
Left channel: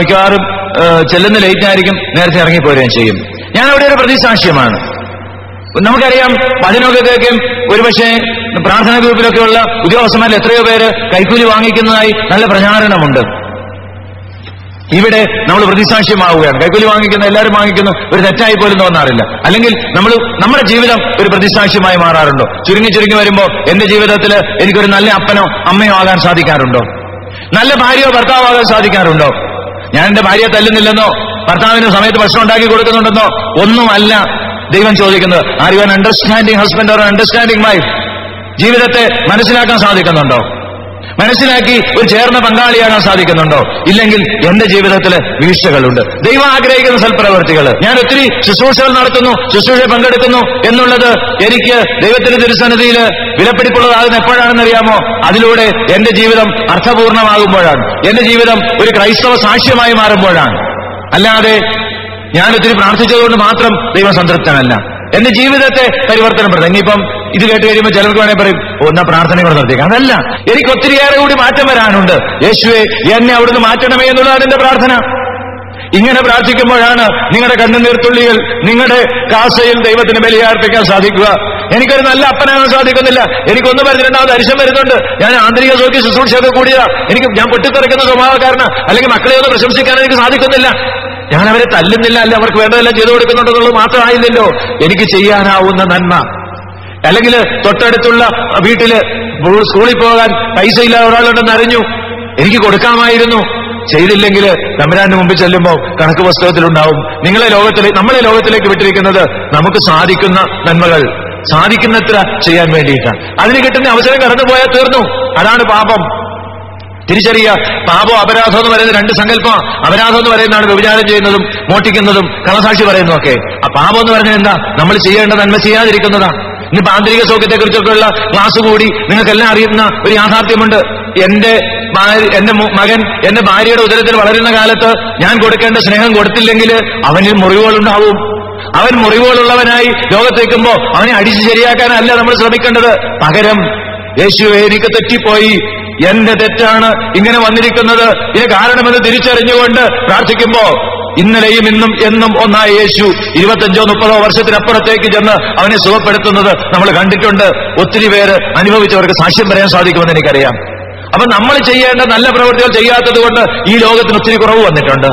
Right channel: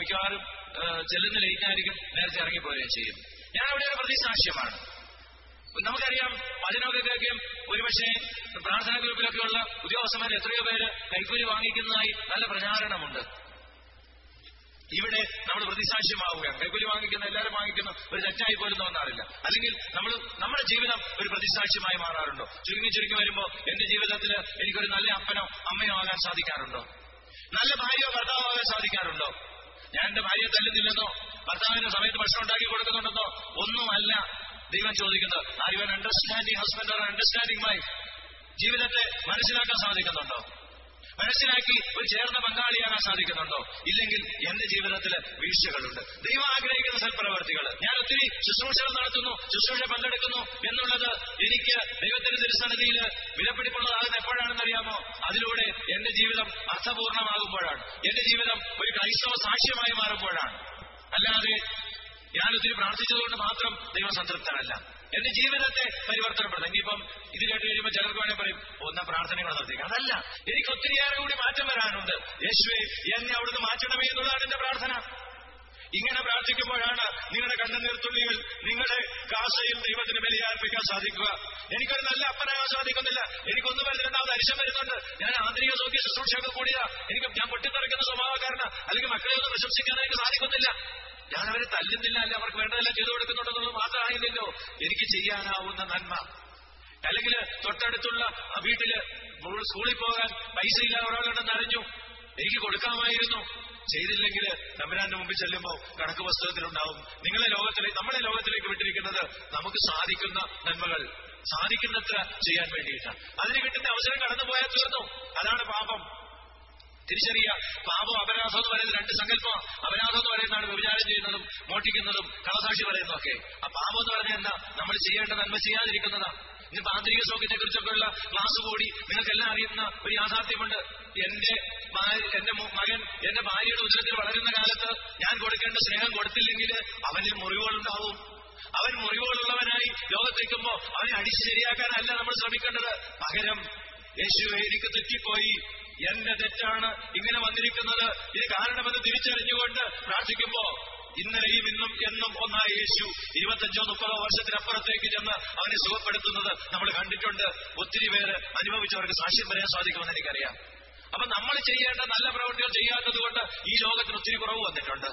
മിക്കവാറും ചെല്ലുന്ന ലേറ്റ് ആയിരിക്കും, നേരത്തെ ഇറങ്ങിപ്പോരുകയും ചെയ്യും. ഞാൻ അവിടെ ഒരു പ്രതിസാക്ഷ്യമാണ്. നമുക്കറിയാം, വചനമൊക്കെ കേൾക്കും. ഒരുപക്ഷെ പ്രാർത്ഥനാ ഗ്രൂപ്പിലൊക്കെയുള്ള ഉദ്യോഗസ്ഥന്മാരിൽ എത്രയോ പേര് കൈക്കൂലി വാങ്ങിക്കുന്നതായി നല്ല പ്രചാരണമുണ്ട്. ഇവിടെ നമ്മൾ പ്രതിസാക്ഷ്യമാവുകയാണ്. കൈക്കൂലി വാങ്ങിക്കുന്ന എല്ലാവരും വാങ്ങിക്കുന്നു, ഒരു തെറ്റായി പോലും തോന്നാറില്ല. അല്ലെങ്കിൽ നമ്മുടെ ജീവിതം ഒരു പ്രതിസാക്ഷ്യമായി മാറാറുണ്ടോ? ചുരുങ്ങി വരുമ്പോൾ എന്റെ ജീവിതത്തിൽ എനിക്കൊരു നല്ല അപ്പനോ അമ്മയോ ആകാൻ സാധിക്കാറുണ്ടോ? നല്ല ഭാര്യയോ ഭർത്താവാകാൻ സാധിക്കാറുണ്ടോ? ഞാൻ എന്റെ ഭാര്യയെ തല്ലുന്നില്ലെന്നോ ഭർത്താവിന് സമയത്ത് ഭക്ഷണം ഉണ്ടാക്കി കൊടുക്കുന്നുണ്ടെന്നോ ഒന്നുമല്ല ദൈവം ചോദിക്കുന്നത്. Are you an understanding husband or understanding wife? ജീവിതത്തെ മനസ്സിലാക്കാൻ സാധിക്കുന്നുണ്ടോ? മനസ്സിലാക്കി ഒരു ചേർന്ന പങ്കാളിയാകാൻ സാധിക്കുന്നുണ്ടോ? ഇല്ലെങ്കിൽ എന്റെ ജീവിതത്തിൽ വീഴ്ചകളുണ്ട്. ദൈവം ആഗ്രഹിക്കുന്ന സൽപ്രവർത്തികൾ. ഞാൻ ഒത്തിരി ശുശ്രൂഷകൾ നടത്തുന്നു, ശുശ്രൂഷ പങ്കെടുക്കുന്നു എന്നുള്ളത് എനിക്ക് ദൈവത്തിന്റെ തിരുസന്നിധിയിൽ വിലപിടിപ്പുള്ളതാകുന്ന എപ്പോഴാണെന്നറിയാമോ? അതിലൂടെ എന്റെ ജീവിതം അർത്ഥപൂർണമാകുമ്പോഴാണ്, എന്റെ ജീവിതം ഒരു ക്രൈസ്തവ സാക്ഷ്യമായി മാറുമ്പോഴാണ്. അല്ലാതെ ഞാൻ ഒത്തിരി പ്രാർത്ഥിച്ചതുകൊണ്ട് മാത്രം ദൈവം സംതൃപ്തനല്ല. എന്റെ ജീവിതത്തെ പരിവർത്തനപ്പെടുത്തും. ഇനിയിപ്പം ഇത് കേട്ട് കഴിയുമ്പോൾ ചിലർക്ക് വേണേൽ പറയും, ഒന്നാ പ്രാർത്ഥന കൂടെ നിർത്തിയേക്കാം. അതല്ല, എനിക്ക് ഒത്തിരിയേറെ കൂടി മാറ്റം വരാനുണ്ട്. യേശുവേ, എന്നെ അവിടുന്ന് മാറ്റണമേ എന്നുള്ളതാണ് എന്റെ പ്രാർത്ഥന. ഇങ്ങനെ പ്രാർത്ഥിക്കുമ്പോഴാണ് നിങ്ങളുടെ കണ്ണുനീർത്തുള്ളികൾ നിങ്ങളുടെ കാസയിൽ ദൈവത്തിന് ബലിയർപ്പിക്കാൻ സാധിക്കുക. എനിക്കൊരു നല്ല അപ്പനാകാൻ സാധിക്കുന്നില്ല. എനിക്കൊന്നും വരുന്നുണ്ടാവും, അരിശം വരുന്നുണ്ട്. ഞാൻ ആന്തരിക സൗഖ്യ ശുശ്രൂഷയൊക്കെ കൂടിയതാ. ഞാൻ പൊട്ടിത്തെറിക്കുന്ന സ്വഭാവക്കാരന്. അല്ലെങ്കിൽ മക്കളെ ഒന്ന് പ്രശംസിക്കാൻ എനിക്ക് സാധിക്കുന്നില്ല. ഞാൻ അവരെ തല്ലുന്നില്ല, അല്ല അവർക്ക് വേണ്ടതെല്ലാം ചെയ്തു കൊടുക്കുന്നുണ്ടെന്നുള്ളത് മാത്രമായില്ലല്ലോ. എനിക്ക് ചെയ്യാനാവുന്ന നന്മ, അല്ലെങ്കിൽ തൊട്ടടുത്തുള്ള വീട്ടില് സ്കൂളിൽ പോകാൻ പൈസ ഇല്ലാതെ ഒരാളുണ്ടെന്ന് അറിഞ്ഞു, എനിക്ക് കൊടുക്കാമായിരുന്നു. ചെയ്തില്ലെങ്കിൽ തമ്പുരാന്റെ മുമ്പിൽ ചെല്ലുമ്പോൾ കണക്ക് പുസ്തകത്തിലുണ്ടാവും. നമ്മളെ ലോകത്തിലേക്ക് വിട്ടിരിക്കുന്നത് നമുക്ക് സാധിക്കുന്ന നന്മകൾ, സാധിക്കുന്നത്ര ചെയ്യാൻ വേണ്ടിയിട്ടാണ്. അതിന് കിട്ടുന്ന അവസരം കടന്നുപോയാൽ തീർന്നു. അതാണ് പാപം. തിരിച്ചറിയുക. പാപം അപരാധം എന്ന് പറയുന്നത് രണ്ട് സങ്കല്പം. അപരാധം എന്ന് പറയുന്നതാണ് വ്യഭിചാരം ചെയ്യുന്നതും മോഷ്ടിക്കുന്നതും കള്ളസാക്ഷി പറയുന്നതും ഒക്കെ. ആ പാപം എന്ന് പറഞ്ഞാൽ എന്താ? നമ്മൾ ചെയ്യേണ്ട നന്മ ചെയ്യാതിരിക്കുന്നതാണ്. ഇന്നിപ്പോ ആന്തരിക സൗഖ്യത്തെക്കുറിച്ചൊക്കെയുള്ള ക്ലാസ് കൂടി നിങ്ങൾക്കെല്ലാം അറിയുന്ന ഒരു യാഥാർത്ഥ്യമുണ്ട്. എന്റെ മകൻ എന്റെ ഭാര്യയുടെ ഉദരത്തിൽ വളരുന്ന കാലത്ത് ഞാൻ കൊടുക്കേണ്ട സ്നേഹം കൊടുത്തില്ലെങ്കിൽ അവനിൽ മുറിവുകളുണ്ടാവും. അവൻ മുറിവുകളുള്ളവനായി ലോകത്തേക്കുമ്പോ അവനെ അടിച്ചു ശരിയാക്കാനല്ല നമ്മൾ ശ്രമിക്കേണ്ടത്. പകരം യേശുവേ, എനിക്ക് തെറ്റിപ്പോയി, എന്റെ തെറ്റാണ് ഇങ്ങനെ വന്നിരിക്കുന്നത്, ഇത് കാരണമെന്ന് തിരിച്ചറിഞ്ഞുകൊണ്ട് പ്രാർത്ഥിക്കുമ്പോ ഇന്നലെയും ഇന്നും എന്നും ഒന്നായ യേശു 25-30 വർഷത്തിനപ്പുറത്തേക്ക് ചെന്ന് അവനെ സുഖപ്പെടുത്തുന്നത് നമ്മൾ കണ്ടിട്ടുണ്ട്. ഒത്തിരി പേര് അനുഭവിച്ചവർക്ക് സാക്ഷ്യം പറയാൻ സാധിക്കുമെന്ന് എനിക്കറിയാം. അപ്പൊ നമ്മൾ ചെയ്യേണ്ട നല്ല പ്രവൃത്തികൾ ചെയ്യാത്തത് കൊണ്ട് ഈ ലോകത്തിന് ഒത്തിരി കുറവ് വന്നിട്ടുണ്ട്.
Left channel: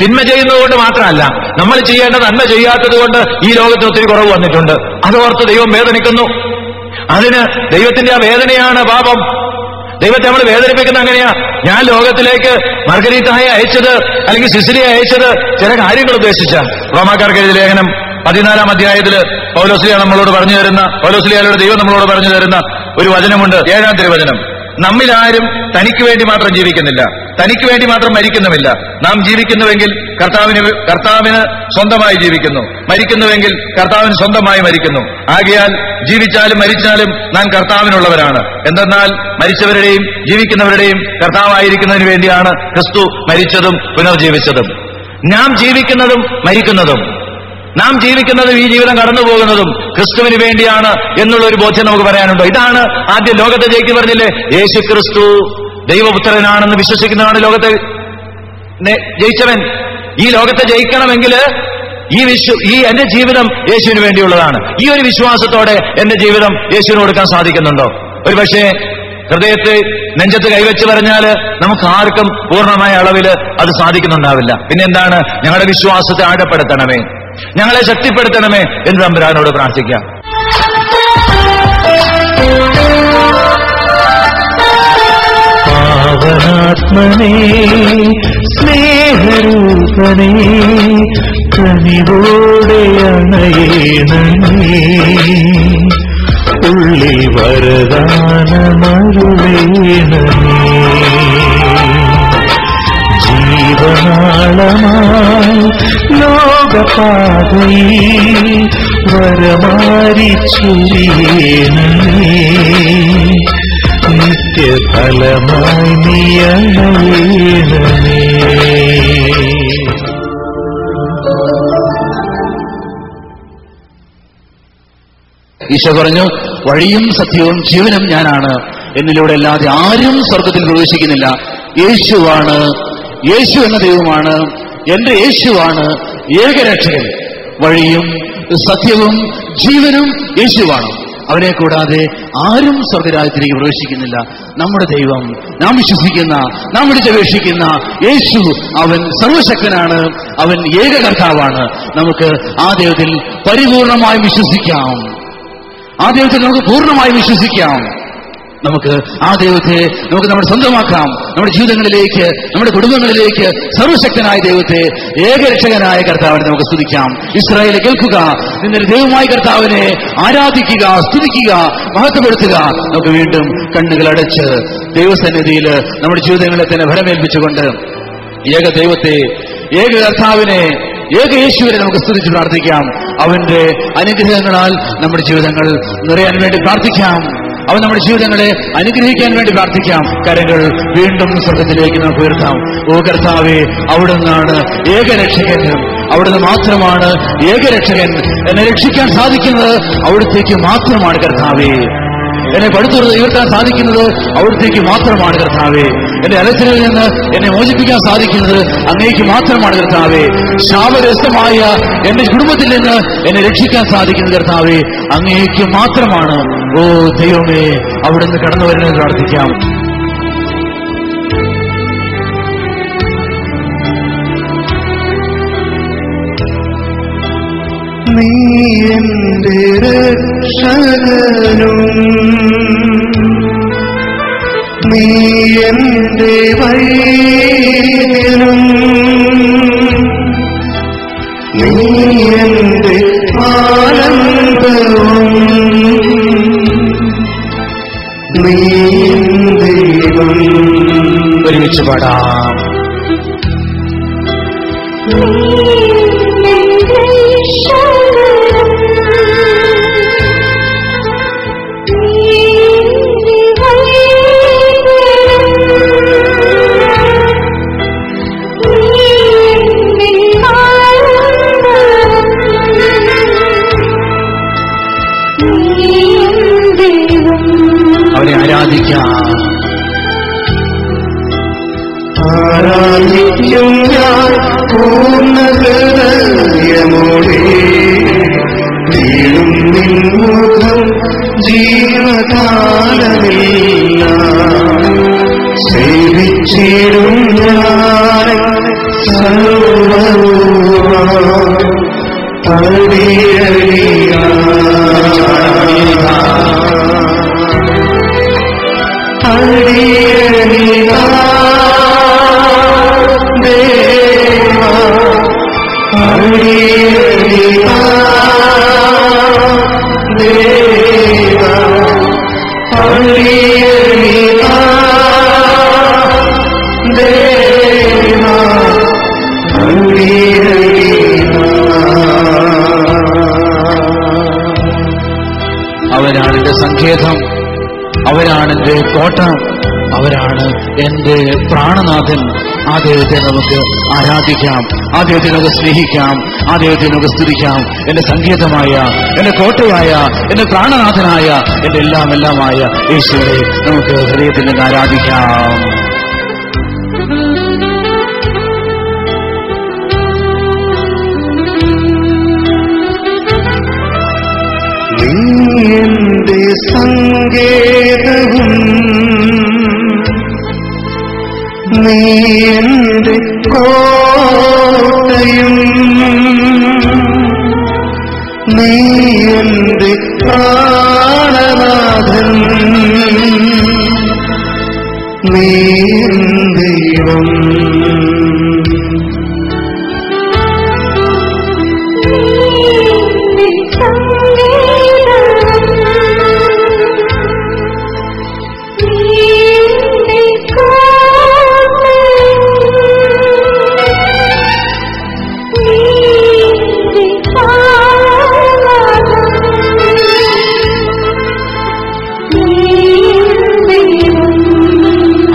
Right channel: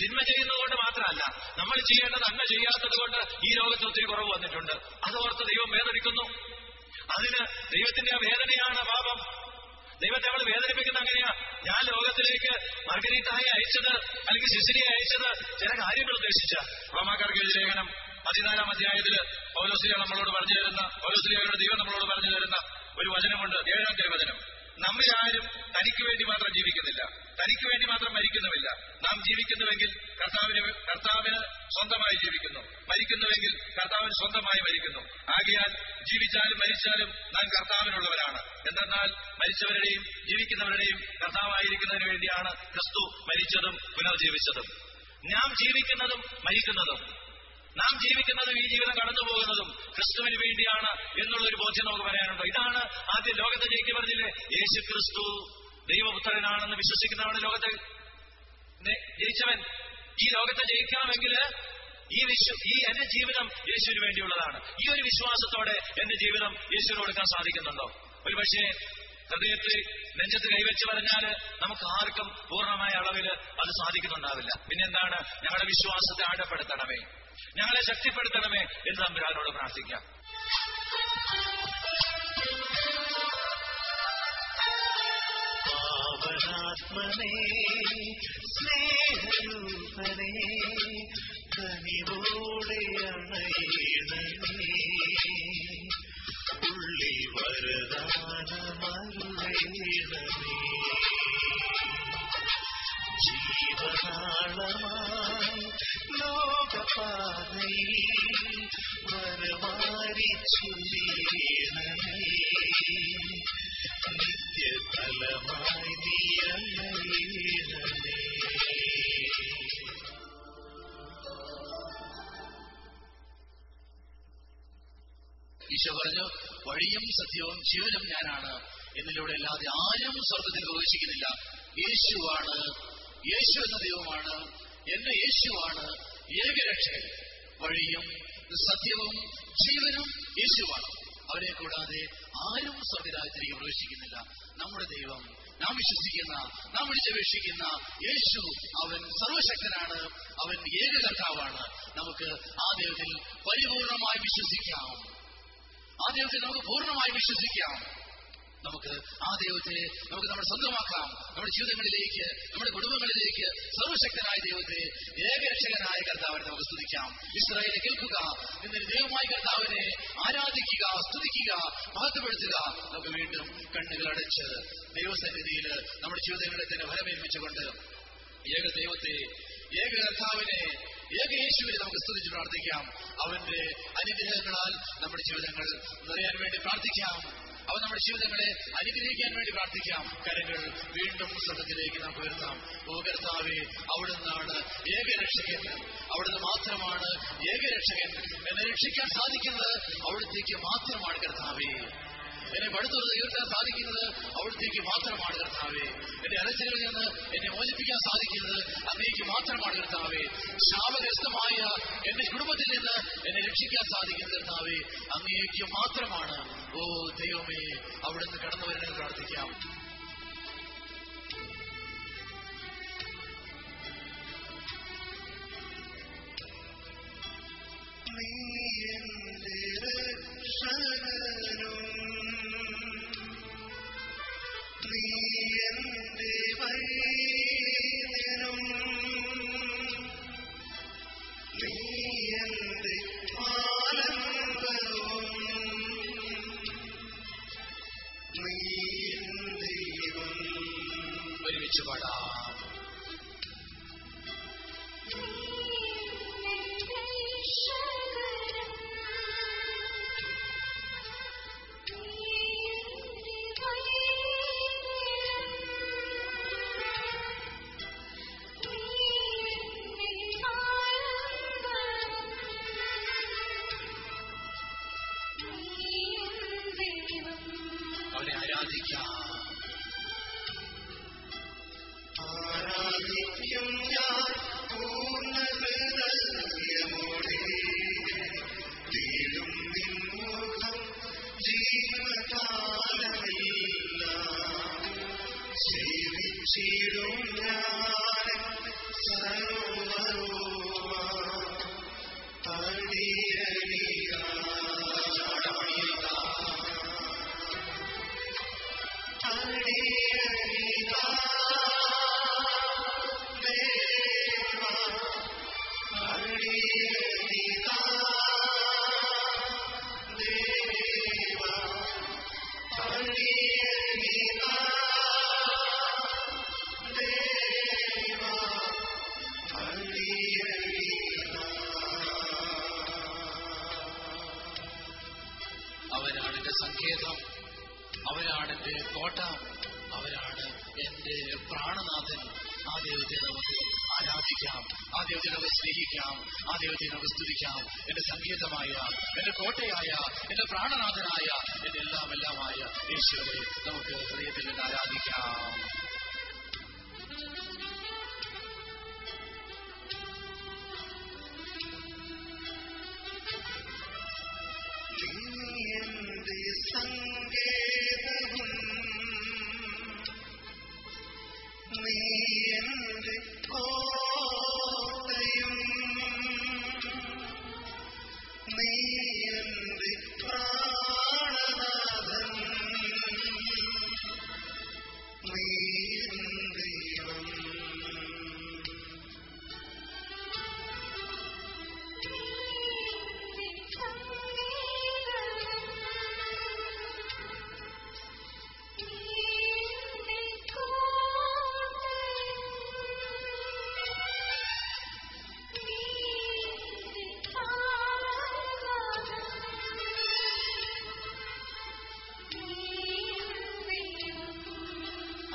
തിന്മ ചെയ്യുന്നതുകൊണ്ട് മാത്രമല്ല, നമ്മൾ ചെയ്യേണ്ട നന്മ ചെയ്യാത്തത് കൊണ്ട് ഈ ലോകത്തിന് ഒത്തിരി കുറവ് വന്നിട്ടുണ്ട്. അതോർത്ത് ദൈവം വേദനിക്കുന്നു. അതിന് ദൈവത്തിന്റെ ആ വേദനയാണ് പാപം. ദൈവത്തെ നമ്മൾ വേദനിപ്പിക്കുന്ന അങ്ങനെയാ. ഞാൻ ലോകത്തിലേക്ക് മർഗരീത്തായെ അയച്ചത് അല്ലെങ്കിൽ സിസിലിയെ അയച്ചത് ചില കാര്യങ്ങൾ ഉദ്ദേശിച്ച. റോമാക്കാർക്ക് എഴുതിയ ലേഖനം 14-ാം അധ്യായത്തില് പൗലോസ്ലീഹ നമ്മളോട് പറഞ്ഞു തരുന്ന, പൗലോസ്ലീഹയുടെ ദൈവം നമ്മളോട് പറഞ്ഞു തരുന്ന ഒരു വചനമുണ്ട്, 7-ാം തിരുവചനം. നമ്മിലാരും തനിക്ക് വേണ്ടി മാത്രം ജീവിക്കുന്നില്ല, തനിക്ക് വേണ്ടി മാത്രം മരിക്കുന്നുമില്ല. നാം ജീവിക്കുന്നുവെങ്കിൽ കർത്താവിന് സ്വന്തമായി ജീവിക്കുന്നു, മരിക്കുന്നുവെങ്കിൽ കർത്താവിന് സ്വന്തമായി മരിക്കുന്നു. ആകയാൽ ജീവിച്ചാലും മരിച്ചാലും നാം കർത്താവിനുള്ളവരാണ്. എന്തെന്നാൽ മരിച്ചവരുടെയും ജീവിക്കുന്നവരുടെയും കർത്താവായിരിക്കുന്നതിന് വേണ്ടിയാണ് ക്രിസ്തു മരിച്ചതും പുനർജീവിച്ചതും. നാം ജീവിക്കുന്നതും മരിക്കുന്നതും, നാം ജീവിക്കുന്നതും ഈ ജീവിതം കടന്നു പോകുന്നതും ക്രിസ്തുവിന് വേണ്ടിയാണ് എന്നുള്ള ഒരു ബോധ്യം നമുക്ക് പറയാനുണ്ടോ? ഇതാണ് ആദ്യം ലോകത്തെ ജയിക്ക് പറഞ്ഞില്ലേ, യേശു ക്രിസ്തു ദൈവപുത്രനാണെന്ന് വിശ്വസിക്കുന്നതാണ് ലോകത്തെ ജയിച്ചവൻ. ഈ ലോകത്തെ ജയിക്കണമെങ്കിൽ ഈ എന്റെ ജീവിതം യേശുവിന് വേണ്ടിയുള്ളതാണ്. ഈ ഒരു വിശ്വാസത്തോടെ എന്റെ ജീവിതം യേശുവിന് കൊടുക്കാൻ സാധിക്കുന്നുണ്ടോ? ഒരു പക്ഷേ ഹൃദയത്തെ നെഞ്ചത്ത് കൈവച്ച് പറഞ്ഞാല് നമുക്ക് ആർക്കും പൂർണ്ണമായ അളവില് അത് സാധിക്കുന്നുണ്ടാവില്ല. പിന്നെ എന്താണ്? ഞങ്ങളുടെ വിശ്വാസത്തെ ആഴപ്പെടുത്തണമേ, ഞങ്ങളെ ശക്തിപ്പെടുത്തണമേ എന്ന് തമ്പുരാനോട് പ്രാർത്ഥിക്കാം. പാവനാത്മനേ സ്നേഹരൂപനേ കനിവോടെ അണയേണമേ, ഉള്ളിൽ വരദാനമരുളേണമേ. ജീവനാളമായി ലോകപാതയിൽ വരമാരി ചൊരിയേണമേ, നിത്യഫലമായി നീയണയേണമേ. ഈശോ പറഞ്ഞു, വഴിയും സത്യവും ജീവനും ഞാനാണ്, എന്നിലൂടെ അല്ലാതെ ആരും സ്വർഗത്തിൽ പ്രവേശിക്കുന്നില്ല. യേശുവാണ്, യേശു എന്ന ദൈവമാണ്, എന്റെ യേശുവാണ് ഏകരക്ഷകൻ. വഴിയും സത്യവും ജീവനും യേശുവാണ്. അവനെ കൂടാതെ ആരും സ്വർഗരാജ്യത്തിലേക്ക് പ്രവേശിക്കുന്നില്ല. നമ്മുടെ ദൈവം, നാം വിശ്വസിക്കുന്ന, നാം വിളിച്ചപേക്ഷിക്കുന്ന യേശു, അവൻ സർവശക്തനാണ്, അവൻ ഏക കർത്താവാണ്. നമുക്ക് ആ ദൈവത്തിൽ പരിപൂർണമായും വിശ്വസിക്കാം. ആ ദൈവത്തിൽ നമുക്ക് പൂർണ്ണമായും വിശ്വസിക്കാം. നമുക്ക് ആ ദൈവത്തെ നമുക്ക് നമ്മുടെ സ്വന്തമാക്കാം. നമ്മുടെ ജീവിതങ്ങളിലേക്ക്, നമ്മുടെ കുടുംബങ്ങളിലേക്ക് സർവശക്തനായ ദൈവത്തെ, ഏകരക്ഷകനായ കർത്താവിനെ നമുക്ക് സ്തുതിക്കാം. ഇസ്രായേലെ കേൾക്കുക, നിന്റെ ദൈവമായ കർത്താവിനെ ആരാധിക്കുക, സ്തുതിക്കുക, മഹത്വപ്പെടുത്തുക. നമുക്ക് വീണ്ടും കണ്ണുകൾ അടച്ച് ദൈവസന്നിധിയിൽ നമ്മുടെ ജീവിതങ്ങളെ തന്നെ ഭരമേൽപ്പിച്ചുകൊണ്ട് ഏക ദൈവത്തെ, ഏക കർത്താവിനെ, ഏക യേശുവിനെ നമുക്ക് സ്തുതിച്ച് പ്രാർത്ഥിക്കാം. അവന്റെ അനുഗ്രഹങ്ങളാൽ നമ്മുടെ ജീവിതങ്ങൾ നിറയാൻ വേണ്ടി പ്രാർത്ഥിക്കാം. അവൻ നമ്മുടെ ജീവിതങ്ങളെ അനുഗ്രഹിക്കാൻ വേണ്ടി പ്രാർത്ഥിക്കാം. കരങ്ങൾ വീണ്ടും സ്വർഗത്തിലേക്ക് നമുക്ക് ഉയർത്താം. ഓ കർത്താവേ, അവിടുന്നാണ് ഏകരക്ഷകൻ, അവിടുന്ന് മാത്രമാണ് ഏകരക്ഷകൻ. എന്നെ രക്ഷിക്കാൻ സാധിക്കുന്നത് അവിടുത്തേക്ക് മാത്രമാണ് കർത്താവേ. എന്നെ പടുത്തുറന്ന് ഉയർത്താൻ സാധിക്കുന്നത് അവിടുത്തേക്ക് മാത്രമാണ് കർത്താവേ. എന്റെ അലച്ചിലിൽ നിന്ന് എന്നെ മോചിപ്പിക്കാൻ സാധിക്കുന്നത് അങ്ങേക്ക് മാത്രമാണ് കർത്താവേ. ശാപഗ്രസ്തമായ എന്റെ കുടുംബത്തിൽ നിന്ന് എന്നെ രക്ഷിക്കാൻ സാധിക്കുന്നത് കർത്താവേ അങ്ങേക്ക് മാത്രമാണ്. ഓ ദൈവമേ, അവിടുന്ന് കടന്നു വരണമെന്ന് പ്രാർത്ഥിക്കാം. നീ എന്റെ രക്ഷകനും നീ എന്റെ വൈദ്യനും നീ എന്റെ ആനന്ദവും നീ ദൈവം. ഒരുമിച്ച് പാടാം. അവനെ ആരാധിക്കാം. ആരാധിക്കും ഞാൻ പൂർണ്ണ ഹൃദയമോടെ. സങ്കേതം, അവരാണ് എൻ്റെ കോട്ട, അവരാണ് എൻ്റെ പ്രാണനാഥൻ. ആ ദൈവത്തെ നമുക്ക് ആരാധിക്കാം, ആ ദൈവത്തെ നമുക്ക് സ്നേഹിക്കാം, ആ ദൈവത്തെ നമുക്ക് സ്തുതിക്കാം. എന്റെ സങ്കേതമായ, എന്റെ കോട്ടയായ, എന്റെ പ്രാണനാഥനായ, എന്റെ എല്ലാമായ യേശുവെ നമുക്ക് ഹൃദയത്തിൽ നിന്ന് ആരാധിക്കാം. നീ എന്റെ സങ്കേതവും നീ എന്റെ കോട്ടയും നീ എന്റെ പ്രാണനാഥൻ നീ ദൈവം.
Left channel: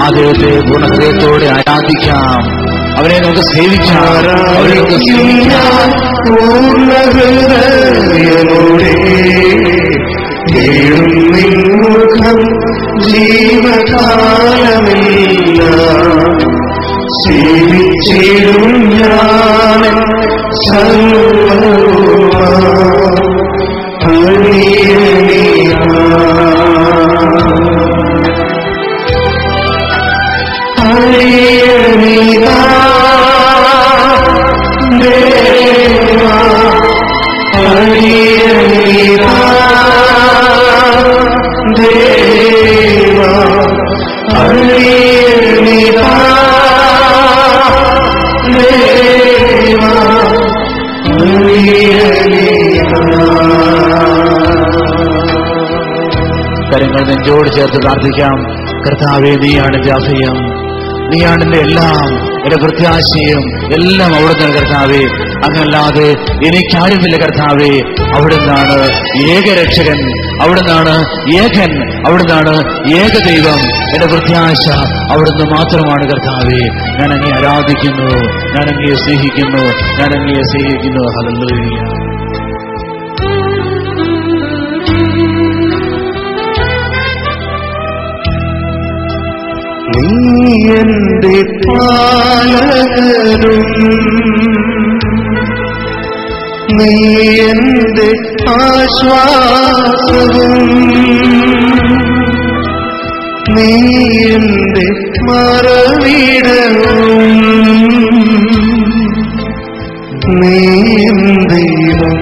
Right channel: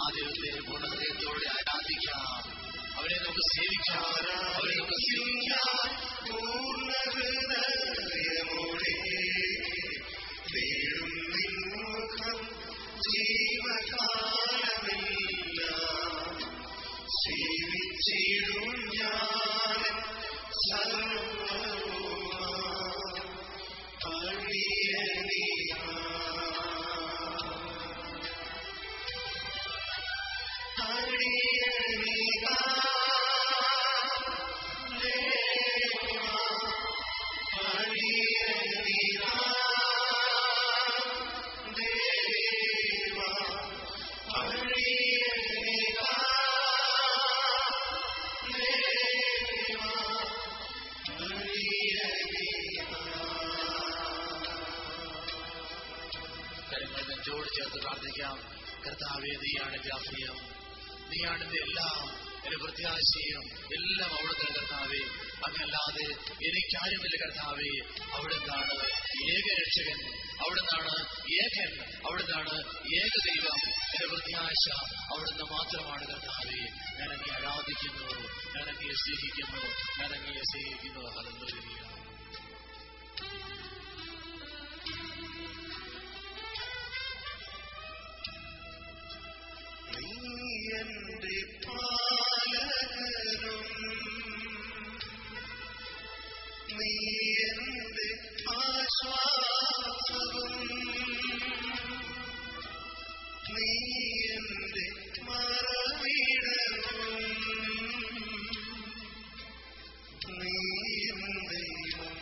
ആ ദൈവത്തെ പൂർണ്ണഹൃദയത്തോടെ ആരാധിക്കാം, അവരെ നമുക്ക് സേവിക്കാം, അവരെ നമുക്ക് സ്നേഹിക്കാം. പൂർണ്ണഹൃദയമോടെ തേടും നിൻമുഖം ജീവകാലമെല്ലാം സേവിച്ചിടും ഞാൻ സർവ്വവുമാ കരങ്ങൾ നെഞ്ചോട് ചേർത്ത് പ്രാർത്ഥിക്കാം. കർത്താവേ, നീയാണ് എന്റെ അഭയം, നീയാണ് എന്റെ എല്ലാം, എന്റെ പ്രത്യാശയും എല്ലാം അവിടുന്ന്. കർത്താവേ, അങ്ങല്ലാതെ എനിക്കാരുമില്ല. കർത്താവേ, അവിടുന്നാണ് ഏകരക്ഷകൻ, അവിടുന്നാണ് ഏകൻ, അവിടുന്നാണ് ഏകദൈവം. എന്റെ പ്രത്യാശ അവിടുന്ന് മാത്രമാണ്. കർത്താവേ, ഞാൻ അങ്ങേ ആരാധിക്കുന്നു, ഞാൻ അങ്ങേ സ്നേഹിക്കുന്നു, ഞാൻ അങ്ങേ സ്നേഹിക്കുന്നു. ഹല്ലേലൂയ. നീ എന്റെ പാലകനും നീ എന്റെ ആശ്വാസവും നീ എന്റെ മറവിടവും നീ ദൈവം.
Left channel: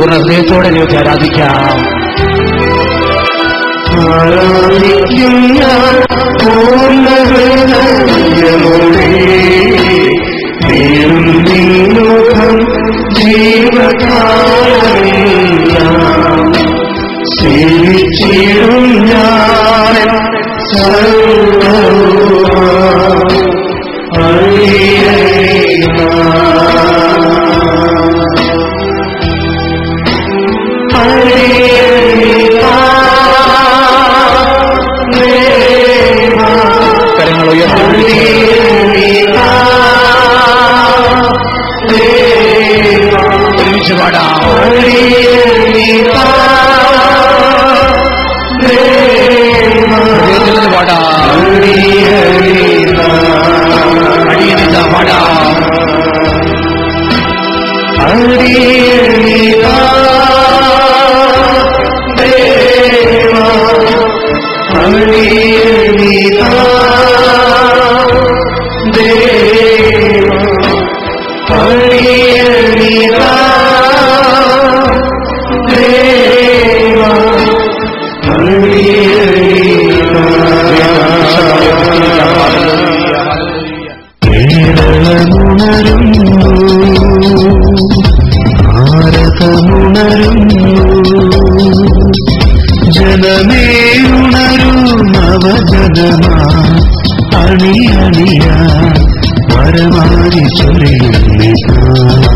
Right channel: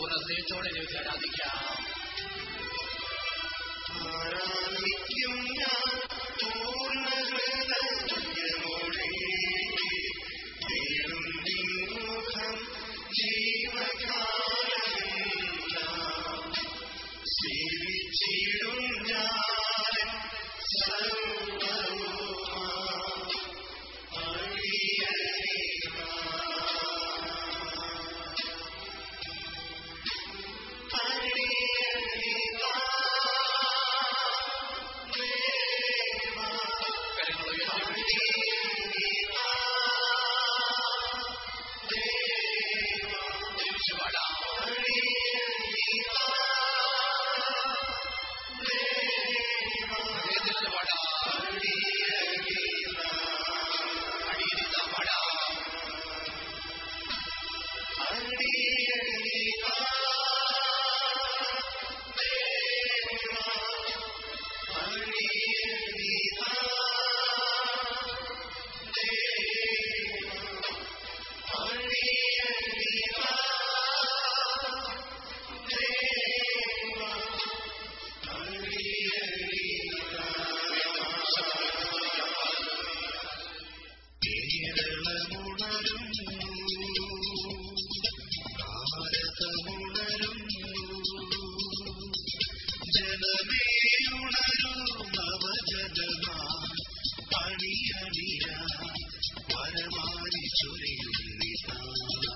ഹൃദയത്തോടെ ദൈവത്തെ ആരാധിക്കാം. ആരാധിക്കും ഞാൻ പൂർണ്ണഹൃദയമോടെ തേടും നിൻമുഖം ജീവകാലമെല്ലാം സേവിച്ചിടും ഞാൻ സർവ്വവുമാ വന്ദനമാ അണിയണിയാ വരമാരി ചൊരിയുന്നിതാ